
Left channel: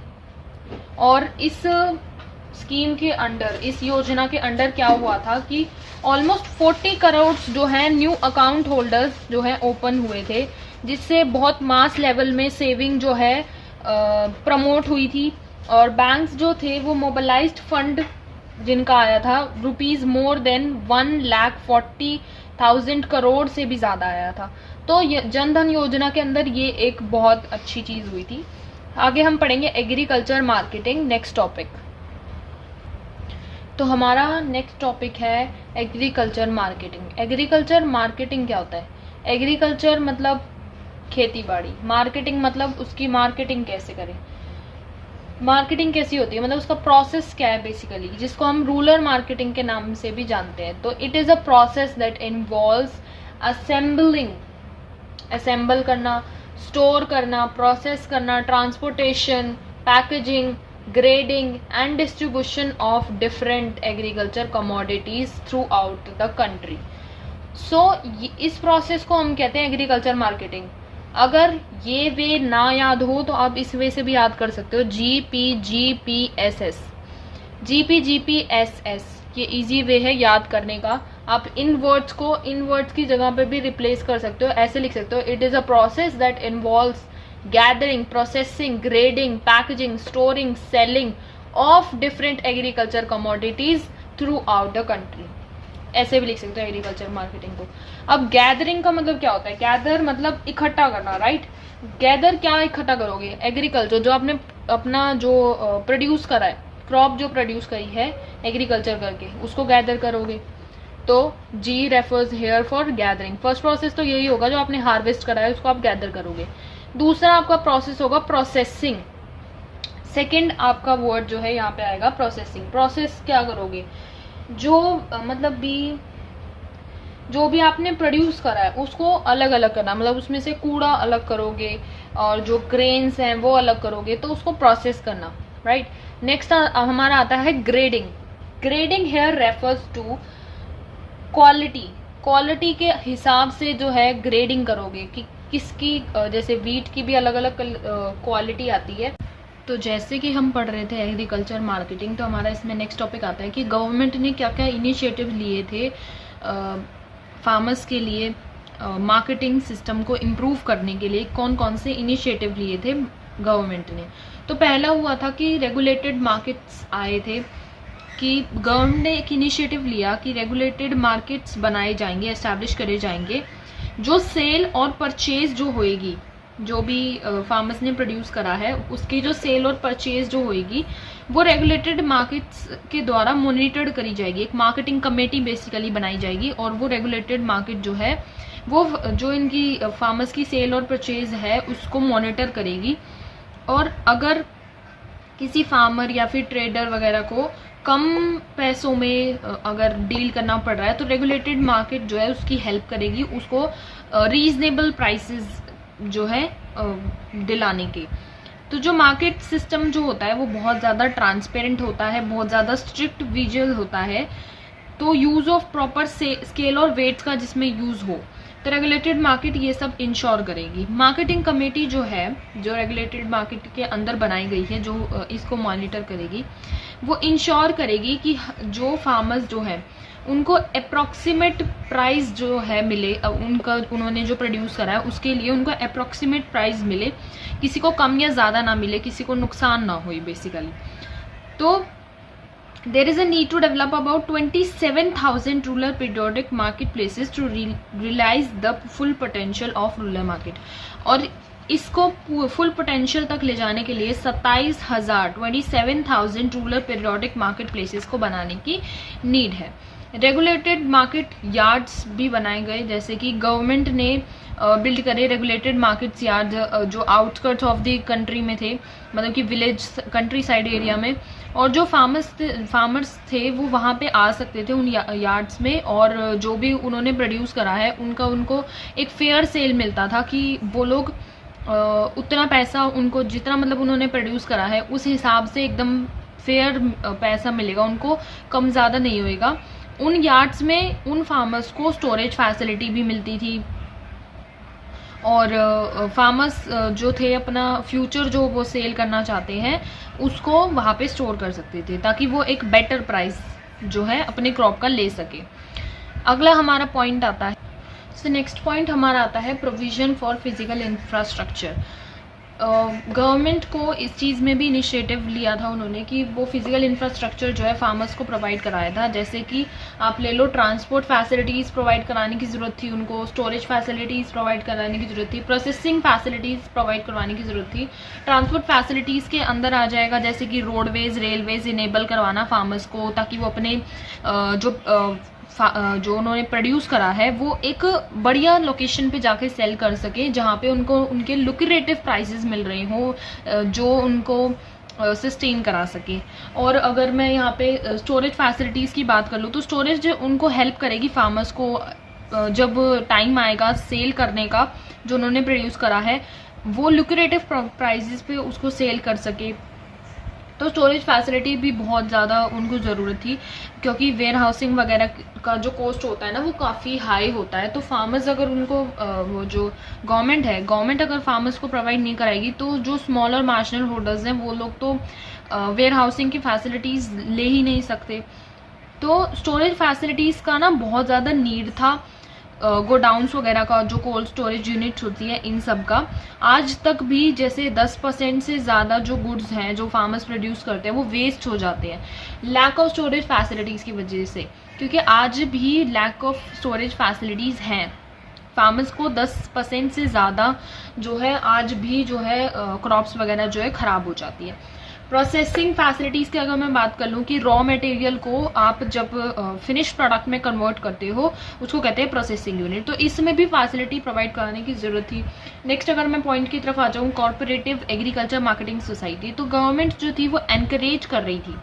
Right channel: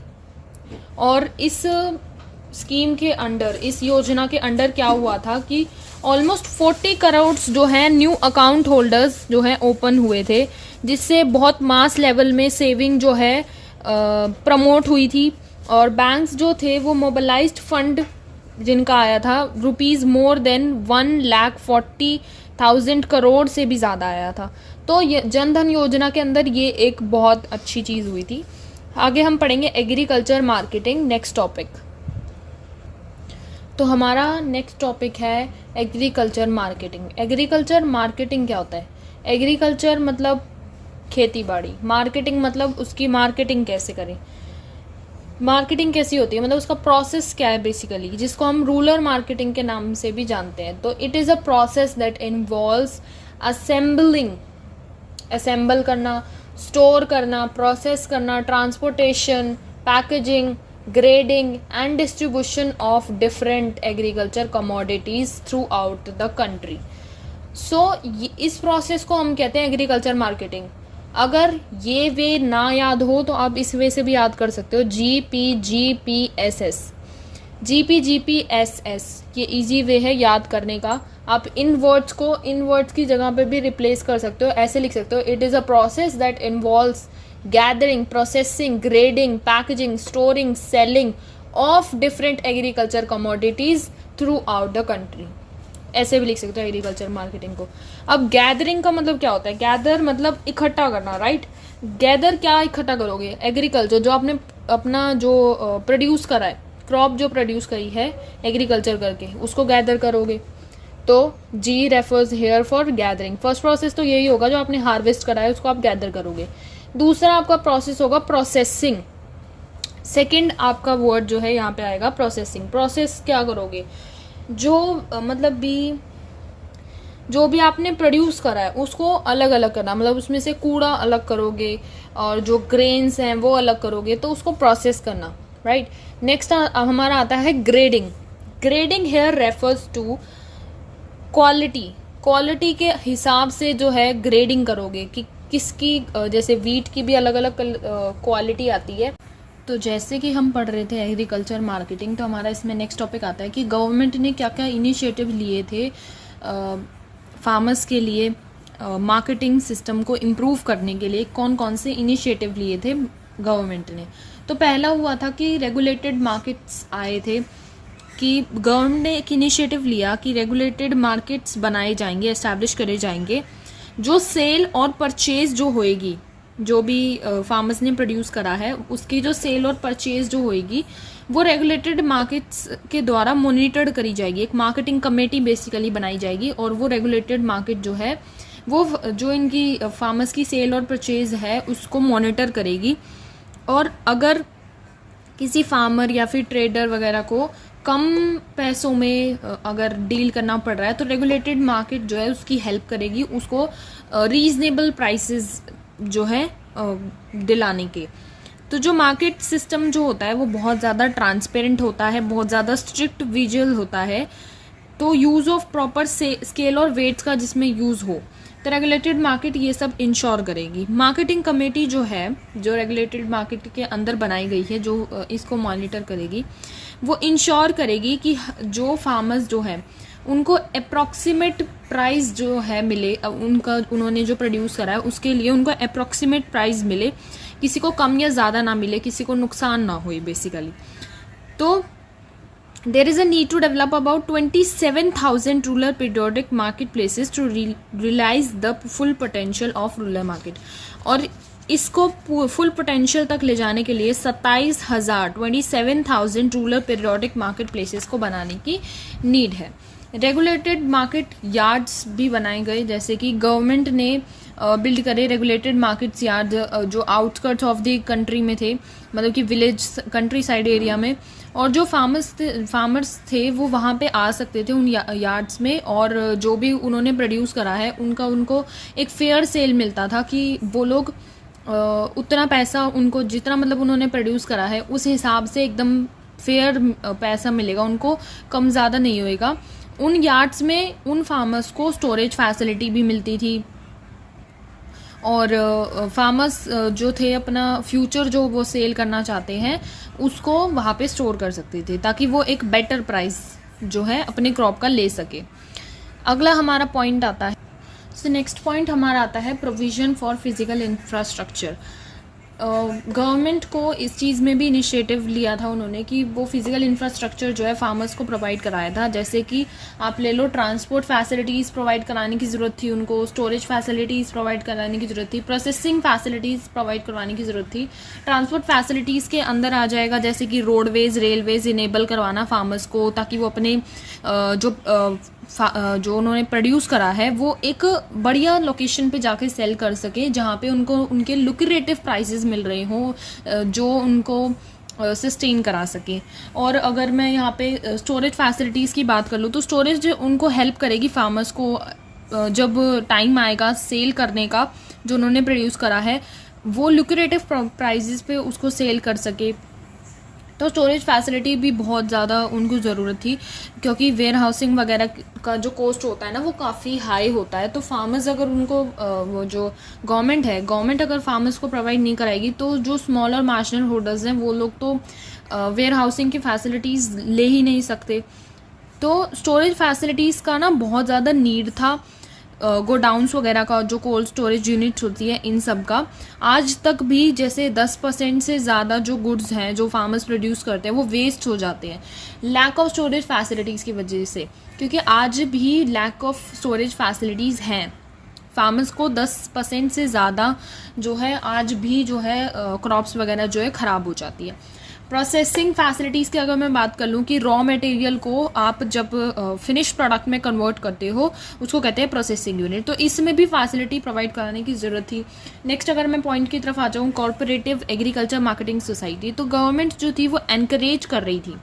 और इस स्कीम के अंडर, इस योजना के अंडर क्या हुआ था कि ऑलमोस्ट 40 करोड़ जो हैं न्यू अकाउंट होल्डर्स जो हैं ओपन हुए थे, जिससे बहुत मास लेवल में सेविंग जो है प्रमोट हुई थी। और बैंक्स जो थे वो मोबिलाइज्ड फंड जिनका आया था रुपीज़ मोर देन 1,40,000 करोड़ से भी ज़्यादा आया था। तो जन धन योजना के अंदर ये एक बहुत अच्छी चीज़ हुई थी। आगे हम पढ़ेंगे एग्रीकल्चर मार्केटिंग, नेक्स्ट टॉपिक। तो हमारा नेक्स्ट टॉपिक है एग्रीकल्चर मार्केटिंग। एग्रीकल्चर मार्केटिंग क्या होता है? एग्रीकल्चर मतलब खेती बाड़ी, मार्केटिंग मतलब उसकी मार्केटिंग कैसे करें, मार्केटिंग कैसी होती है, मतलब उसका प्रोसेस क्या है बेसिकली, जिसको हम रूरल मार्केटिंग के नाम से भी जानते हैं। तो it is a process that involves assemble करना, स्टोर करना, प्रोसेस करना, transportation, packaging, grading and distribution of different agriculture commodities throughout the country. So इस प्रोसेस को हम कहते हैं एग्रीकल्चर मार्केटिंग। अगर ये वे ना याद हो तो आप इस वे से भी याद कर सकते हो, GPGPSS, GPGPSS, ये इजी वे है याद करने का। आप इन वर्ड्स को इन वर्ड्स की जगह पे भी रिप्लेस कर सकते हो, ऐसे लिख सकते हो, it is a process that involves gathering, processing, grading, packaging, storing, selling of different agriculture commodities through out the country, ऐसे भी लिख सकते हो एग्रीकल्चर मार्केटिंग को। अब गैदरिंग का मतलब क्या होता है? गैदर मतलब इकट्ठा करना, राइट। गैदर क्या इकट्ठा करोगे? एग्रीकल्चर, जो आपने अपना जो प्रोड्यूस करा है, क्रॉप जो प्रोड्यूस करी है एग्रीकल्चर करके, उसको गैदर करोगे। तो G refers here for gathering. First process तो यही होगा, जो आपने हार्वेस्ट करा है उसको आप गैदर करोगे। दूसरा आपका प्रोसेस होगा प्रोसेसिंग। सेकंड आपका वर्ड जो है यहाँ पे आएगा प्रोसेसिंग। प्रोसेस क्या करोगे? जो मतलब जो भी आपने प्रोड्यूस करा है उसको अलग अलग करना, मतलब उसमें से कूड़ा अलग करोगे और जो ग्रेन्स हैं वो अलग करोगे, तो उसको प्रोसेस करना, राइट। नेक्स्ट हमारा आता है grading. Grading here refers to quality. Quality के हिसाब से जो है ग्रेडिंग करोगे कि किसकी, जैसे वीट की भी अलग अलग क्वालिटी आती है। तो जैसे कि हम पढ़ रहे थे एग्रीकल्चर मार्केटिंग, तो हमारा इसमें नेक्स्ट टॉपिक आता है कि गवर्नमेंट ने क्या क्या इनिशिएटिव लिए थे फार्मर्स के लिए, मार्केटिंग सिस्टम को इम्प्रूव करने के लिए कौन कौन से इनिशिएटिव लिए थे गवर्नमेंट ने। तो पहला हुआ था कि रेगुलेटेड मार्केट्स आए थे, कि गवर्नमेंट ने एक इनिशिएटिव लिया कि रेगुलेटेड मार्केट्स बनाए जाएंगे, एस्टैब्लिश करे जाएंगे, जो सेल और परचेज जो होएगी, जो भी फार्मर्स ने प्रोड्यूस करा है उसकी जो सेल और परचेज जो होएगी वो रेगुलेटेड मार्केट्स के द्वारा मॉनिटर करी जाएगी। एक मार्केटिंग कमेटी बेसिकली बनाई जाएगी और वो रेगुलेटेड मार्केट जो है वो जो इनकी फार्मर्स की सेल और परचेज है उसको मॉनिटर करेगी। और अगर किसी फार्मर या फिर ट्रेडर वगैरह को कम पैसों में अगर डील करना पड़ रहा है तो रेगुलेटेड मार्केट जो है उसकी हेल्प करेगी उसको रीजनेबल प्राइसेस जो है दिलाने के। तो जो मार्केट सिस्टम जो होता है वो बहुत ज़्यादा ट्रांसपेरेंट होता है, बहुत ज़्यादा स्ट्रिक्ट विजुअल होता है। तो यूज़ ऑफ प्रॉपर स्केल और वेट्स का जिसमें यूज़ हो, तो रेगुलेटेड मार्केट ये सब इंश्योर करेगी। मार्केटिंग कमेटी जो है, जो रेगुलेटेड मार्केट के अंदर बनाई गई है, जो इसको मॉनिटर करेगी, वो इंश्योर करेगी कि जो फार्मर्स जो है उनको अप्रॉक्सीमेट प्राइस जो है मिले, उनका उन्होंने जो प्रोड्यूस करा है उसके लिए उनको अप्रॉक्सीमेट प्राइस मिले, किसी को कम या ज़्यादा ना मिले, किसी को नुकसान ना हो बेसिकली। तो there is a need to develop about 27,000 rural periodic marketplaces to realize the full potential of rural market। और इसको फुल पोटेंशियल तक ले जाने के लिए 27,000 रूरल पीरियोडिक मार्केट प्लेसेस को बनाने की नीड है। रेगुलेटेड मार्केट यार्ड्स भी बनाए गए, जैसे कि गवर्नमेंट ने बिल्ड करे रेगुलेटेड मार्केट्स यार्ड जो आउटस्कर्ट्स ऑफ द कंट्री में थे, मतलब कि विलेज कंट्री साइड एरिया में, और जो फार्मर्स थे वो वहाँ पे आ सकते थे उन यार्ड्स में, और जो भी उन्होंने प्रोड्यूस करा है उनको एक फेयर सेल मिलता था कि वो लोग उतना पैसा उनको जितना मतलब उन्होंने प्रोड्यूस करा है उस हिसाब से एकदम फेयर पैसा मिलेगा, उनको कम ज़्यादा नहीं होएगा। उन यार्ड्स में उन फार्मर्स को स्टोरेज फैसिलिटी भी मिलती थी, और फार्मर्स जो थे अपना फ्यूचर जो वो सेल करना चाहते हैं उसको वहाँ पे स्टोर कर सकते थे, ताकि वो एक बेटर प्राइस जो है अपने क्रॉप का ले सके। अगला हमारा पॉइंट आता है, तो नेक्स्ट पॉइंट हमारा आता है provision for physical infrastructure. Government को इस चीज़ में भी इनिशिएटिव लिया था उन्होंने कि वो फिजिकल इंफ्रास्ट्रक्चर जो है फार्मर्स को प्रोवाइड कराया था। जैसे कि आप ले लो, ट्रांसपोर्ट फैसिलिटीज़ प्रोवाइड कराने की ज़रूरत थी उनको, स्टोरेज फैसिलिटीज़ प्रोवाइड कराने की ज़रूरत थी, प्रोसेसिंग फैसिलिटीज़ प्रोवाइड करवाने की ज़रूरत थी। ट्रांसपोर्ट फैसिलिटीज़ के अंदर आ जाएगा जैसे कि रोडवेज़, रेलवेज़ इनेबल करवाना फार्मर्स को, ताकि वो अपने जो उन्होंने प्रोड्यूस करा है वो एक बढ़िया लोकेशन पे जाके सेल कर सके, जहाँ पे उनको उनके लुक्रेटिव प्राइसेस मिल रहे हों जो उनको सस्टेन करा सके। और अगर मैं यहाँ पे स्टोरेज फैसिलिटीज़ की बात कर लूँ तो स्टोरेज उनको हेल्प करेगी फार्मर्स को, जब टाइम आएगा सेल करने का जो उन्होंने प्रोड्यूस करा है वो लुक्रेटिव प्राइसेस पे उसको सेल कर सके। तो स्टोरेज फैसिलिटी भी बहुत ज़्यादा उनको ज़रूरत थी, क्योंकि वेयर हाउसिंग वगैरह का जो कॉस्ट होता है ना वो काफ़ी हाई होता है। तो फार्मर्स अगर उनको वो जो गवर्नमेंट अगर फार्मर्स को प्रोवाइड नहीं कराएगी तो जो स्मॉल और मार्जिनल होल्डर्स हैं वो लोग तो वेयर हाउसिंग की फैसिलिटीज़ ले ही नहीं सकते। तो स्टोरेज फैसिलिटीज़ का ना बहुत ज़्यादा नीड था गोडाउन्स वगैरह का, जो कोल्ड स्टोरेज यूनिट्स होती है, इन सब का आज तक भी जैसे 10% से ज़्यादा जो गुड्स हैं जो फार्मर्स प्रोड्यूस करते हैं वो वेस्ट हो जाते हैं लैक ऑफ स्टोरेज फैसिलिटीज़ की वजह से। क्योंकि आज भी लैक ऑफ स्टोरेज फैसिलिटीज़ हैं, फार्मर्स को 10% से ज़्यादा जो है आज भी जो है क्रॉप्स वगैरह जो है ख़राब हो जाती है। प्रोसेसिंग फैसिलिटीज़ की अगर मैं बात कर लूँ कि रॉ मटेरियल को आप जब फिनिश प्रोडक्ट में कन्वर्ट करते हो उसको कहते हैं प्रोसेसिंग यूनिट, तो इसमें भी फैसिलिटी प्रोवाइड कराने की ज़रूरत थी। नेक्स्ट अगर मैं पॉइंट की तरफ आ जाऊँ, कॉर्पोरेटिव एग्रीकल्चर मार्केटिंग सोसाइटी, तो गवर्नमेंट जो थी वो एनकरेज कर रही थी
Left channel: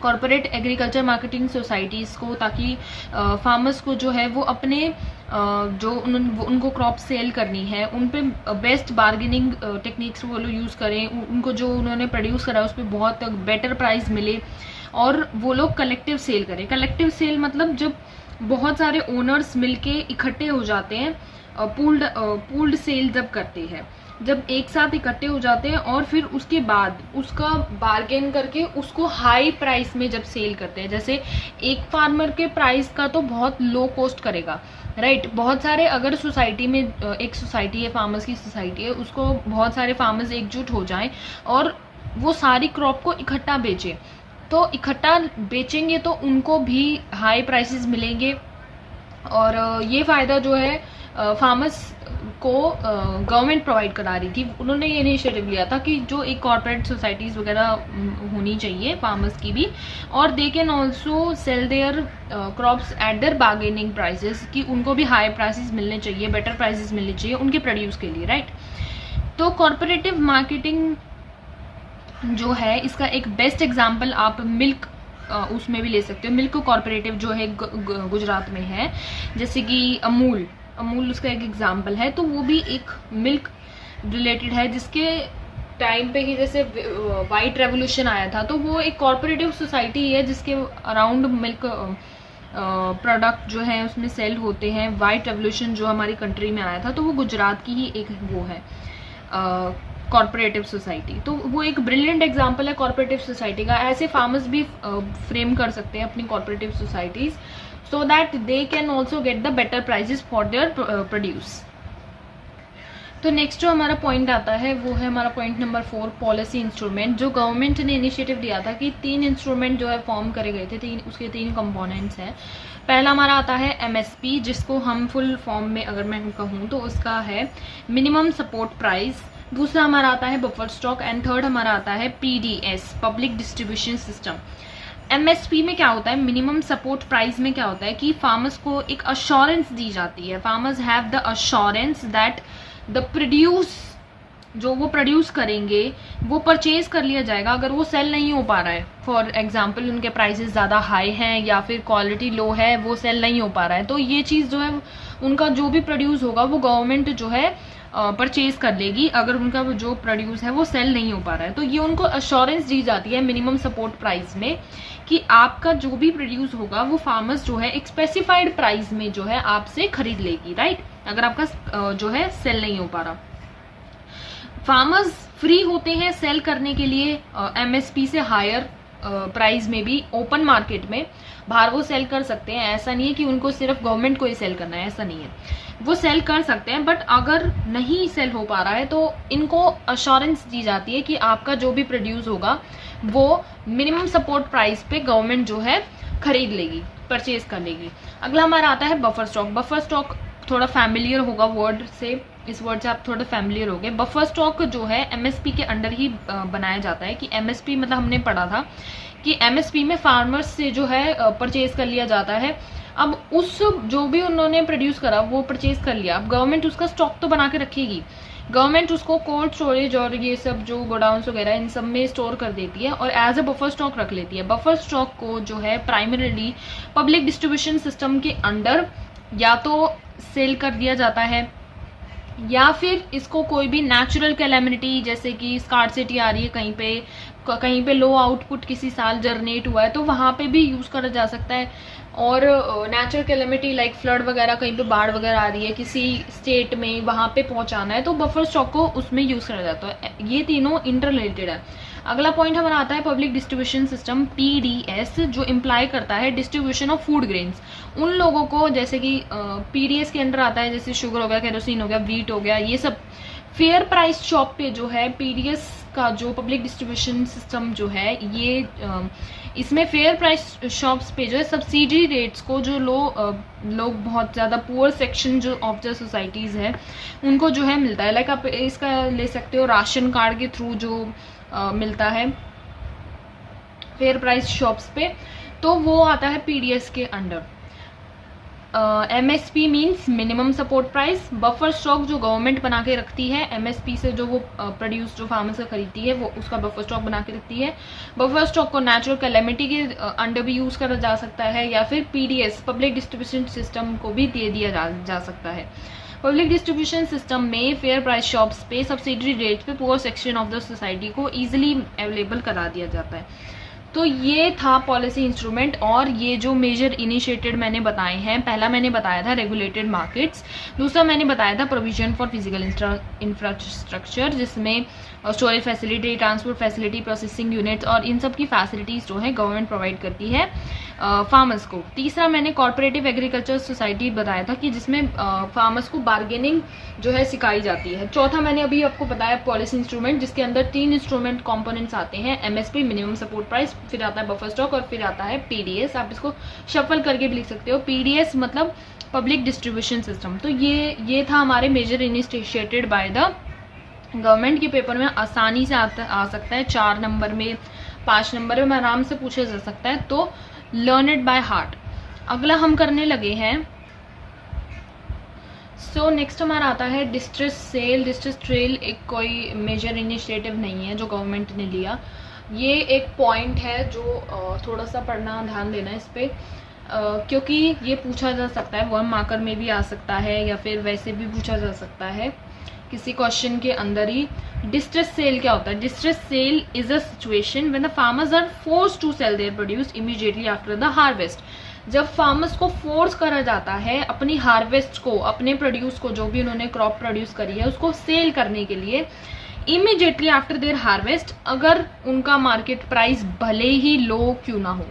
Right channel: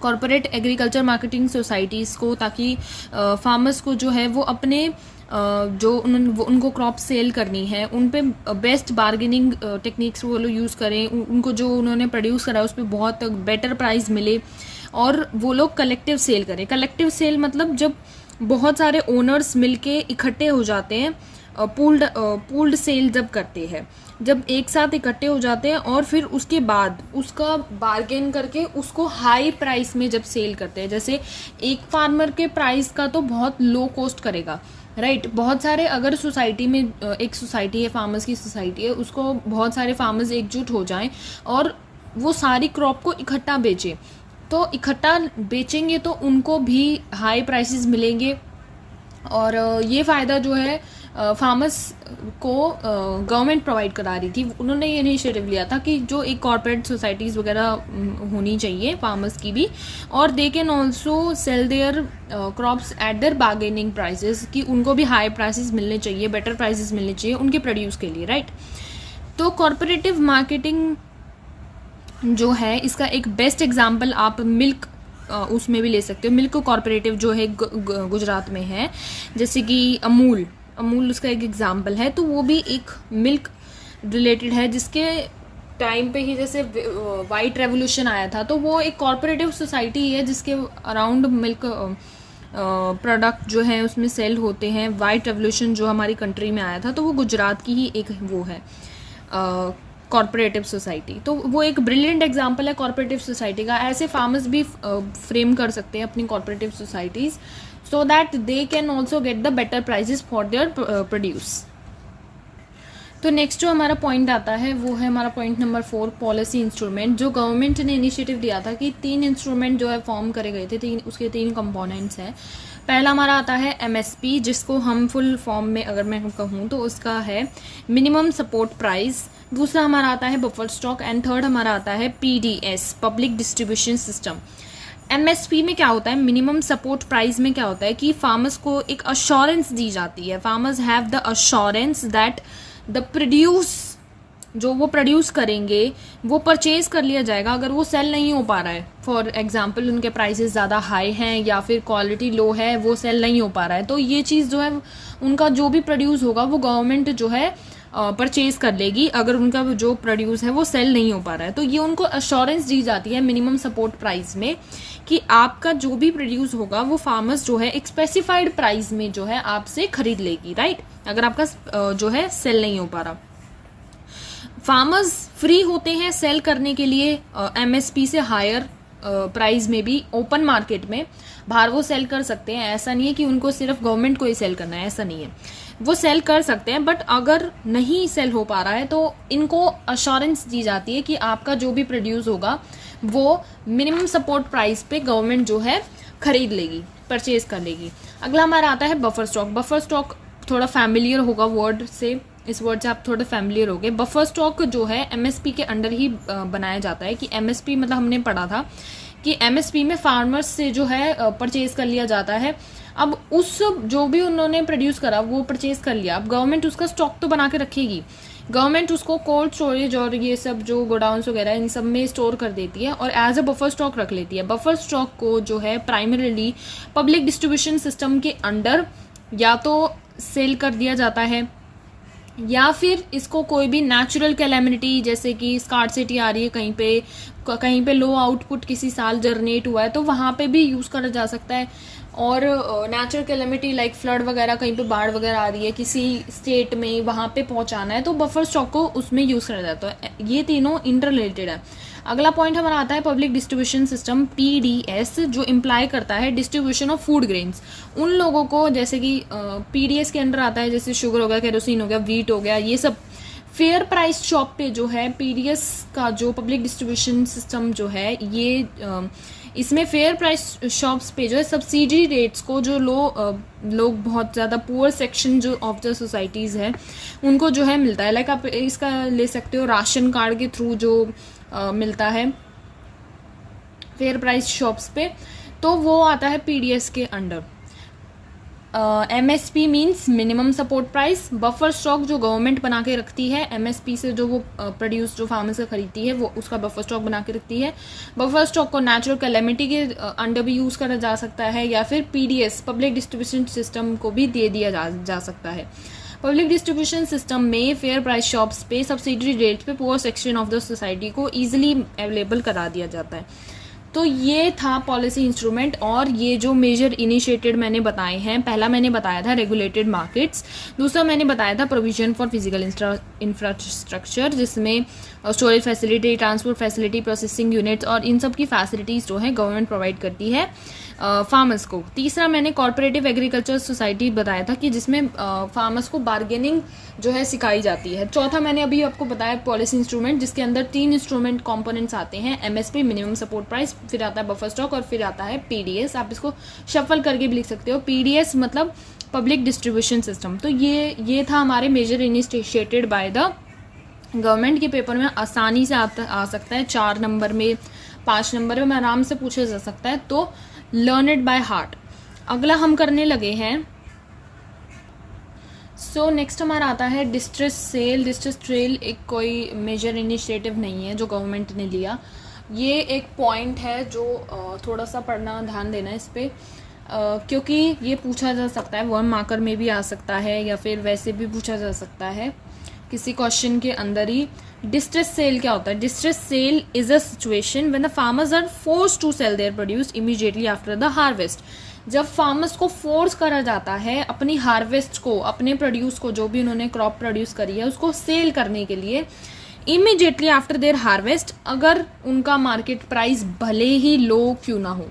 कॉर्पोरेट एग्रीकल्चर मार्केटिंग सोसाइटीज़ को, ताकि फार्मर्स को जो है वो अपने जो उनको क्रॉप सेल करनी है उन पे बेस्ट बार्गेनिंग टेक्निक्स वो लोग यूज़ करें, उनको जो उन्होंने प्रोड्यूस करा उस पर बहुत बेटर प्राइस मिले और वो लोग कलेक्टिव सेल करें। कलेक्टिव सेल मतलब जब बहुत सारे ओनर्स मिलके इकट्ठे हो जाते हैं, पूल्ड सेल जब करते हैं, जब एक साथ इकट्ठे हो जाते हैं और फिर उसके बाद उसका बार्गेन करके उसको हाई प्राइस में जब सेल करते हैं। जैसे एक फार्मर के प्राइस का तो बहुत लो कॉस्ट करेगा, राइट। बहुत सारे अगर सोसाइटी में एक सोसाइटी है, फार्मर्स की सोसाइटी है, उसको बहुत सारे फार्मर्स एकजुट हो जाएं और वो सारी क्रॉप को इकट्ठा बेचें, तो इकट्ठा बेचेंगे तो उनको भी हाई प्राइसेस मिलेंगे और ये फ़ायदा जो है फार्मर्स को गवर्नमेंट प्रोवाइड करा रही थी। उन्होंने ये इनिशिएटिव लिया था कि जो एक कॉर्पोरेट सोसाइटीज़ वगैरह होनी चाहिए फार्मर्स की भी, और they can also sell their crops at their bargaining prices, कि उनको भी हाई प्राइसेस मिलने चाहिए, बेटर प्राइसेस मिलने चाहिए उनके प्रोड्यूस के लिए, राइट। तो कॉर्पोरेटिव मार्केटिंग जो है इसका एक बेस्ट एग्जाम्पल आप मिल्क उसमें भी ले सकते हो। मिल्क कॉर्पोरेटिव जो है गुजरात में है, जैसे कि अमूल उसका एक एग्जाम्पल है, तो वो भी एक मिल्क रिलेटेड है, जिसके टाइम पे ही जैसे वाइट रेवोल्यूशन आया था, तो वो एक कॉर्पोरेटिव सोसाइटी है जिसके अराउंड मिल्क प्रोडक्ट जो है उसमें सेल होते हैं। वाइट रेवोल्यूशन जो हमारी कंट्री में आया था तो वो गुजरात की ही एक वो है कॉर्पोरेटिव सोसाइटी, तो वो एक ब्रिलियंट एग्जांपल है कॉर्पोरेटिव सोसाइटी का। ऐसे फार्मर्स भी फ्रेम कर सकते हैं अपनी cooperative societies, so that they can also get the better prices for their produce. तो नेक्स्ट जो हमारा पॉइंट आता है वो है हमारा पॉइंट नंबर 4, पॉलिसी इंस्ट्रूमेंट। जो गवर्नमेंट ने इनिशिएटिव लिया था कि 3 इंस्ट्रूमेंट जो है फॉर्म करे गए थे, उसके 3 कंपोनेंट्स हैं। पहला हमारा आता है एमएसपी, जिसको हम फुल फॉर्म में अगर मैं कहूँ तो उसका है मिनिमम सपोर्ट प्राइस। दूसरा हमारा आता है बफर स्टॉक एंड थर्ड हमारा आता है PDS, public distribution system. MSP में क्या होता है, मिनिमम सपोर्ट प्राइस में क्या होता है कि फार्मर्स को एक अश्योरेंस दी जाती है, farmers have the assurance that the produce जो वो प्रोड्यूस करेंगे वो परचेज कर लिया जाएगा अगर वो सेल नहीं हो पा रहा है। फॉर एग्जांपल उनके प्राइसेस ज़्यादा हाई हैं या फिर क्वालिटी लो है, वो सेल नहीं हो पा रहा है, तो ये चीज़ जो है उनका जो भी प्रोड्यूस होगा वो गवर्नमेंट जो है परचेज कर लेगी अगर उनका जो प्रोड्यूस है वो सेल नहीं हो पा रहा है। तो ये उनको अश्योरेंस दी जाती है मिनिमम सपोर्ट प्राइस में कि आपका जो भी प्रोड्यूस होगा वो फार्मर्स जो है एक स्पेसिफाइड प्राइस में जो है आपसे खरीद लेगी, राइट, अगर आपका जो है सेल नहीं हो पा रहा। फार्मर्स फ्री होते हैं सेल करने के लिए एमएसपी से हायर प्राइस में भी ओपन मार्केट में बाहर वो सेल कर सकते हैं। ऐसा नहीं है कि उनको सिर्फ गवर्नमेंट को ही सेल करना है, ऐसा नहीं है, वो सेल कर सकते हैं, बट अगर नहीं सेल हो पा रहा है तो इनको अश्योरेंस दी जाती है कि आपका जो भी प्रोड्यूस होगा वो मिनिमम सपोर्ट प्राइस पे गवर्नमेंट जो है खरीद लेगी, परचेज कर लेगी। अगला हमारा आता है बफर स्टॉक। बफर स्टॉक थोड़ा फैमिलियर होगा वर्ड से, इस वर्ड से आप थोड़े फैमिलियर हो गए। बफर स्टॉक जो है एमएसपी के अंडर ही बनाया जाता है कि एमएसपी मतलब हमने पढ़ा था कि एमएसपी में फार्मर्स से जो है परचेज कर लिया जाता है। अब उस जो भी उन्होंने प्रोड्यूस करा वो परचेज कर लिया, अब गवर्नमेंट उसका स्टॉक तो बना के रखेगी, गवर्नमेंट उसको कोल्ड स्टोरेज और ये सब जो गोडाउन्स वगैरह इन सब में स्टोर कर देती है और एज अ बफर स्टॉक रख लेती है। बफर स्टॉक को जो है प्राइमरीली पब्लिक डिस्ट्रीब्यूशन सिस्टम के अंडर या तो सेल कर दिया जाता है या फिर इसको कोई भी नेचुरल कैलेमिनिटी जैसे कि स्कार्सिटी आ रही है कहीं पे लो आउटपुट किसी साल जनरेट हुआ है तो वहाँ पे भी यूज़ करा जा सकता है। और नेचुरल कैलेमिटी लाइक फ्लड वगैरह, कहीं पे बाढ़ वगैरह आ रही है किसी स्टेट में, वहाँ पे पहुँचाना है तो बफर स्टॉक को उसमें यूज़ करा जाता है। ये तीनों इंटर रिलेटेड है। अगला पॉइंट हमारा आता है पब्लिक डिस्ट्रीब्यूशन सिस्टम, PDS, जो इम्प्लाई करता है डिस्ट्रीब्यूशन ऑफ फूड ग्रेन्स। उन लोगों को, जैसे कि PDS के अंडर आता है जैसे शुगर हो गया, केरोसिन हो गया, वीट हो गया, ये सब फेयर प्राइस शॉप पे जो है PDS का जो पब्लिक डिस्ट्रीब्यूशन सिस्टम जो है ये इसमें फेयर प्राइस शॉप्स पे जो है सब्सिडी रेट्स को जो लोग बहुत ज़्यादा पुअर सेक्शन जो ऑफ द सोसाइटीज़ है उनको जो है मिलता है। लाइक आप इसका ले सकते हो राशन कार्ड के थ्रू जो मिलता है फेयर प्राइस शॉप्स पे, तो वो आता है PDS के under. MSP means minimum support price. Buffer stock जो गवर्नमेंट बना के रखती है, MSP से जो वो प्रोड्यूस जो फार्मर से खरीदती है वो उसका बफर स्टॉक बना के रखती है। बफर स्टॉक को नेचुरल कैलेमिटी के अंडर भी यूज़ करा जा सकता है या फिर PDS पब्लिक डिस्ट्रीब्यूशन सिस्टम को भी दे दिया जा सकता है। पब्लिक डिस्ट्रीब्यूशन सिस्टम में फेयर प्राइस शॉप्स पे सब्सिडी रेट पे poor section of the society को ईजिली अवेलेबल करा दिया जाता है। तो ये था पॉलिसी इंस्ट्रूमेंट। और ये जो मेजर इनिशिएटेड मैंने बताए हैं, पहला मैंने बताया था रेगुलेटेड मार्केट्स, दूसरा मैंने बताया था प्रोविजन फॉर फिजिकल इंफ्रास्ट्रक्चर जिसमें storage facility, transport facility, processing units और इन सब की फैसिलिटीज़ जो है गवर्नमेंट प्रोवाइड करती है फार्मर्स को। तीसरा मैंने कॉर्पोरेटिव एग्रीकल्चर सोसाइटी बताया था कि जिसमें फार्मर्स को बार्गेनिंग जो है सिखाई जाती है। चौथा मैंने अभी आपको बताया पॉलिसी इंस्ट्रूमेंट जिसके अंदर 3 इंस्ट्रूमेंट कंपोनेंट्स आते हैं, MSP मिनिमम सपोर्ट प्राइस, फिर आता है बफर स्टॉक और फिर आता है PDS। आप इसको शफल करके भी लिख सकते हो, PDS मतलब पब्लिक डिस्ट्रीब्यूशन सिस्टम। तो ये था हमारे major initiated by the government के पेपर में आसानी से आ सकता है, 4 नंबर में 5 नंबर में आराम से पूछा जा सकता है, तो लर्न इट बाय हार्ट। अगला हम करने लगे हैं नेक्स्ट हमारा आता है डिस्ट्रेस सेल। डिस्ट्रेस सेल एक कोई मेजर इनिशिएटिव नहीं है जो गवर्नमेंट ने लिया, ये एक पॉइंट है जो थोड़ा सा पढ़ना, ध्यान देना इस पर, क्योंकि ये पूछा जा सकता है, 1 मार्कर में भी आ सकता है या फिर वैसे भी पूछा जा सकता है किसी क्वेश्चन के अंदर ही। डिस्ट्रेस सेल क्या होता है? Distress sale is a situation when the farmers are forced to sell their produce immediately after the harvest. जब फार्मर्स को फोर्स करा जाता है अपनी हार्वेस्ट को, अपने प्रोड्यूस को, जो भी उन्होंने क्रॉप प्रोड्यूस करी है उसको सेल करने के लिए इमीडिएटली आफ्टर देयर हार्वेस्ट, अगर उनका मार्केट प्राइस भले ही लो क्यों ना हो,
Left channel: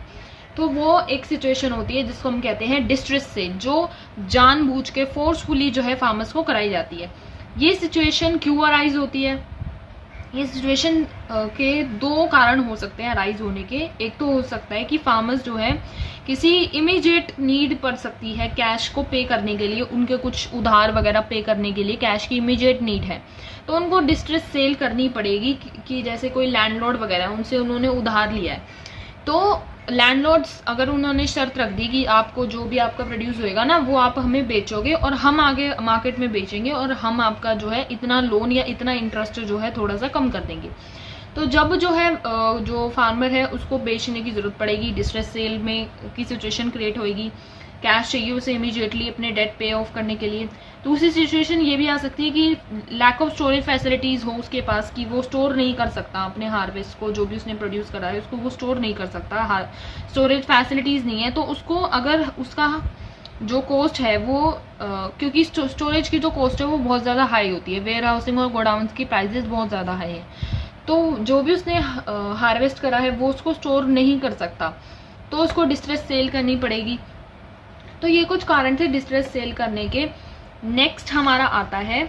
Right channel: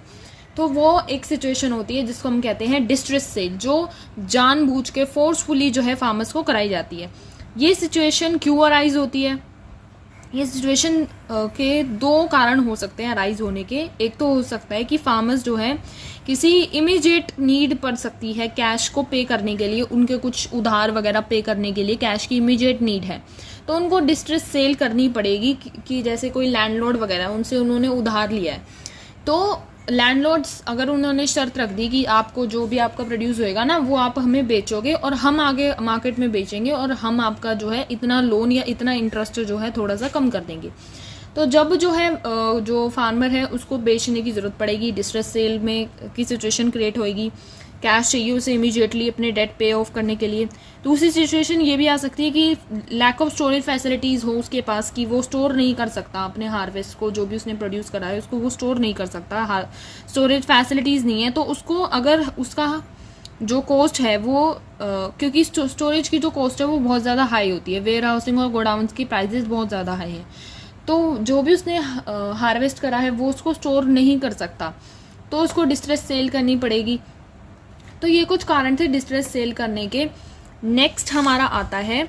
तो वो एक सिचुएशन होती है जिसको हम कहते हैं डिस्ट्रेस सेल, जो जानबूझ के फोर्सफुली जो है फार्मर्स को कराई जाती है। ये सिचुएशन क्यों अराइज होती है? ये सिचुएशन के 2 कारण हो सकते हैं अराइज होने के। एक तो हो सकता है कि फार्मर्स जो है किसी इमीडिएट नीड पड़ सकती है कैश को पे करने के लिए, उनके कुछ उधार वगैरह पे करने के लिए कैश की इमीडिएट नीड है, तो उनको डिस्ट्रेस सेल करनी पड़ेगी कि जैसे कोई लैंडलॉर्ड वगैरह उनसे उन्होंने उधार लिया है, तो लैंडलॉर्ड्स अगर उन्होंने शर्त रख दी कि आपको जो भी आपका प्रोड्यूस होएगा ना वो आप हमें बेचोगे और हम आगे मार्केट में बेचेंगे और हम आपका जो है इतना लोन या इतना इंटरेस्ट जो है थोड़ा सा कम कर देंगे, तो जब जो है जो फार्मर है उसको बेचने की ज़रूरत पड़ेगी, डिस्ट्रेस सेल में की सिचुएशन क्रिएट होएगी, कैश चाहिए उसे इमीडिएटली अपने डेट पे ऑफ करने के लिए। दूसरी सिचुएशन ये भी आ सकती है कि लैक ऑफ स्टोरेज फैसिलिटीज़ हो उसके पास, कि वो स्टोर नहीं कर सकता अपने हार्वेस्ट को, जो भी उसने प्रोड्यूस करा है उसको वो स्टोर नहीं कर सकता, स्टोरेज फैसिलिटीज़ नहीं है, तो उसको अगर उसका जो कॉस्ट है वो क्योंकि स्टोरेज की जो कॉस्ट है वो बहुत ज़्यादा हाई होती है, वेयर हाउसिंग और गोडाउन्स की प्राइजेस बहुत ज़्यादा हाई हैं, तो जो भी उसने हार्वेस्ट करा है वो उसको स्टोर नहीं कर सकता, तो उसको डिस्ट्रेस सेल करनी पड़ेगी। तो ये कुछ कारण थे डिस्ट्रेस सेल करने के। नेक्स्ट हमारा आता है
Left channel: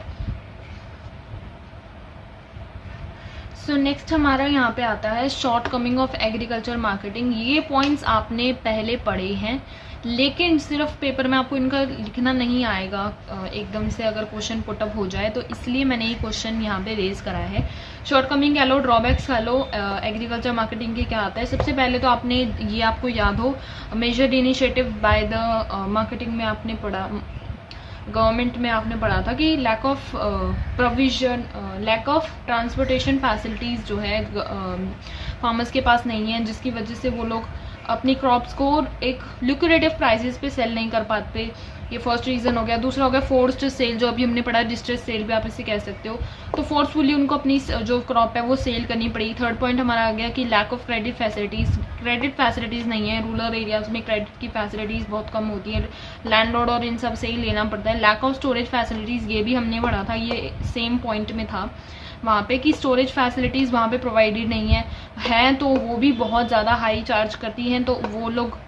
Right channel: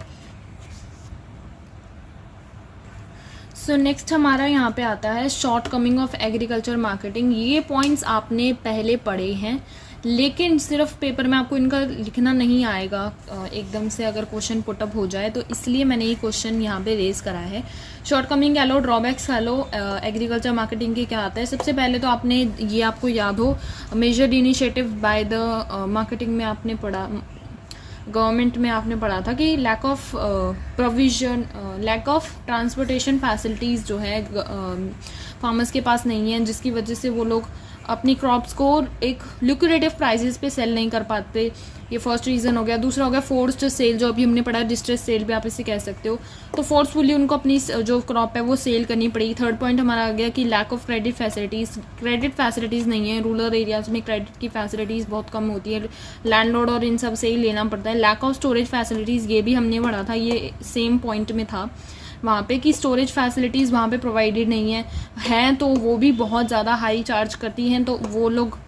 नेक्स्ट हमारा यहाँ पे आता है short coming of agriculture marketing. ये पॉइंट्स आपने पहले पढ़े हैं लेकिन सिर्फ पेपर में आपको इनका लिखना नहीं आएगा एकदम से अगर क्वेश्चन पुटअप हो जाए, तो इसलिए मैंने ये क्वेश्चन यहाँ पे रेज करा है। शॉर्ट कमिंग कह लो, ड्रॉबैक्स कह लो, एग्रीकल्चर मार्केटिंग के क्या आता है। सबसे पहले तो आपने ये आपको याद हो major initiative by the marketing में आपने पढ़ा, गवर्नमेंट में आपने पढ़ा था कि lack of provision, lack of transportation facilities जो है फार्मर्स के पास नहीं है, जिसकी वजह से वो लोग अपनी क्रॉप्स को एक लुक्रेटिव प्राइसेस पे सेल नहीं कर पाते, ये फर्स्ट रीज़न हो गया। दूसरा हो गया फोर्स्ड सेल, जो अभी हमने पढ़ा है, डिस्ट्रेस सेल भी आप इसे कह सकते हो। तो फोर्सफुली उनको अपनी जो क्रॉप है वो सेल करनी पड़ेगी। थर्ड पॉइंट हमारा आ गया कि lack of credit facilities, credit facilities नहीं है। रूरल एरियाज़ में क्रेडिट की फैसिलिटीज़ बहुत कम होती है, लैंडलॉर्ड और इन सब से ही लेना पड़ता है। लैक ऑफ स्टोरेज फैसिलिटीज़, ये भी हमने पढ़ा था, ये सेम पॉइंट में था वहाँ पे कि स्टोरेज फैसिलिटीज़ वहाँ पे प्रोवाइडेड नहीं है तो वो भी बहुत ज़्यादा हाई चार्ज करती हैं, तो वो लोग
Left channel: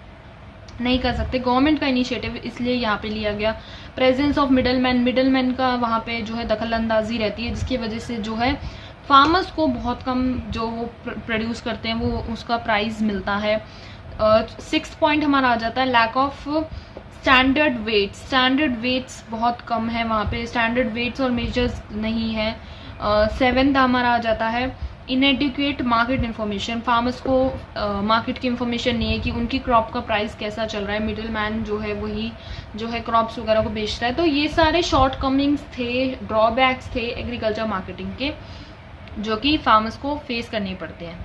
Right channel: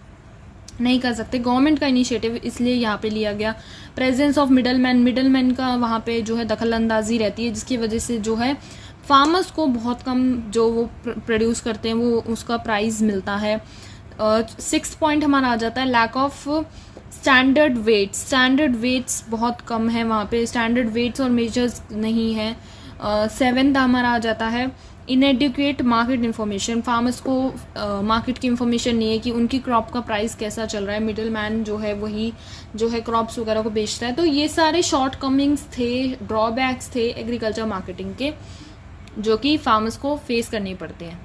नहीं कर सकते। गवर्नमेंट का इनिशिएटिव इसलिए यहाँ पे लिया गया। प्रेजेंस ऑफ मिडलमैन का वहाँ पे जो है दखल अंदाजी रहती है, जिसकी वजह से जो है फार्मर्स को बहुत कम जो वो प्रोड्यूस करते हैं वो उसका प्राइस मिलता है। 6th पॉइंट हमारा आ जाता है लैक ऑफ स्टैंडर्ड वेट्स बहुत कम है वहाँ पे, स्टैंडर्ड वेट्स और मेजर्स नहीं है। 7th हमारा आ जाता है इनएडिक्वेट मार्केट इन्फॉर्मेशन, फार्मर्स को मार्केट की इन्फॉर्मेशन नहीं है कि उनकी क्रॉप का प्राइस कैसा चल रहा है। मिडिल मैन जो है वही जो है क्रॉप्स वगैरह को बेचता है। तो ये सारे शॉर्ट कमिंग्स थे, ड्रॉबैक्स थे एग्रीकल्चर मार्केटिंग के, जो कि फार्मर्स को फेस करने पड़ते हैं।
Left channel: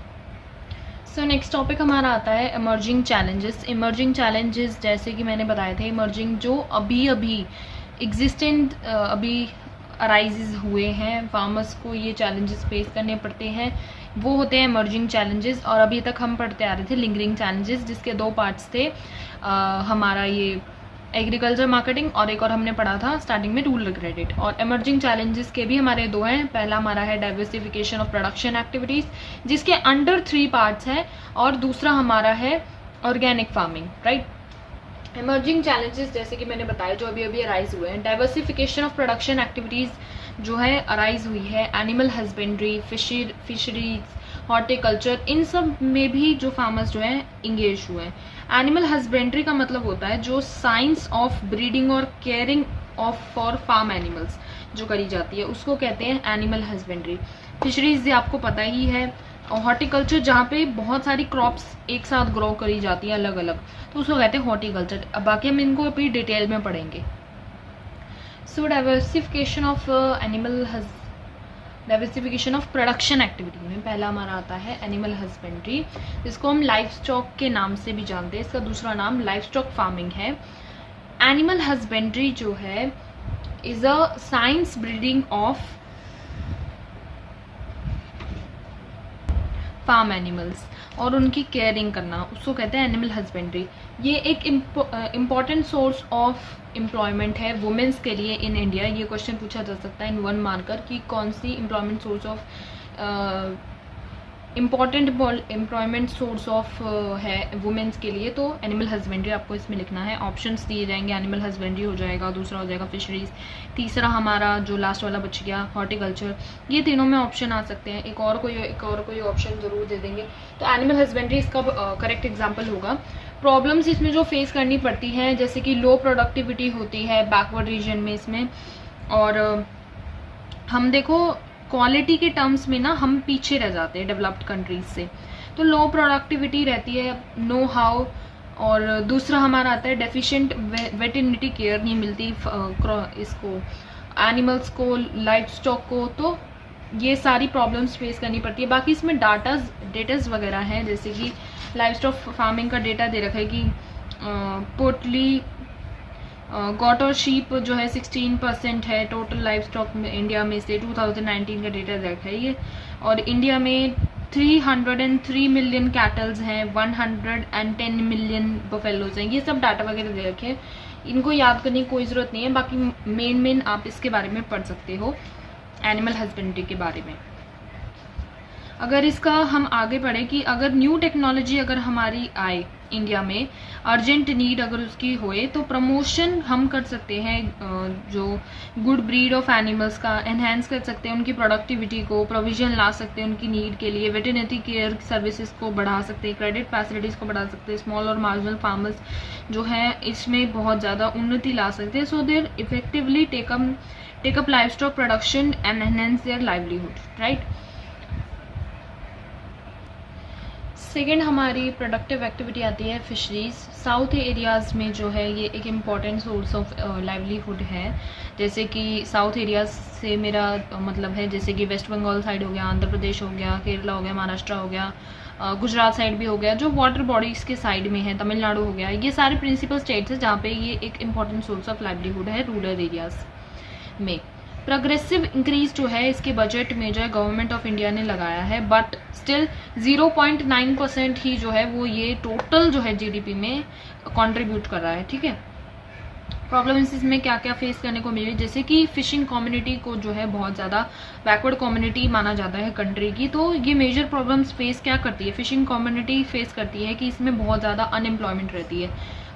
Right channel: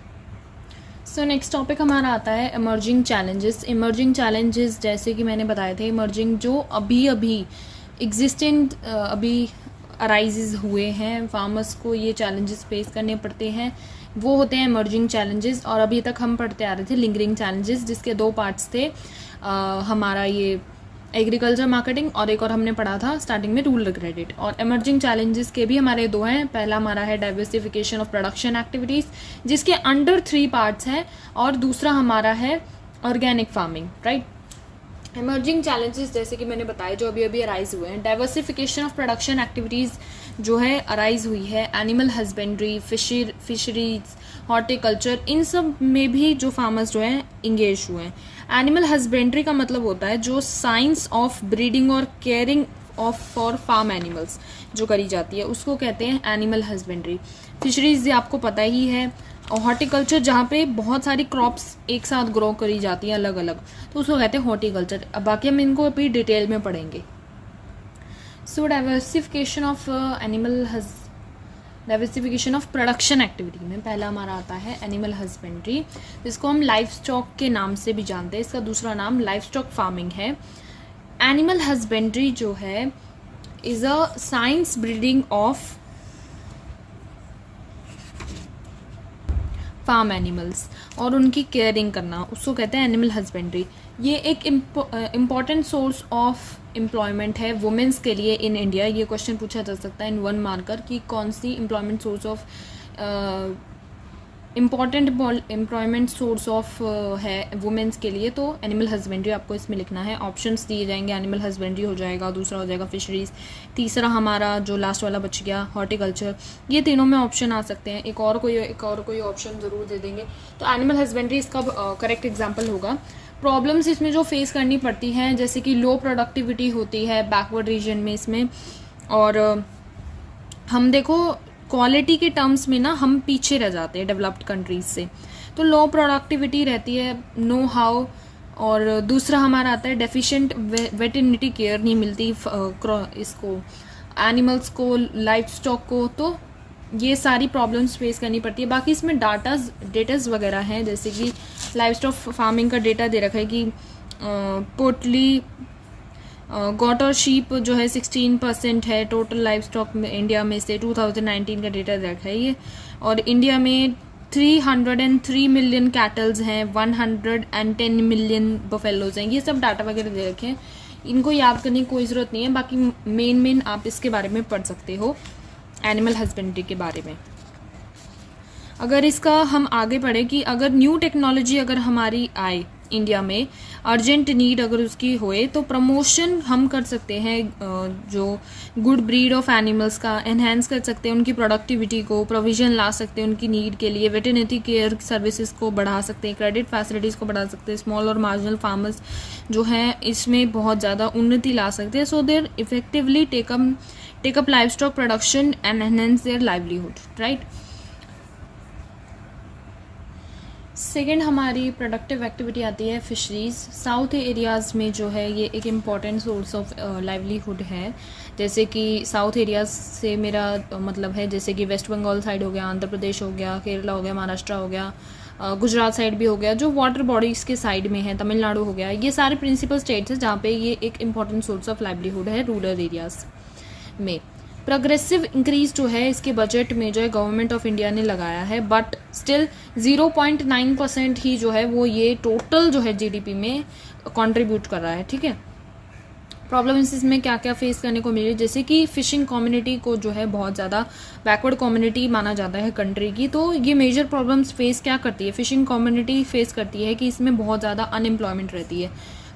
सो नेक्स्ट टॉपिक हमारा आता है इमर्जिंग चैलेंजेस। इमर्जिंग चैलेंजेस जैसे कि मैंने बताए थे, इमर्जिंग जो अभी एग्जिस्टेंट अभी अराइजेज हुए हैं, फार्मर्स को ये चैलेंजेस फेस करने पड़ते हैं, वो होते हैं इमर्जिंग चैलेंजेस। और अभी तक हम पढ़ते आ रहे थे लिंगरिंग चैलेंजेस, जिसके 2 पार्ट्स थे, हमारा ये एग्रीकल्चर मार्केटिंग और एक और हमने पढ़ा था स्टार्टिंग में रूरल क्रेडिट। और इमर्जिंग चैलेंजेस के भी हमारे 2 हैं। पहला हमारा है डाइवर्सिफिकेशन ऑफ प्रोडक्शन एक्टिविटीज़, जिसके अंडर 3 पार्ट्स हैं, और दूसरा हमारा है organic farming, right. Emerging challenges जैसे कि मैंने बताया जो अभी अराइज हुए हैं, डाइवर्सिफिकेशन ऑफ प्रोडक्शन एक्टिविटीज़ जो है अराइज हुई है, एनिमल हस्बेंड्री, फिशरीज, हॉर्टिकल्चर, इन सब में भी जो फार्मर्स जो है इंगेज हुए हैं। एनिमल हस्बेंड्री का मतलब होता है जो साइंस ऑफ ब्रीडिंग और caring of for farm animals जो करी जाती है, उसको कहते हैं एनिमल हस्बेंड्री। फिशरीज आपको पता ही है, और हॉर्टिकल्चर जहाँ पे बहुत सारी क्रॉप्स एक साथ ग्रो करी जाती है अलग अलग, तो उसको कहते हैं हॉर्टिकल्चर। अब बाकी हम इनको अभी डिटेल में पढ़ेंगे। So diversification of diversification of production activity में पहला हमारा आता है एनिमल हस्बेंड्री, जिसको हम लाइफ स्टॉक के नाम से भी जानते हैं। इसका दूसरा नाम लाइफ स्टॉक फार्मिंग है। एनिमल हस्बेंड्री जो है is a science breeding of farm animals और उनकी केयरिंग करना, उसको कहते हैं एनिमल हस्बेंड्री। ये एक इम्पॉर्टेंट सोर्स ऑफ एम्प्लॉयमेंट है वुमेन्स के लिए इन इंडिया। ये क्वेश्चन पूछा जा सकता है इन 1 मार्कर कि कौन सी employment source of important employment source of है वुमेन्स के लिए, तो एनिमल हस्बेंड्री आपको इसमें लिखना है। ऑप्शंस दिए जाएंगे, एनिमल हस्बेंड्री हो जाएगा, दूसरा हो जाएगा फिशरीज, तीसरा हमारा जो लास्ट वाला बच गया हॉर्टिकल्चर। ये तीनों में ऑप्शन आ सकते हैं, एक और कोई ऑप्शन ज़रूर दे देंगे। तो एनिमल हस्बेंड्री इसका करेक्ट एग्जाम्पल होगा। प्रॉब्लम्स इसमें जो फेस करनी पड़ती हैं जैसे कि लो प्रोडक्टिविटी होती है बैकवर्ड रीजन में इसमें, और हम देखो क्वालिटी के टर्म्स में ना हम पीछे रह जाते हैं डेवलप्ड कंट्रीज से, तो लो प्रोडक्टिविटी रहती है, नो हाउ। और दूसरा हमारा आता है डेफिशिएंट वेटरनिटी केयर नहीं मिलती इसको एनिमल्स को, लाइफ स्टॉक को, तो ये सारी प्रॉब्लम्स फेस करनी पड़ती है। बाकी इसमें डेटाज वगैरह हैं, जैसे कि लाइफ स्टॉक फार्मिंग का डेटा दे रखा है कि पोर्टली गॉट और शीप जो है 16% है टोटल लाइफ स्टॉक में इंडिया में से, 2019 का डेटा रखा है ये। और इंडिया में 303 मिलियन कैटल्स हैं, 110 मिलियन बफेलोज हैं। ये सब डाटा वगैरह दे रखे हैं, इनको याद करने की कोई ज़रूरत नहीं है। बाकी मेन आप इसके बारे में पढ़ सकते हो, एनिमल हस्बेंड्री के बारे में। अगर इसका हम आगे पढ़ें कि अगर न्यू टेक्नोलॉजी अगर हमारी आए इंडिया में, अर्जेंट नीड अगर उसकी होए, तो प्रमोशन हम कर सकते हैं जो गुड ब्रीड ऑफ एनिमल्स का, एनहेंस कर सकते हैं उनकी प्रोडक्टिविटी को, प्रोविजन ला सकते हैं उनकी नीड के लिए, वेटरनिटी केयर सर्विसेज को बढ़ा सकते हैं, क्रेडिट फैसिलिटीज़ को बढ़ा सकते हैं, स्मॉल और मार्जिनल फार्मर्स जो हैं इसमें बहुत ज़्यादा उन्नति ला सकते हैं, so they're effectively take up livestock production and enhance their livelihood, right. Second हमारी प्रोडक्टिव एक्टिविटी आती है फिशरीज। साउथ एरियाज़ में जो है ये एक इम्पॉर्टेंट सोर्स ऑफ लाइवलीहुड है। जैसे कि साउथ एरियाज से मेरा मतलब है जैसे कि वेस्ट बंगाल साइड हो गया, आंध्र प्रदेश हो गया, केरला हो गया, महाराष्ट्र हो गया, गुजरात साइड भी हो गया, जो वाटर बॉडीज़ के साइड में है, तमिलनाडु हो गया, ये सारे प्रिंसिपल स्टेट्स हैं जहाँ पे ये एक इम्पॉर्टेंट सोर्स ऑफ लाइवलीहुड है रूरल एरियाज में। प्रोग्रेसिव इंक्रीज जो है इसके बजट में जो है गवर्नमेंट ऑफ इंडिया ने लगाया है, बट स्टिल 0.9% ही जो है वो ये टोटल जो है जीडीपी में कंट्रीब्यूट कर रहा है। ठीक है, प्रॉब्लम्स इसमें क्या क्या फेस करने को मिली, जैसे कि फिशिंग कम्युनिटी को जो है बहुत ज़्यादा बैकवर्ड कम्युनिटी माना जाता है कंट्री की, तो ये मेजर प्रॉब्लम्स फेस क्या करती है, फिशिंग कम्युनिटी फेस करती है कि इसमें बहुत ज़्यादा अनएम्प्लॉयमेंट रहती है,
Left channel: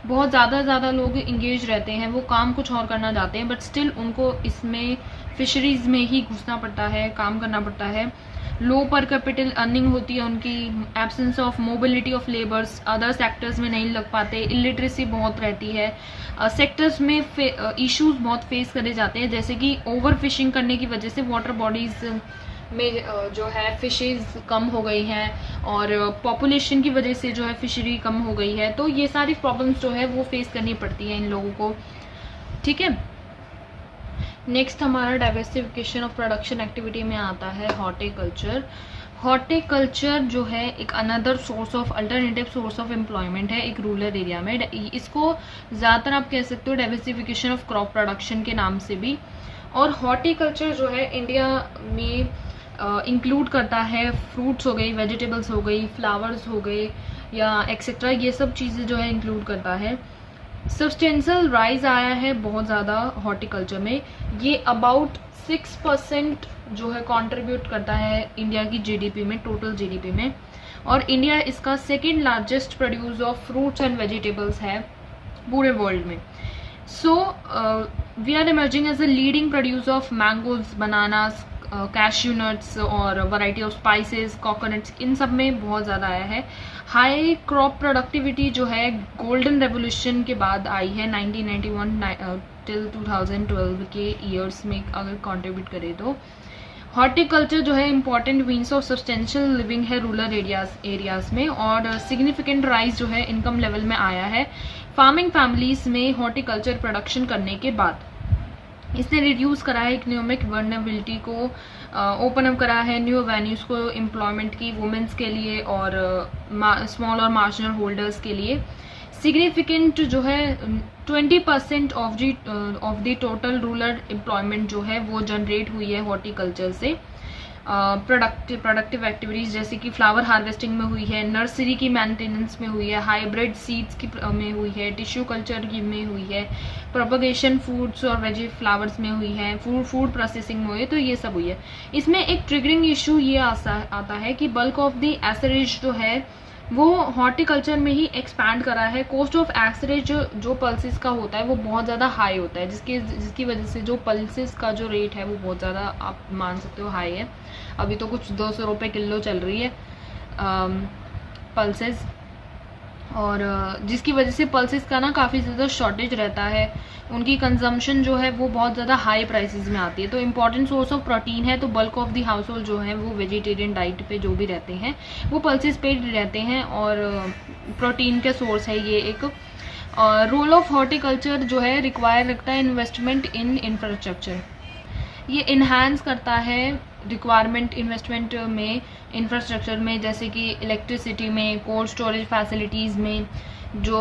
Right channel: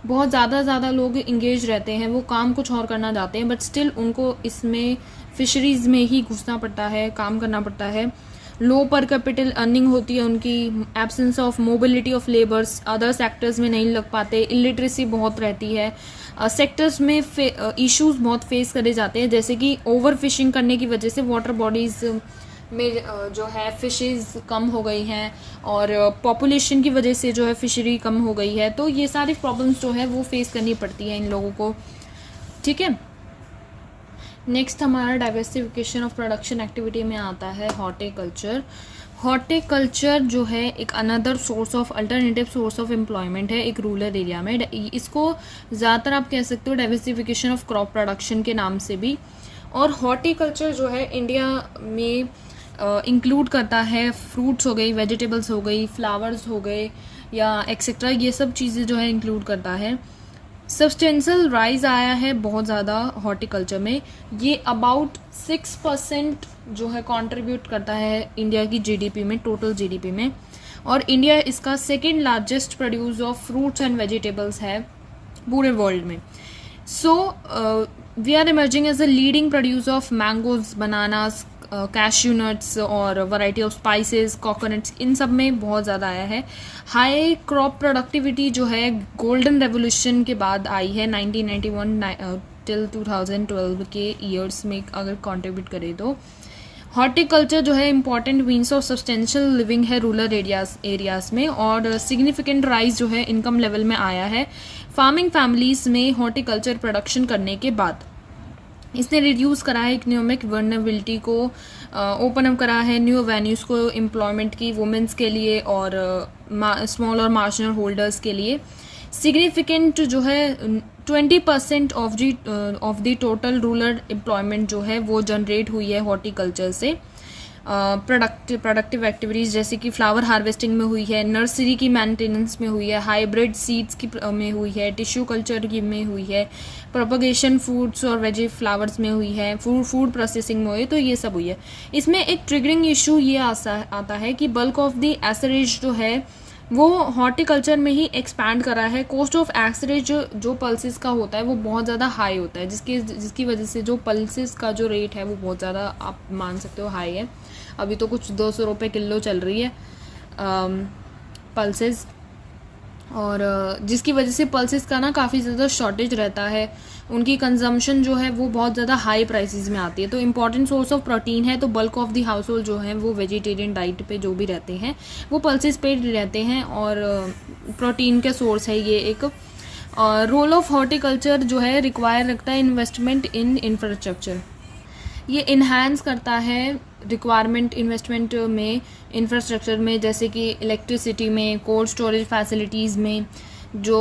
बहुत ज़्यादा लोग इंगेज रहते हैं, वो काम कुछ और करना चाहते हैं बट स्टिल उनको इसमें फिशरीज़ में ही घुसना पड़ता है, काम करना पड़ता है। लो पर कैपिटल अर्निंग होती है उनकी, absence of mobility of labours, other sectors में नहीं लग पाते, इलिटरेसी बहुत रहती है, सेक्टर्स में इश्यूज बहुत फेस करे जाते हैं, जैसे कि ओवर फिशिंग करने की वजह से वाटर बॉडीज़ में जो है फिशेज कम हो गई हैं और पॉपुलेशन की वजह से जो है फिशरी कम हो गई है, तो ये सारी प्रॉब्लम्स जो है वो फेस करनी पड़ती हैं इन लोगों को। ठीक है, नेक्स्ट हमारा डाइवर्सिफिकेशन ऑफ प्रोडक्शन एक्टिविटी में आता है हॉर्टिकल्चर। हॉर्टिकल्चर जो है एक another source of alternative source of employment है एक रूरल एरिया में। इसको ज़्यादातर आप कह सकते हो डाइवर्सिफिकेशन ऑफ क्रॉप प्रोडक्शन के नाम से भी। और हॉर्टिकल्चर जो है इंडिया में इंक्लूड करता है फ्रूट्स हो गई, वेजिटेबल्स हो गई, फ्लावर्स हो गए या एक्सेट्रा, ये सब चीज़ें जो है इंक्लूड करता है। सब्सटेंशियल राइज आया है बहुत ज़्यादा हॉर्टिकल्चर में, ये अबाउट 6% जो है कंट्रीब्यूट करता है इंडिया की जीडीपी में, टोटल जीडीपी में, और इंडिया इसका second largest produce of fruits and vegetables है पूरे वर्ल्ड में। So we are emerging as a leading produce of mangoes, bananas, cashew nuts और वैरायटी ऑफ स्पाइसेस, कोकोनट्स, इन सब में बहुत ज़्यादा आया है। हाई क्रॉप प्रोडक्टिविटी जो है गोल्डन रेवोल्यूशन के बाद आई है 1991 टिल 2012 के ईयर्स में अगर कंट्रीब्यूट करें तो। हॉर्टिकल्चर जो है important means of substantial living है रूरल एरियाज़ में, और सिग्निफिकेंट राइज जो है इनकम लेवल में आया है फार्मिंग फैमिलीज़ में हॉर्टिकल्चर प्रोडक्शन करने के बाद। इसने रिड्यूस करा है इकोनॉमिक वर्नेबिलिटी को, ओपन अप करा है न्यू एवेन्यूज़ को एम्प्लॉयमेंट की वुमेंस के लिए और स्मॉल और मार्जिनल होल्डर्स के लिए। सिग्निफिकेंट जो है 20% of the total rural employment जो है वो जनरेट हुई है हॉर्टिकल्चर से। प्रोडक्टिव एक्टिविटीज़ जैसे कि फ्लावर हार्वेस्टिंग में हुई है, नर्सरी की मेंटेनेंस में हुई है, हाइब्रिड सीड्स की में हुई है, टिश्यू कल्चर की में हुई है, प्रोपगेशन फूड्स और वेजी फ्लावर्स में हुई है, फूड प्रोसेसिंग में हुई है, तो ये सब हुई है। इसमें एक ट्रिगरिंग इशू ये आता है कि बल्क ऑफ द एसरेज जो है वो हॉर्टिकल्चर में ही एक्सपैंड करा है। कॉस्ट ऑफ एसरेज जो पल्सेस का होता है वो बहुत ज़्यादा हाई होता है, जिसकी वजह से जो पल्सेस का जो रेट है वो बहुत ज़्यादा आप मान सकते हो हाई है। अभी तो कुछ 200 रुपये किलो चल रही है पल्सेस, और जिसकी वजह से पल्सेस का ना काफ़ी ज़्यादा शॉर्टेज रहता है, उनकी कंजम्पशन जो है वो बहुत ज़्यादा हाई प्राइसेस में आती है। तो इम्पॉर्टेंट सोर्स ऑफ प्रोटीन है, तो bulk of the house hold जो है वो वेजिटेरियन डाइट पे जो भी रहते हैं वो पल्सेस पे रहते हैं, और प्रोटीन का सोर्स है ये एक। रोल ऑफ हॉर्टिकल्चर जो है रिक्वायर रखता है इन्वेस्टमेंट इन इंफ्रास्ट्रक्चर, ये इन्हांस करता है रिक्वायरमेंट इन्वेस्टमेंट में इंफ्रास्ट्रक्चर में, जैसे कि इलेक्ट्रिसिटी में, कोल्ड स्टोरेज फैसिलिटीज़ में, जो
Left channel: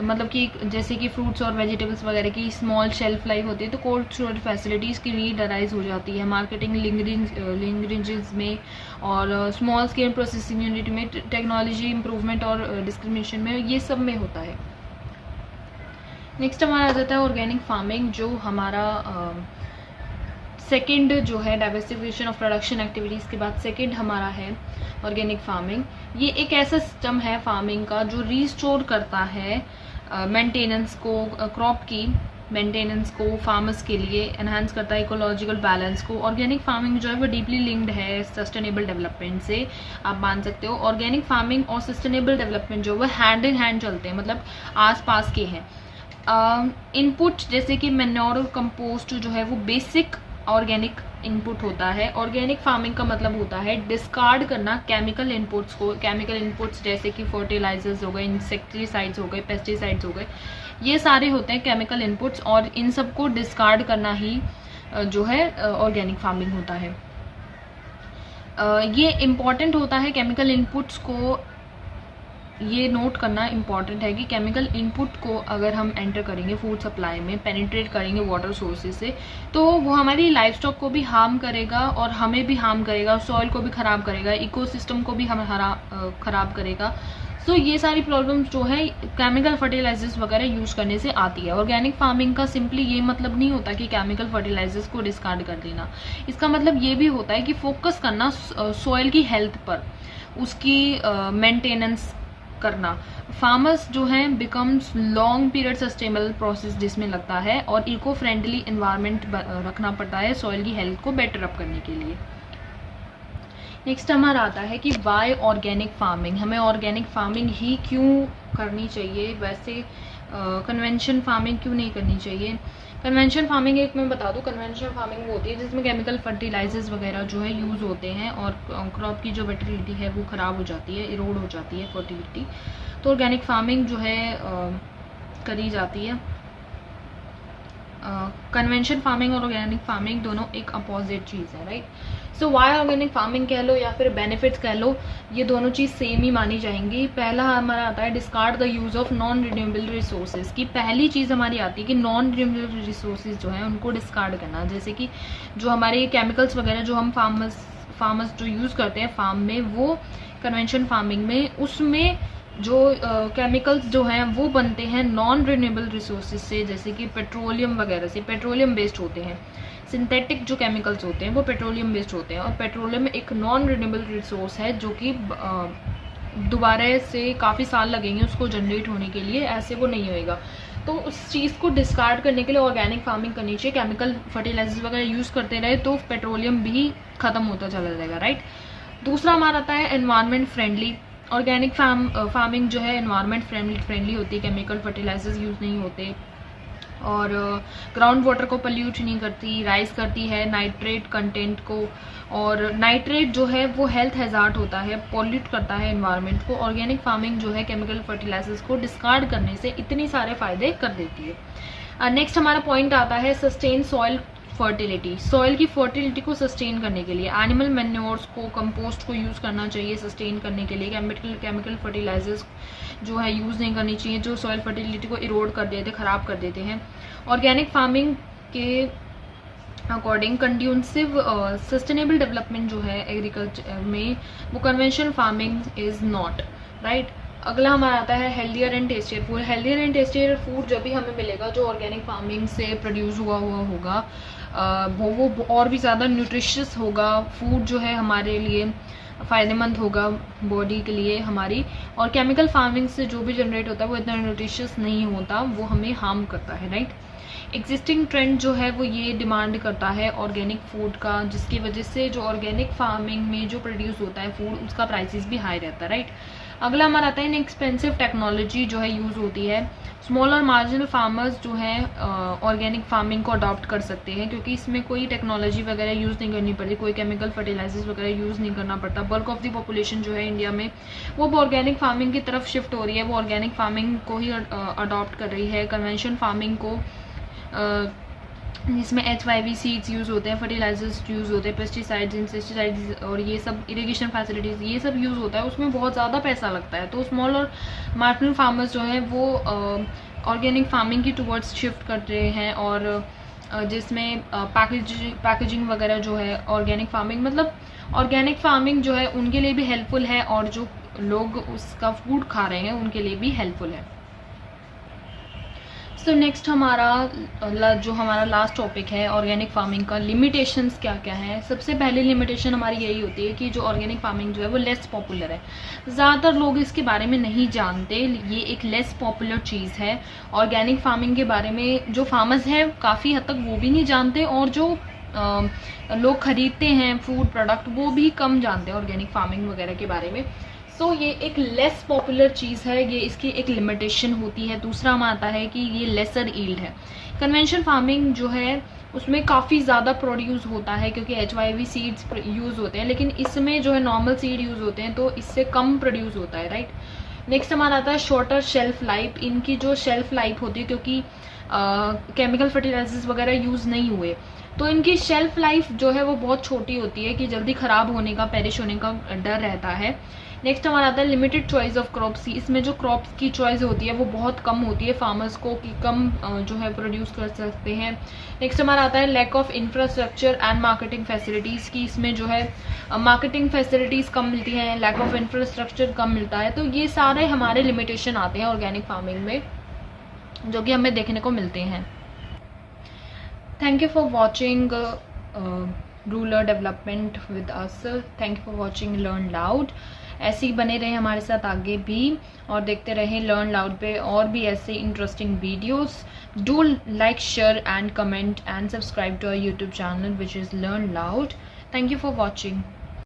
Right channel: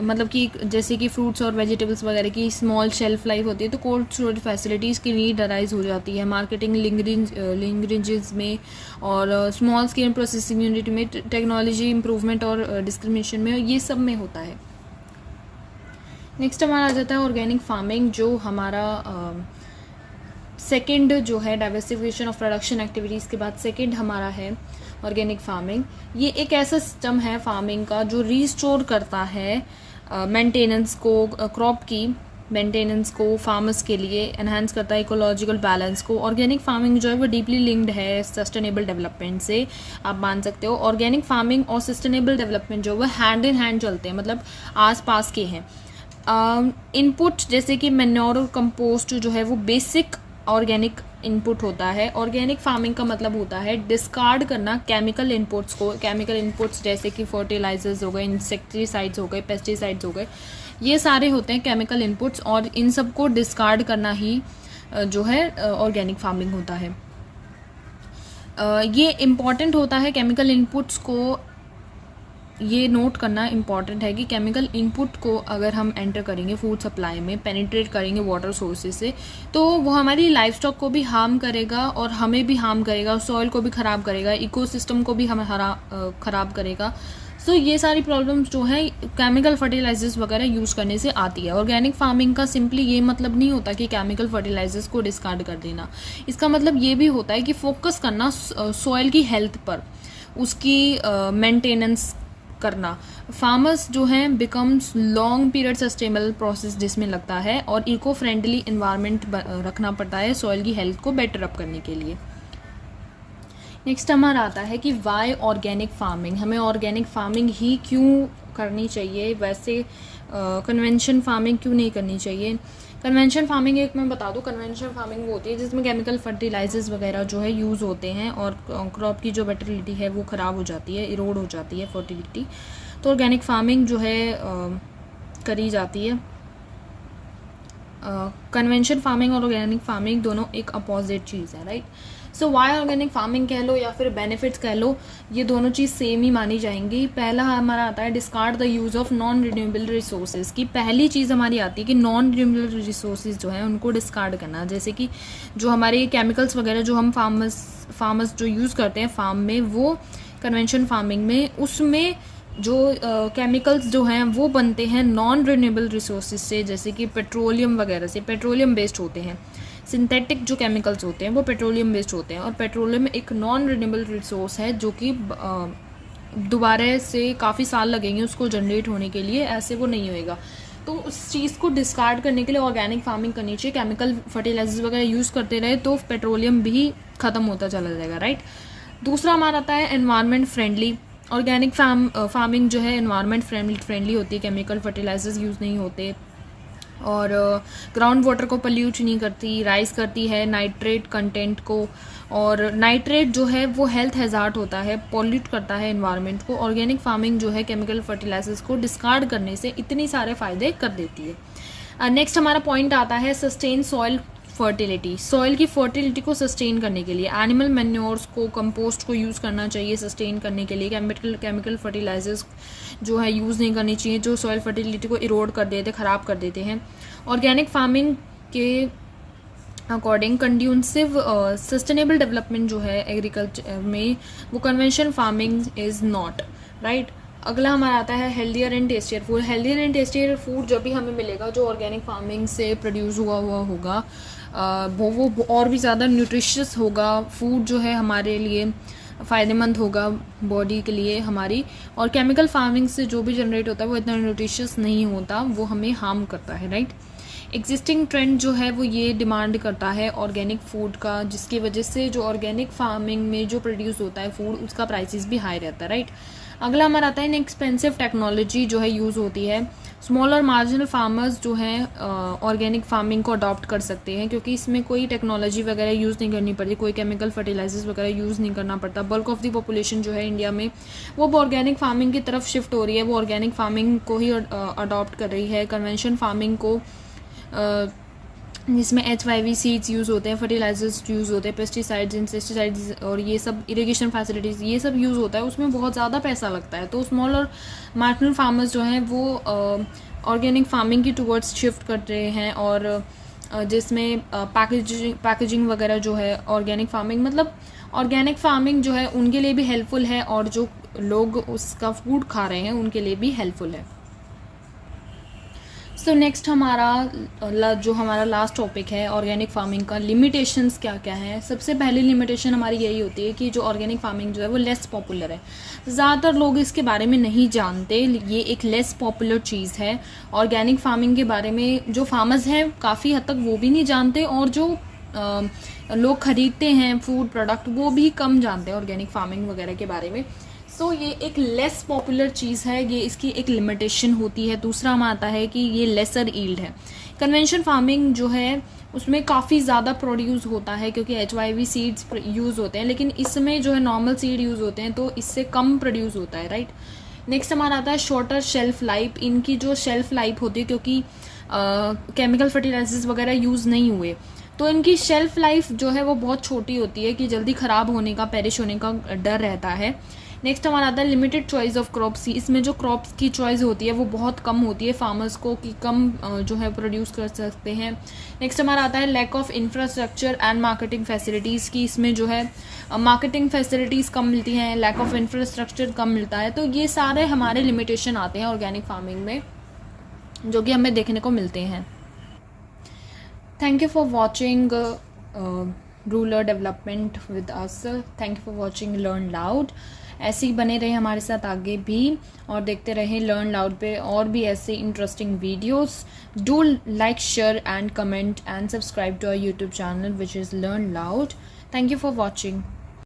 मतलब कि जैसे कि फ्रूट्स और वेजिटेबल्स वगैरह की स्मॉल शेल्फ लाइफ होती है तो कोल्ड स्टोरेज फैसिलिटीज़ की नीड अराइज हो जाती है। मार्केटिंग लिंक्रेजेस में और स्मॉल स्केल प्रोसेसिंग यूनिट में, टेक्नोलॉजी इंप्रूवमेंट और डिस्क्रिमिनेशन में, ये सब में होता है। नेक्स्ट हमारा आ जाता है ऑर्गेनिक फार्मिंग, जो हमारा सेकंड जो है डाइवर्सिफिकेशन ऑफ प्रोडक्शन एक्टिविटीज़ के बाद सेकंड हमारा है ऑर्गेनिक फार्मिंग। ये एक ऐसा सिस्टम है फार्मिंग का जो रीस्टोर करता है मेंटेनेंस को, क्रॉप की मेंटेनेंस को फार्मर्स के लिए, एनहांस करता है इकोलॉजिकल बैलेंस को। ऑर्गेनिक फार्मिंग जो है वो डीपली लिंक्ड है सस्टेनेबल डेवलपमेंट से, आप मान सकते हो। ऑर्गेनिक फार्मिंग और सस्टेनेबल डेवलपमेंट जो है हैंड इन हैंड चलते हैं, मतलब आस पास के हैं। इनपुट जैसे कि मैन्योर और कंपोस्ट जो है वो बेसिक ऑर्गेनिक इनपुट होता है। ऑर्गेनिक फार्मिंग का मतलब होता है डिस्कार्ड करना केमिकल इनपुट्स को। केमिकल इनपुट्स जैसे कि फर्टिलाइजर्स हो गए, इंसेक्टिसाइड्स हो गए, पेस्टिसाइड्स हो गए, ये सारे होते हैं केमिकल इनपुट्स, और इन सब को डिस्कार्ड करना ही जो है ऑर्गेनिक फार्मिंग होता है। ये इम्पॉर्टेंट होता है केमिकल इनपुट्स को, ये नोट करना इम्पॉर्टेंट है कि केमिकल इनपुट को अगर हम एंटर करेंगे फूड सप्लाई में, पेनिट्रेट करेंगे वाटर सोर्सेज से, तो वो हमारी लाइफ स्टॉक को भी हार्म करेगा और हमें भी हार्म करेगा, सॉइल को भी ख़राब करेगा, इकोसिस्टम को भी हमें ख़राब करेगा। सो ये सारी प्रॉब्लम्स जो है केमिकल फर्टिलाइजर्स वगैरह यूज़ करने से आती है। ऑर्गेनिक फार्मिंग का सिंपली ये मतलब नहीं होता कि केमिकल फर्टिलाइजर्स को डिस्कार्ड कर देना। इसका मतलब ये भी होता है कि फोकस करना सॉइल की हेल्थ पर, उसकी मेंटेनेंस करना। फार्मर्स जो हैं becomes long period sustainable process जिसमें लगता है, और इको फ्रेंडली इन्वायरमेंट रखना पड़ता है सॉइल की हेल्थ को बेटर अप करने के लिए। नेक्स्ट हमारा आता है कि वाई ऑर्गेनिक फार्मिंग, हमें ऑर्गेनिक फार्मिंग ही क्यों करनी चाहिए, वैसे कन्वेंशन फार्मिंग क्यों नहीं करनी चाहिए। कन्वेंशन फार्मिंग एक मैं बता दूं, कन्वेंशन फार्मिंग वो होती है जिसमें केमिकल फर्टिलाइजर्स वगैरह जो है यूज़ होते हैं और क्रॉप की जो फर्टिलिटी है वो ख़राब हो जाती है, इरोड हो जाती है फर्टिलिटी। तो ऑर्गेनिक फार्मिंग जो है करी जाती है। कन्वेंशन फार्मिंग और ऑर्गेनिक फार्मिंग दोनों एक अपोजिट चीज़ है, राइट। सो वाई ऑर्गेनिक फार्मिंग कह लो या फिर बेनिफिट्स कह लो, ये दोनों चीज़ सेम ही मानी जाएंगी। पहला हमारा आता है discard the use of non renewable resources की। पहली चीज़ हमारी आती है कि नॉन रिन्यूएबल रिसोर्सेज जो हैं उनको डिस्कार्ड करना, जैसे कि जो हमारे केमिकल्स वगैरह जो हम फार्मर्स जो यूज़ करते हैं फार्म में, वो कन्वेंशन फार्मिंग में उसमें जो केमिकल्स जो हैं वो बनते हैं नॉन रिन्यूएबल रिसोर्सेज से, जैसे कि पेट्रोलियम वगैरह से, पेट्रोलियम बेस्ड होते हैं। सिंथेटिक जो केमिकल्स होते हैं वो पेट्रोलियम बेस्ड होते हैं, और पेट्रोलियम एक नॉन रिन्यूएबल रिसोर्स है जो कि दोबारा से काफ़ी साल लगेंगे उसको जनरेट होने के लिए, ऐसे वो नहीं होएगा। तो उस चीज़ को डिस्कार्ड करने के लिए ऑर्गेनिक फार्मिंग करनी चाहिए। केमिकल फर्टिलाइजर्स वगैरह यूज़ करते रहे तो पेट्रोलियम भी ख़त्म होता चला जाएगा, राइट। दूसरा हमारा आता है एनवायरनमेंट फ्रेंडली। ऑर्गेनिक फार्मिंग जो है एनवायरनमेंट फ्रेंडली होती है, केमिकल फर्टिलाइजर्स यूज़ नहीं होते, और ग्राउंड वाटर को पल्यूट नहीं करती, राइज करती है नाइट्रेट कंटेंट को, और नाइट्रेट जो है वो हेल्थ हैजार्ड होता है, पॉल्यूट करता है एनवायरनमेंट को। ऑर्गेनिक फार्मिंग जो है केमिकल फर्टिलाइजर्स को डिस्कार्ड करने से इतनी सारे फ़ायदे कर देती है। नेक्स्ट हमारा पॉइंट आता है सस्टेन सॉइल फर्टिलिटी। सॉइल की फर्टिलिटी को सस्टेन करने के लिए एनिमल मैन्योर्स को, कंपोस्ट को यूज़ करना चाहिए सस्टेन करने के लिए। केमिकल फर्टिलाइजर्स जो है यूज़ नहीं करनी चाहिए, जो सॉइल फर्टिलिटी को इरोड कर देते, ख़राब कर देते हैं। ऑर्गेनिक फार्मिंग के अकॉर्डिंग कंड्यूसिव सस्टेनेबल डेवलपमेंट जो है एग्रीकल्चर में, वो conventional farming is not, right. अगला हमारा आता है healthier and tastier food. Healthier and tastier food जब भी हमें मिलेगा जो ऑर्गेनिक फार्मिंग से प्रोड्यूस हुआ होगा, वो और भी ज़्यादा न्यूट्रिशियस होगा। फूड जो है हमारे लिए फ़ायदेमंद होगा बॉडी के लिए हमारी, और केमिकल फार्मिंग से जो भी जनरेट होता है वो इतना न्यूट्रिशियस नहीं होता, वो हमें हार्म करता है, राइट। एग्जिस्टिंग ट्रेंड जो है वो ये डिमांड करता है ऑर्गेनिक फूड का, जिसकी वजह से जो ऑर्गेनिक फार्मिंग में जो प्रोड्यूस होता है फूड उसका प्राइसेस भी हाई रहता है, राइट। अगला हमारा आता है इनएक्सपेंसिव टेक्नोलॉजी जो है यूज़ होती है। स्मॉल और मार्जिनल फार्मर्स जो हैं ऑर्गेनिक फार्मिंग को अडॉप्ट कर सकते हैं, क्योंकि इसमें कोई टेक्नोलॉजी वगैरह यूज़ नहीं करनी पड़ती, कोई केमिकल फर्टिलाइजर्स वगैरह यूज़ नहीं करना पड़ता। बल्क ऑफ द पॉपुलेशन जो है इंडिया में वो ऑर्गेनिक फार्मिंग की तरफ शिफ्ट हो रही है, वो ऑर्गेनिक फार्मिंग को ही अडॉप्ट कर रही है। कन्वेंशन फार्मिंग को जिसमें HYV सीड्स यूज़ होते हैं, फर्टिलाइजर्स यूज़ होते हैं, पेस्टिसाइड्स, इंसेक्टिसाइड्स और ये सब इरिगेशन फैसिलिटीज़ ये सब यूज़ होता है, उसमें बहुत ज़्यादा पैसा लगता है। तो स्मॉल और मार्जिनल फार्मर्स जो हैं वो ऑर्गेनिक फार्मिंग की टूवर्ड्स शिफ्ट कर रहे हैं, और जिसमें पैकेजिंग वगैरह जो है ऑर्गेनिक फार्मिंग, मतलब ऑर्गेनिक फार्मिंग जो है उनके लिए भी हेल्पफुल है, और जो लोग उसका फूड खा रहे हैं उनके लिए भी हेल्पफुल है। सो नेक्स्ट हमारा जो हमारा लास्ट टॉपिक है ऑर्गेनिक फार्मिंग का, लिमिटेशंस क्या क्या है। सबसे पहली लिमिटेशन हमारी यही होती है कि जो ऑर्गेनिक फार्मिंग जो है वो लेस पॉपुलर है, ज़्यादातर लोग इसके बारे में नहीं जानते, ये एक लेस पॉपुलर चीज़ है। ऑर्गेनिक फार्मिंग के बारे में जो फार्मर्स हैं काफ़ी हद तक वो भी नहीं जानते, और जो लोग ख़रीदते हैं फूड प्रोडक्ट वो भी कम जानते हैं ऑर्गेनिक फार्मिंग वगैरह के बारे में। सो ये एक लेस पॉपुलर चीज़ है, ये इसकी एक लिमिटेशन होती है। दूसरा हमारा आता है कि ये लेसर ईल्ड है। कन्वेंशन फार्मिंग जो है उसमें काफ़ी ज़्यादा प्रोड्यूस होता है, क्योंकि HYV सीड्स यूज़ होते हैं, लेकिन इसमें जो है नॉर्मल सीड यूज़ होते हैं, तो इससे कम प्रोड्यूस होता है, राइट। नेक्स्ट हमारा आता है शॉर्टर शेल्फ लाइफ। इनकी जो शेल्फ लाइफ होती है, क्योंकि केमिकल फर्टिलाइजर्स वगैरह यूज़ नहीं हुए, तो इनकी शेल्फ लाइफ जो है वो बहुत छोटी होती है कि जल्दी ख़राब होने का, पेरिश होने का डर रहता है। नेक्स्ट हमारा आता है लिमिटेड चॉइस ऑफ क्रॉप्स। इसमें जो क्रॉप्स की चॉइस होती है वो बहुत कम होती है फार्मर्स को, कि कम जो है प्रोड्यूस कर सकते हैं। नेक्स्ट हमारा आता है lack of infrastructure and marketing facilities की। इसमें जो है मार्केटिंग फैसिलिटीज़ कम मिलती हैं, लैक ऑफ इंफ्रास्ट्रक्चर कम मिलता है। तो ये सारे हमारे लिमिटेशन आते हैं ऑर्गेनिक फार्मिंग में, जो कि हमें देखने को मिलते हैं। Thank you for watching rural development with us. Thank you for watching learn loud. ऐसे ही बने रहे हमारे साथ आगे भी और देखते रहें लर्न लाउड पे और भी ऐसे interesting videos. Do like, share and comment and subscribe to our YouTube channel which is Learn Loud. Thank you for watching.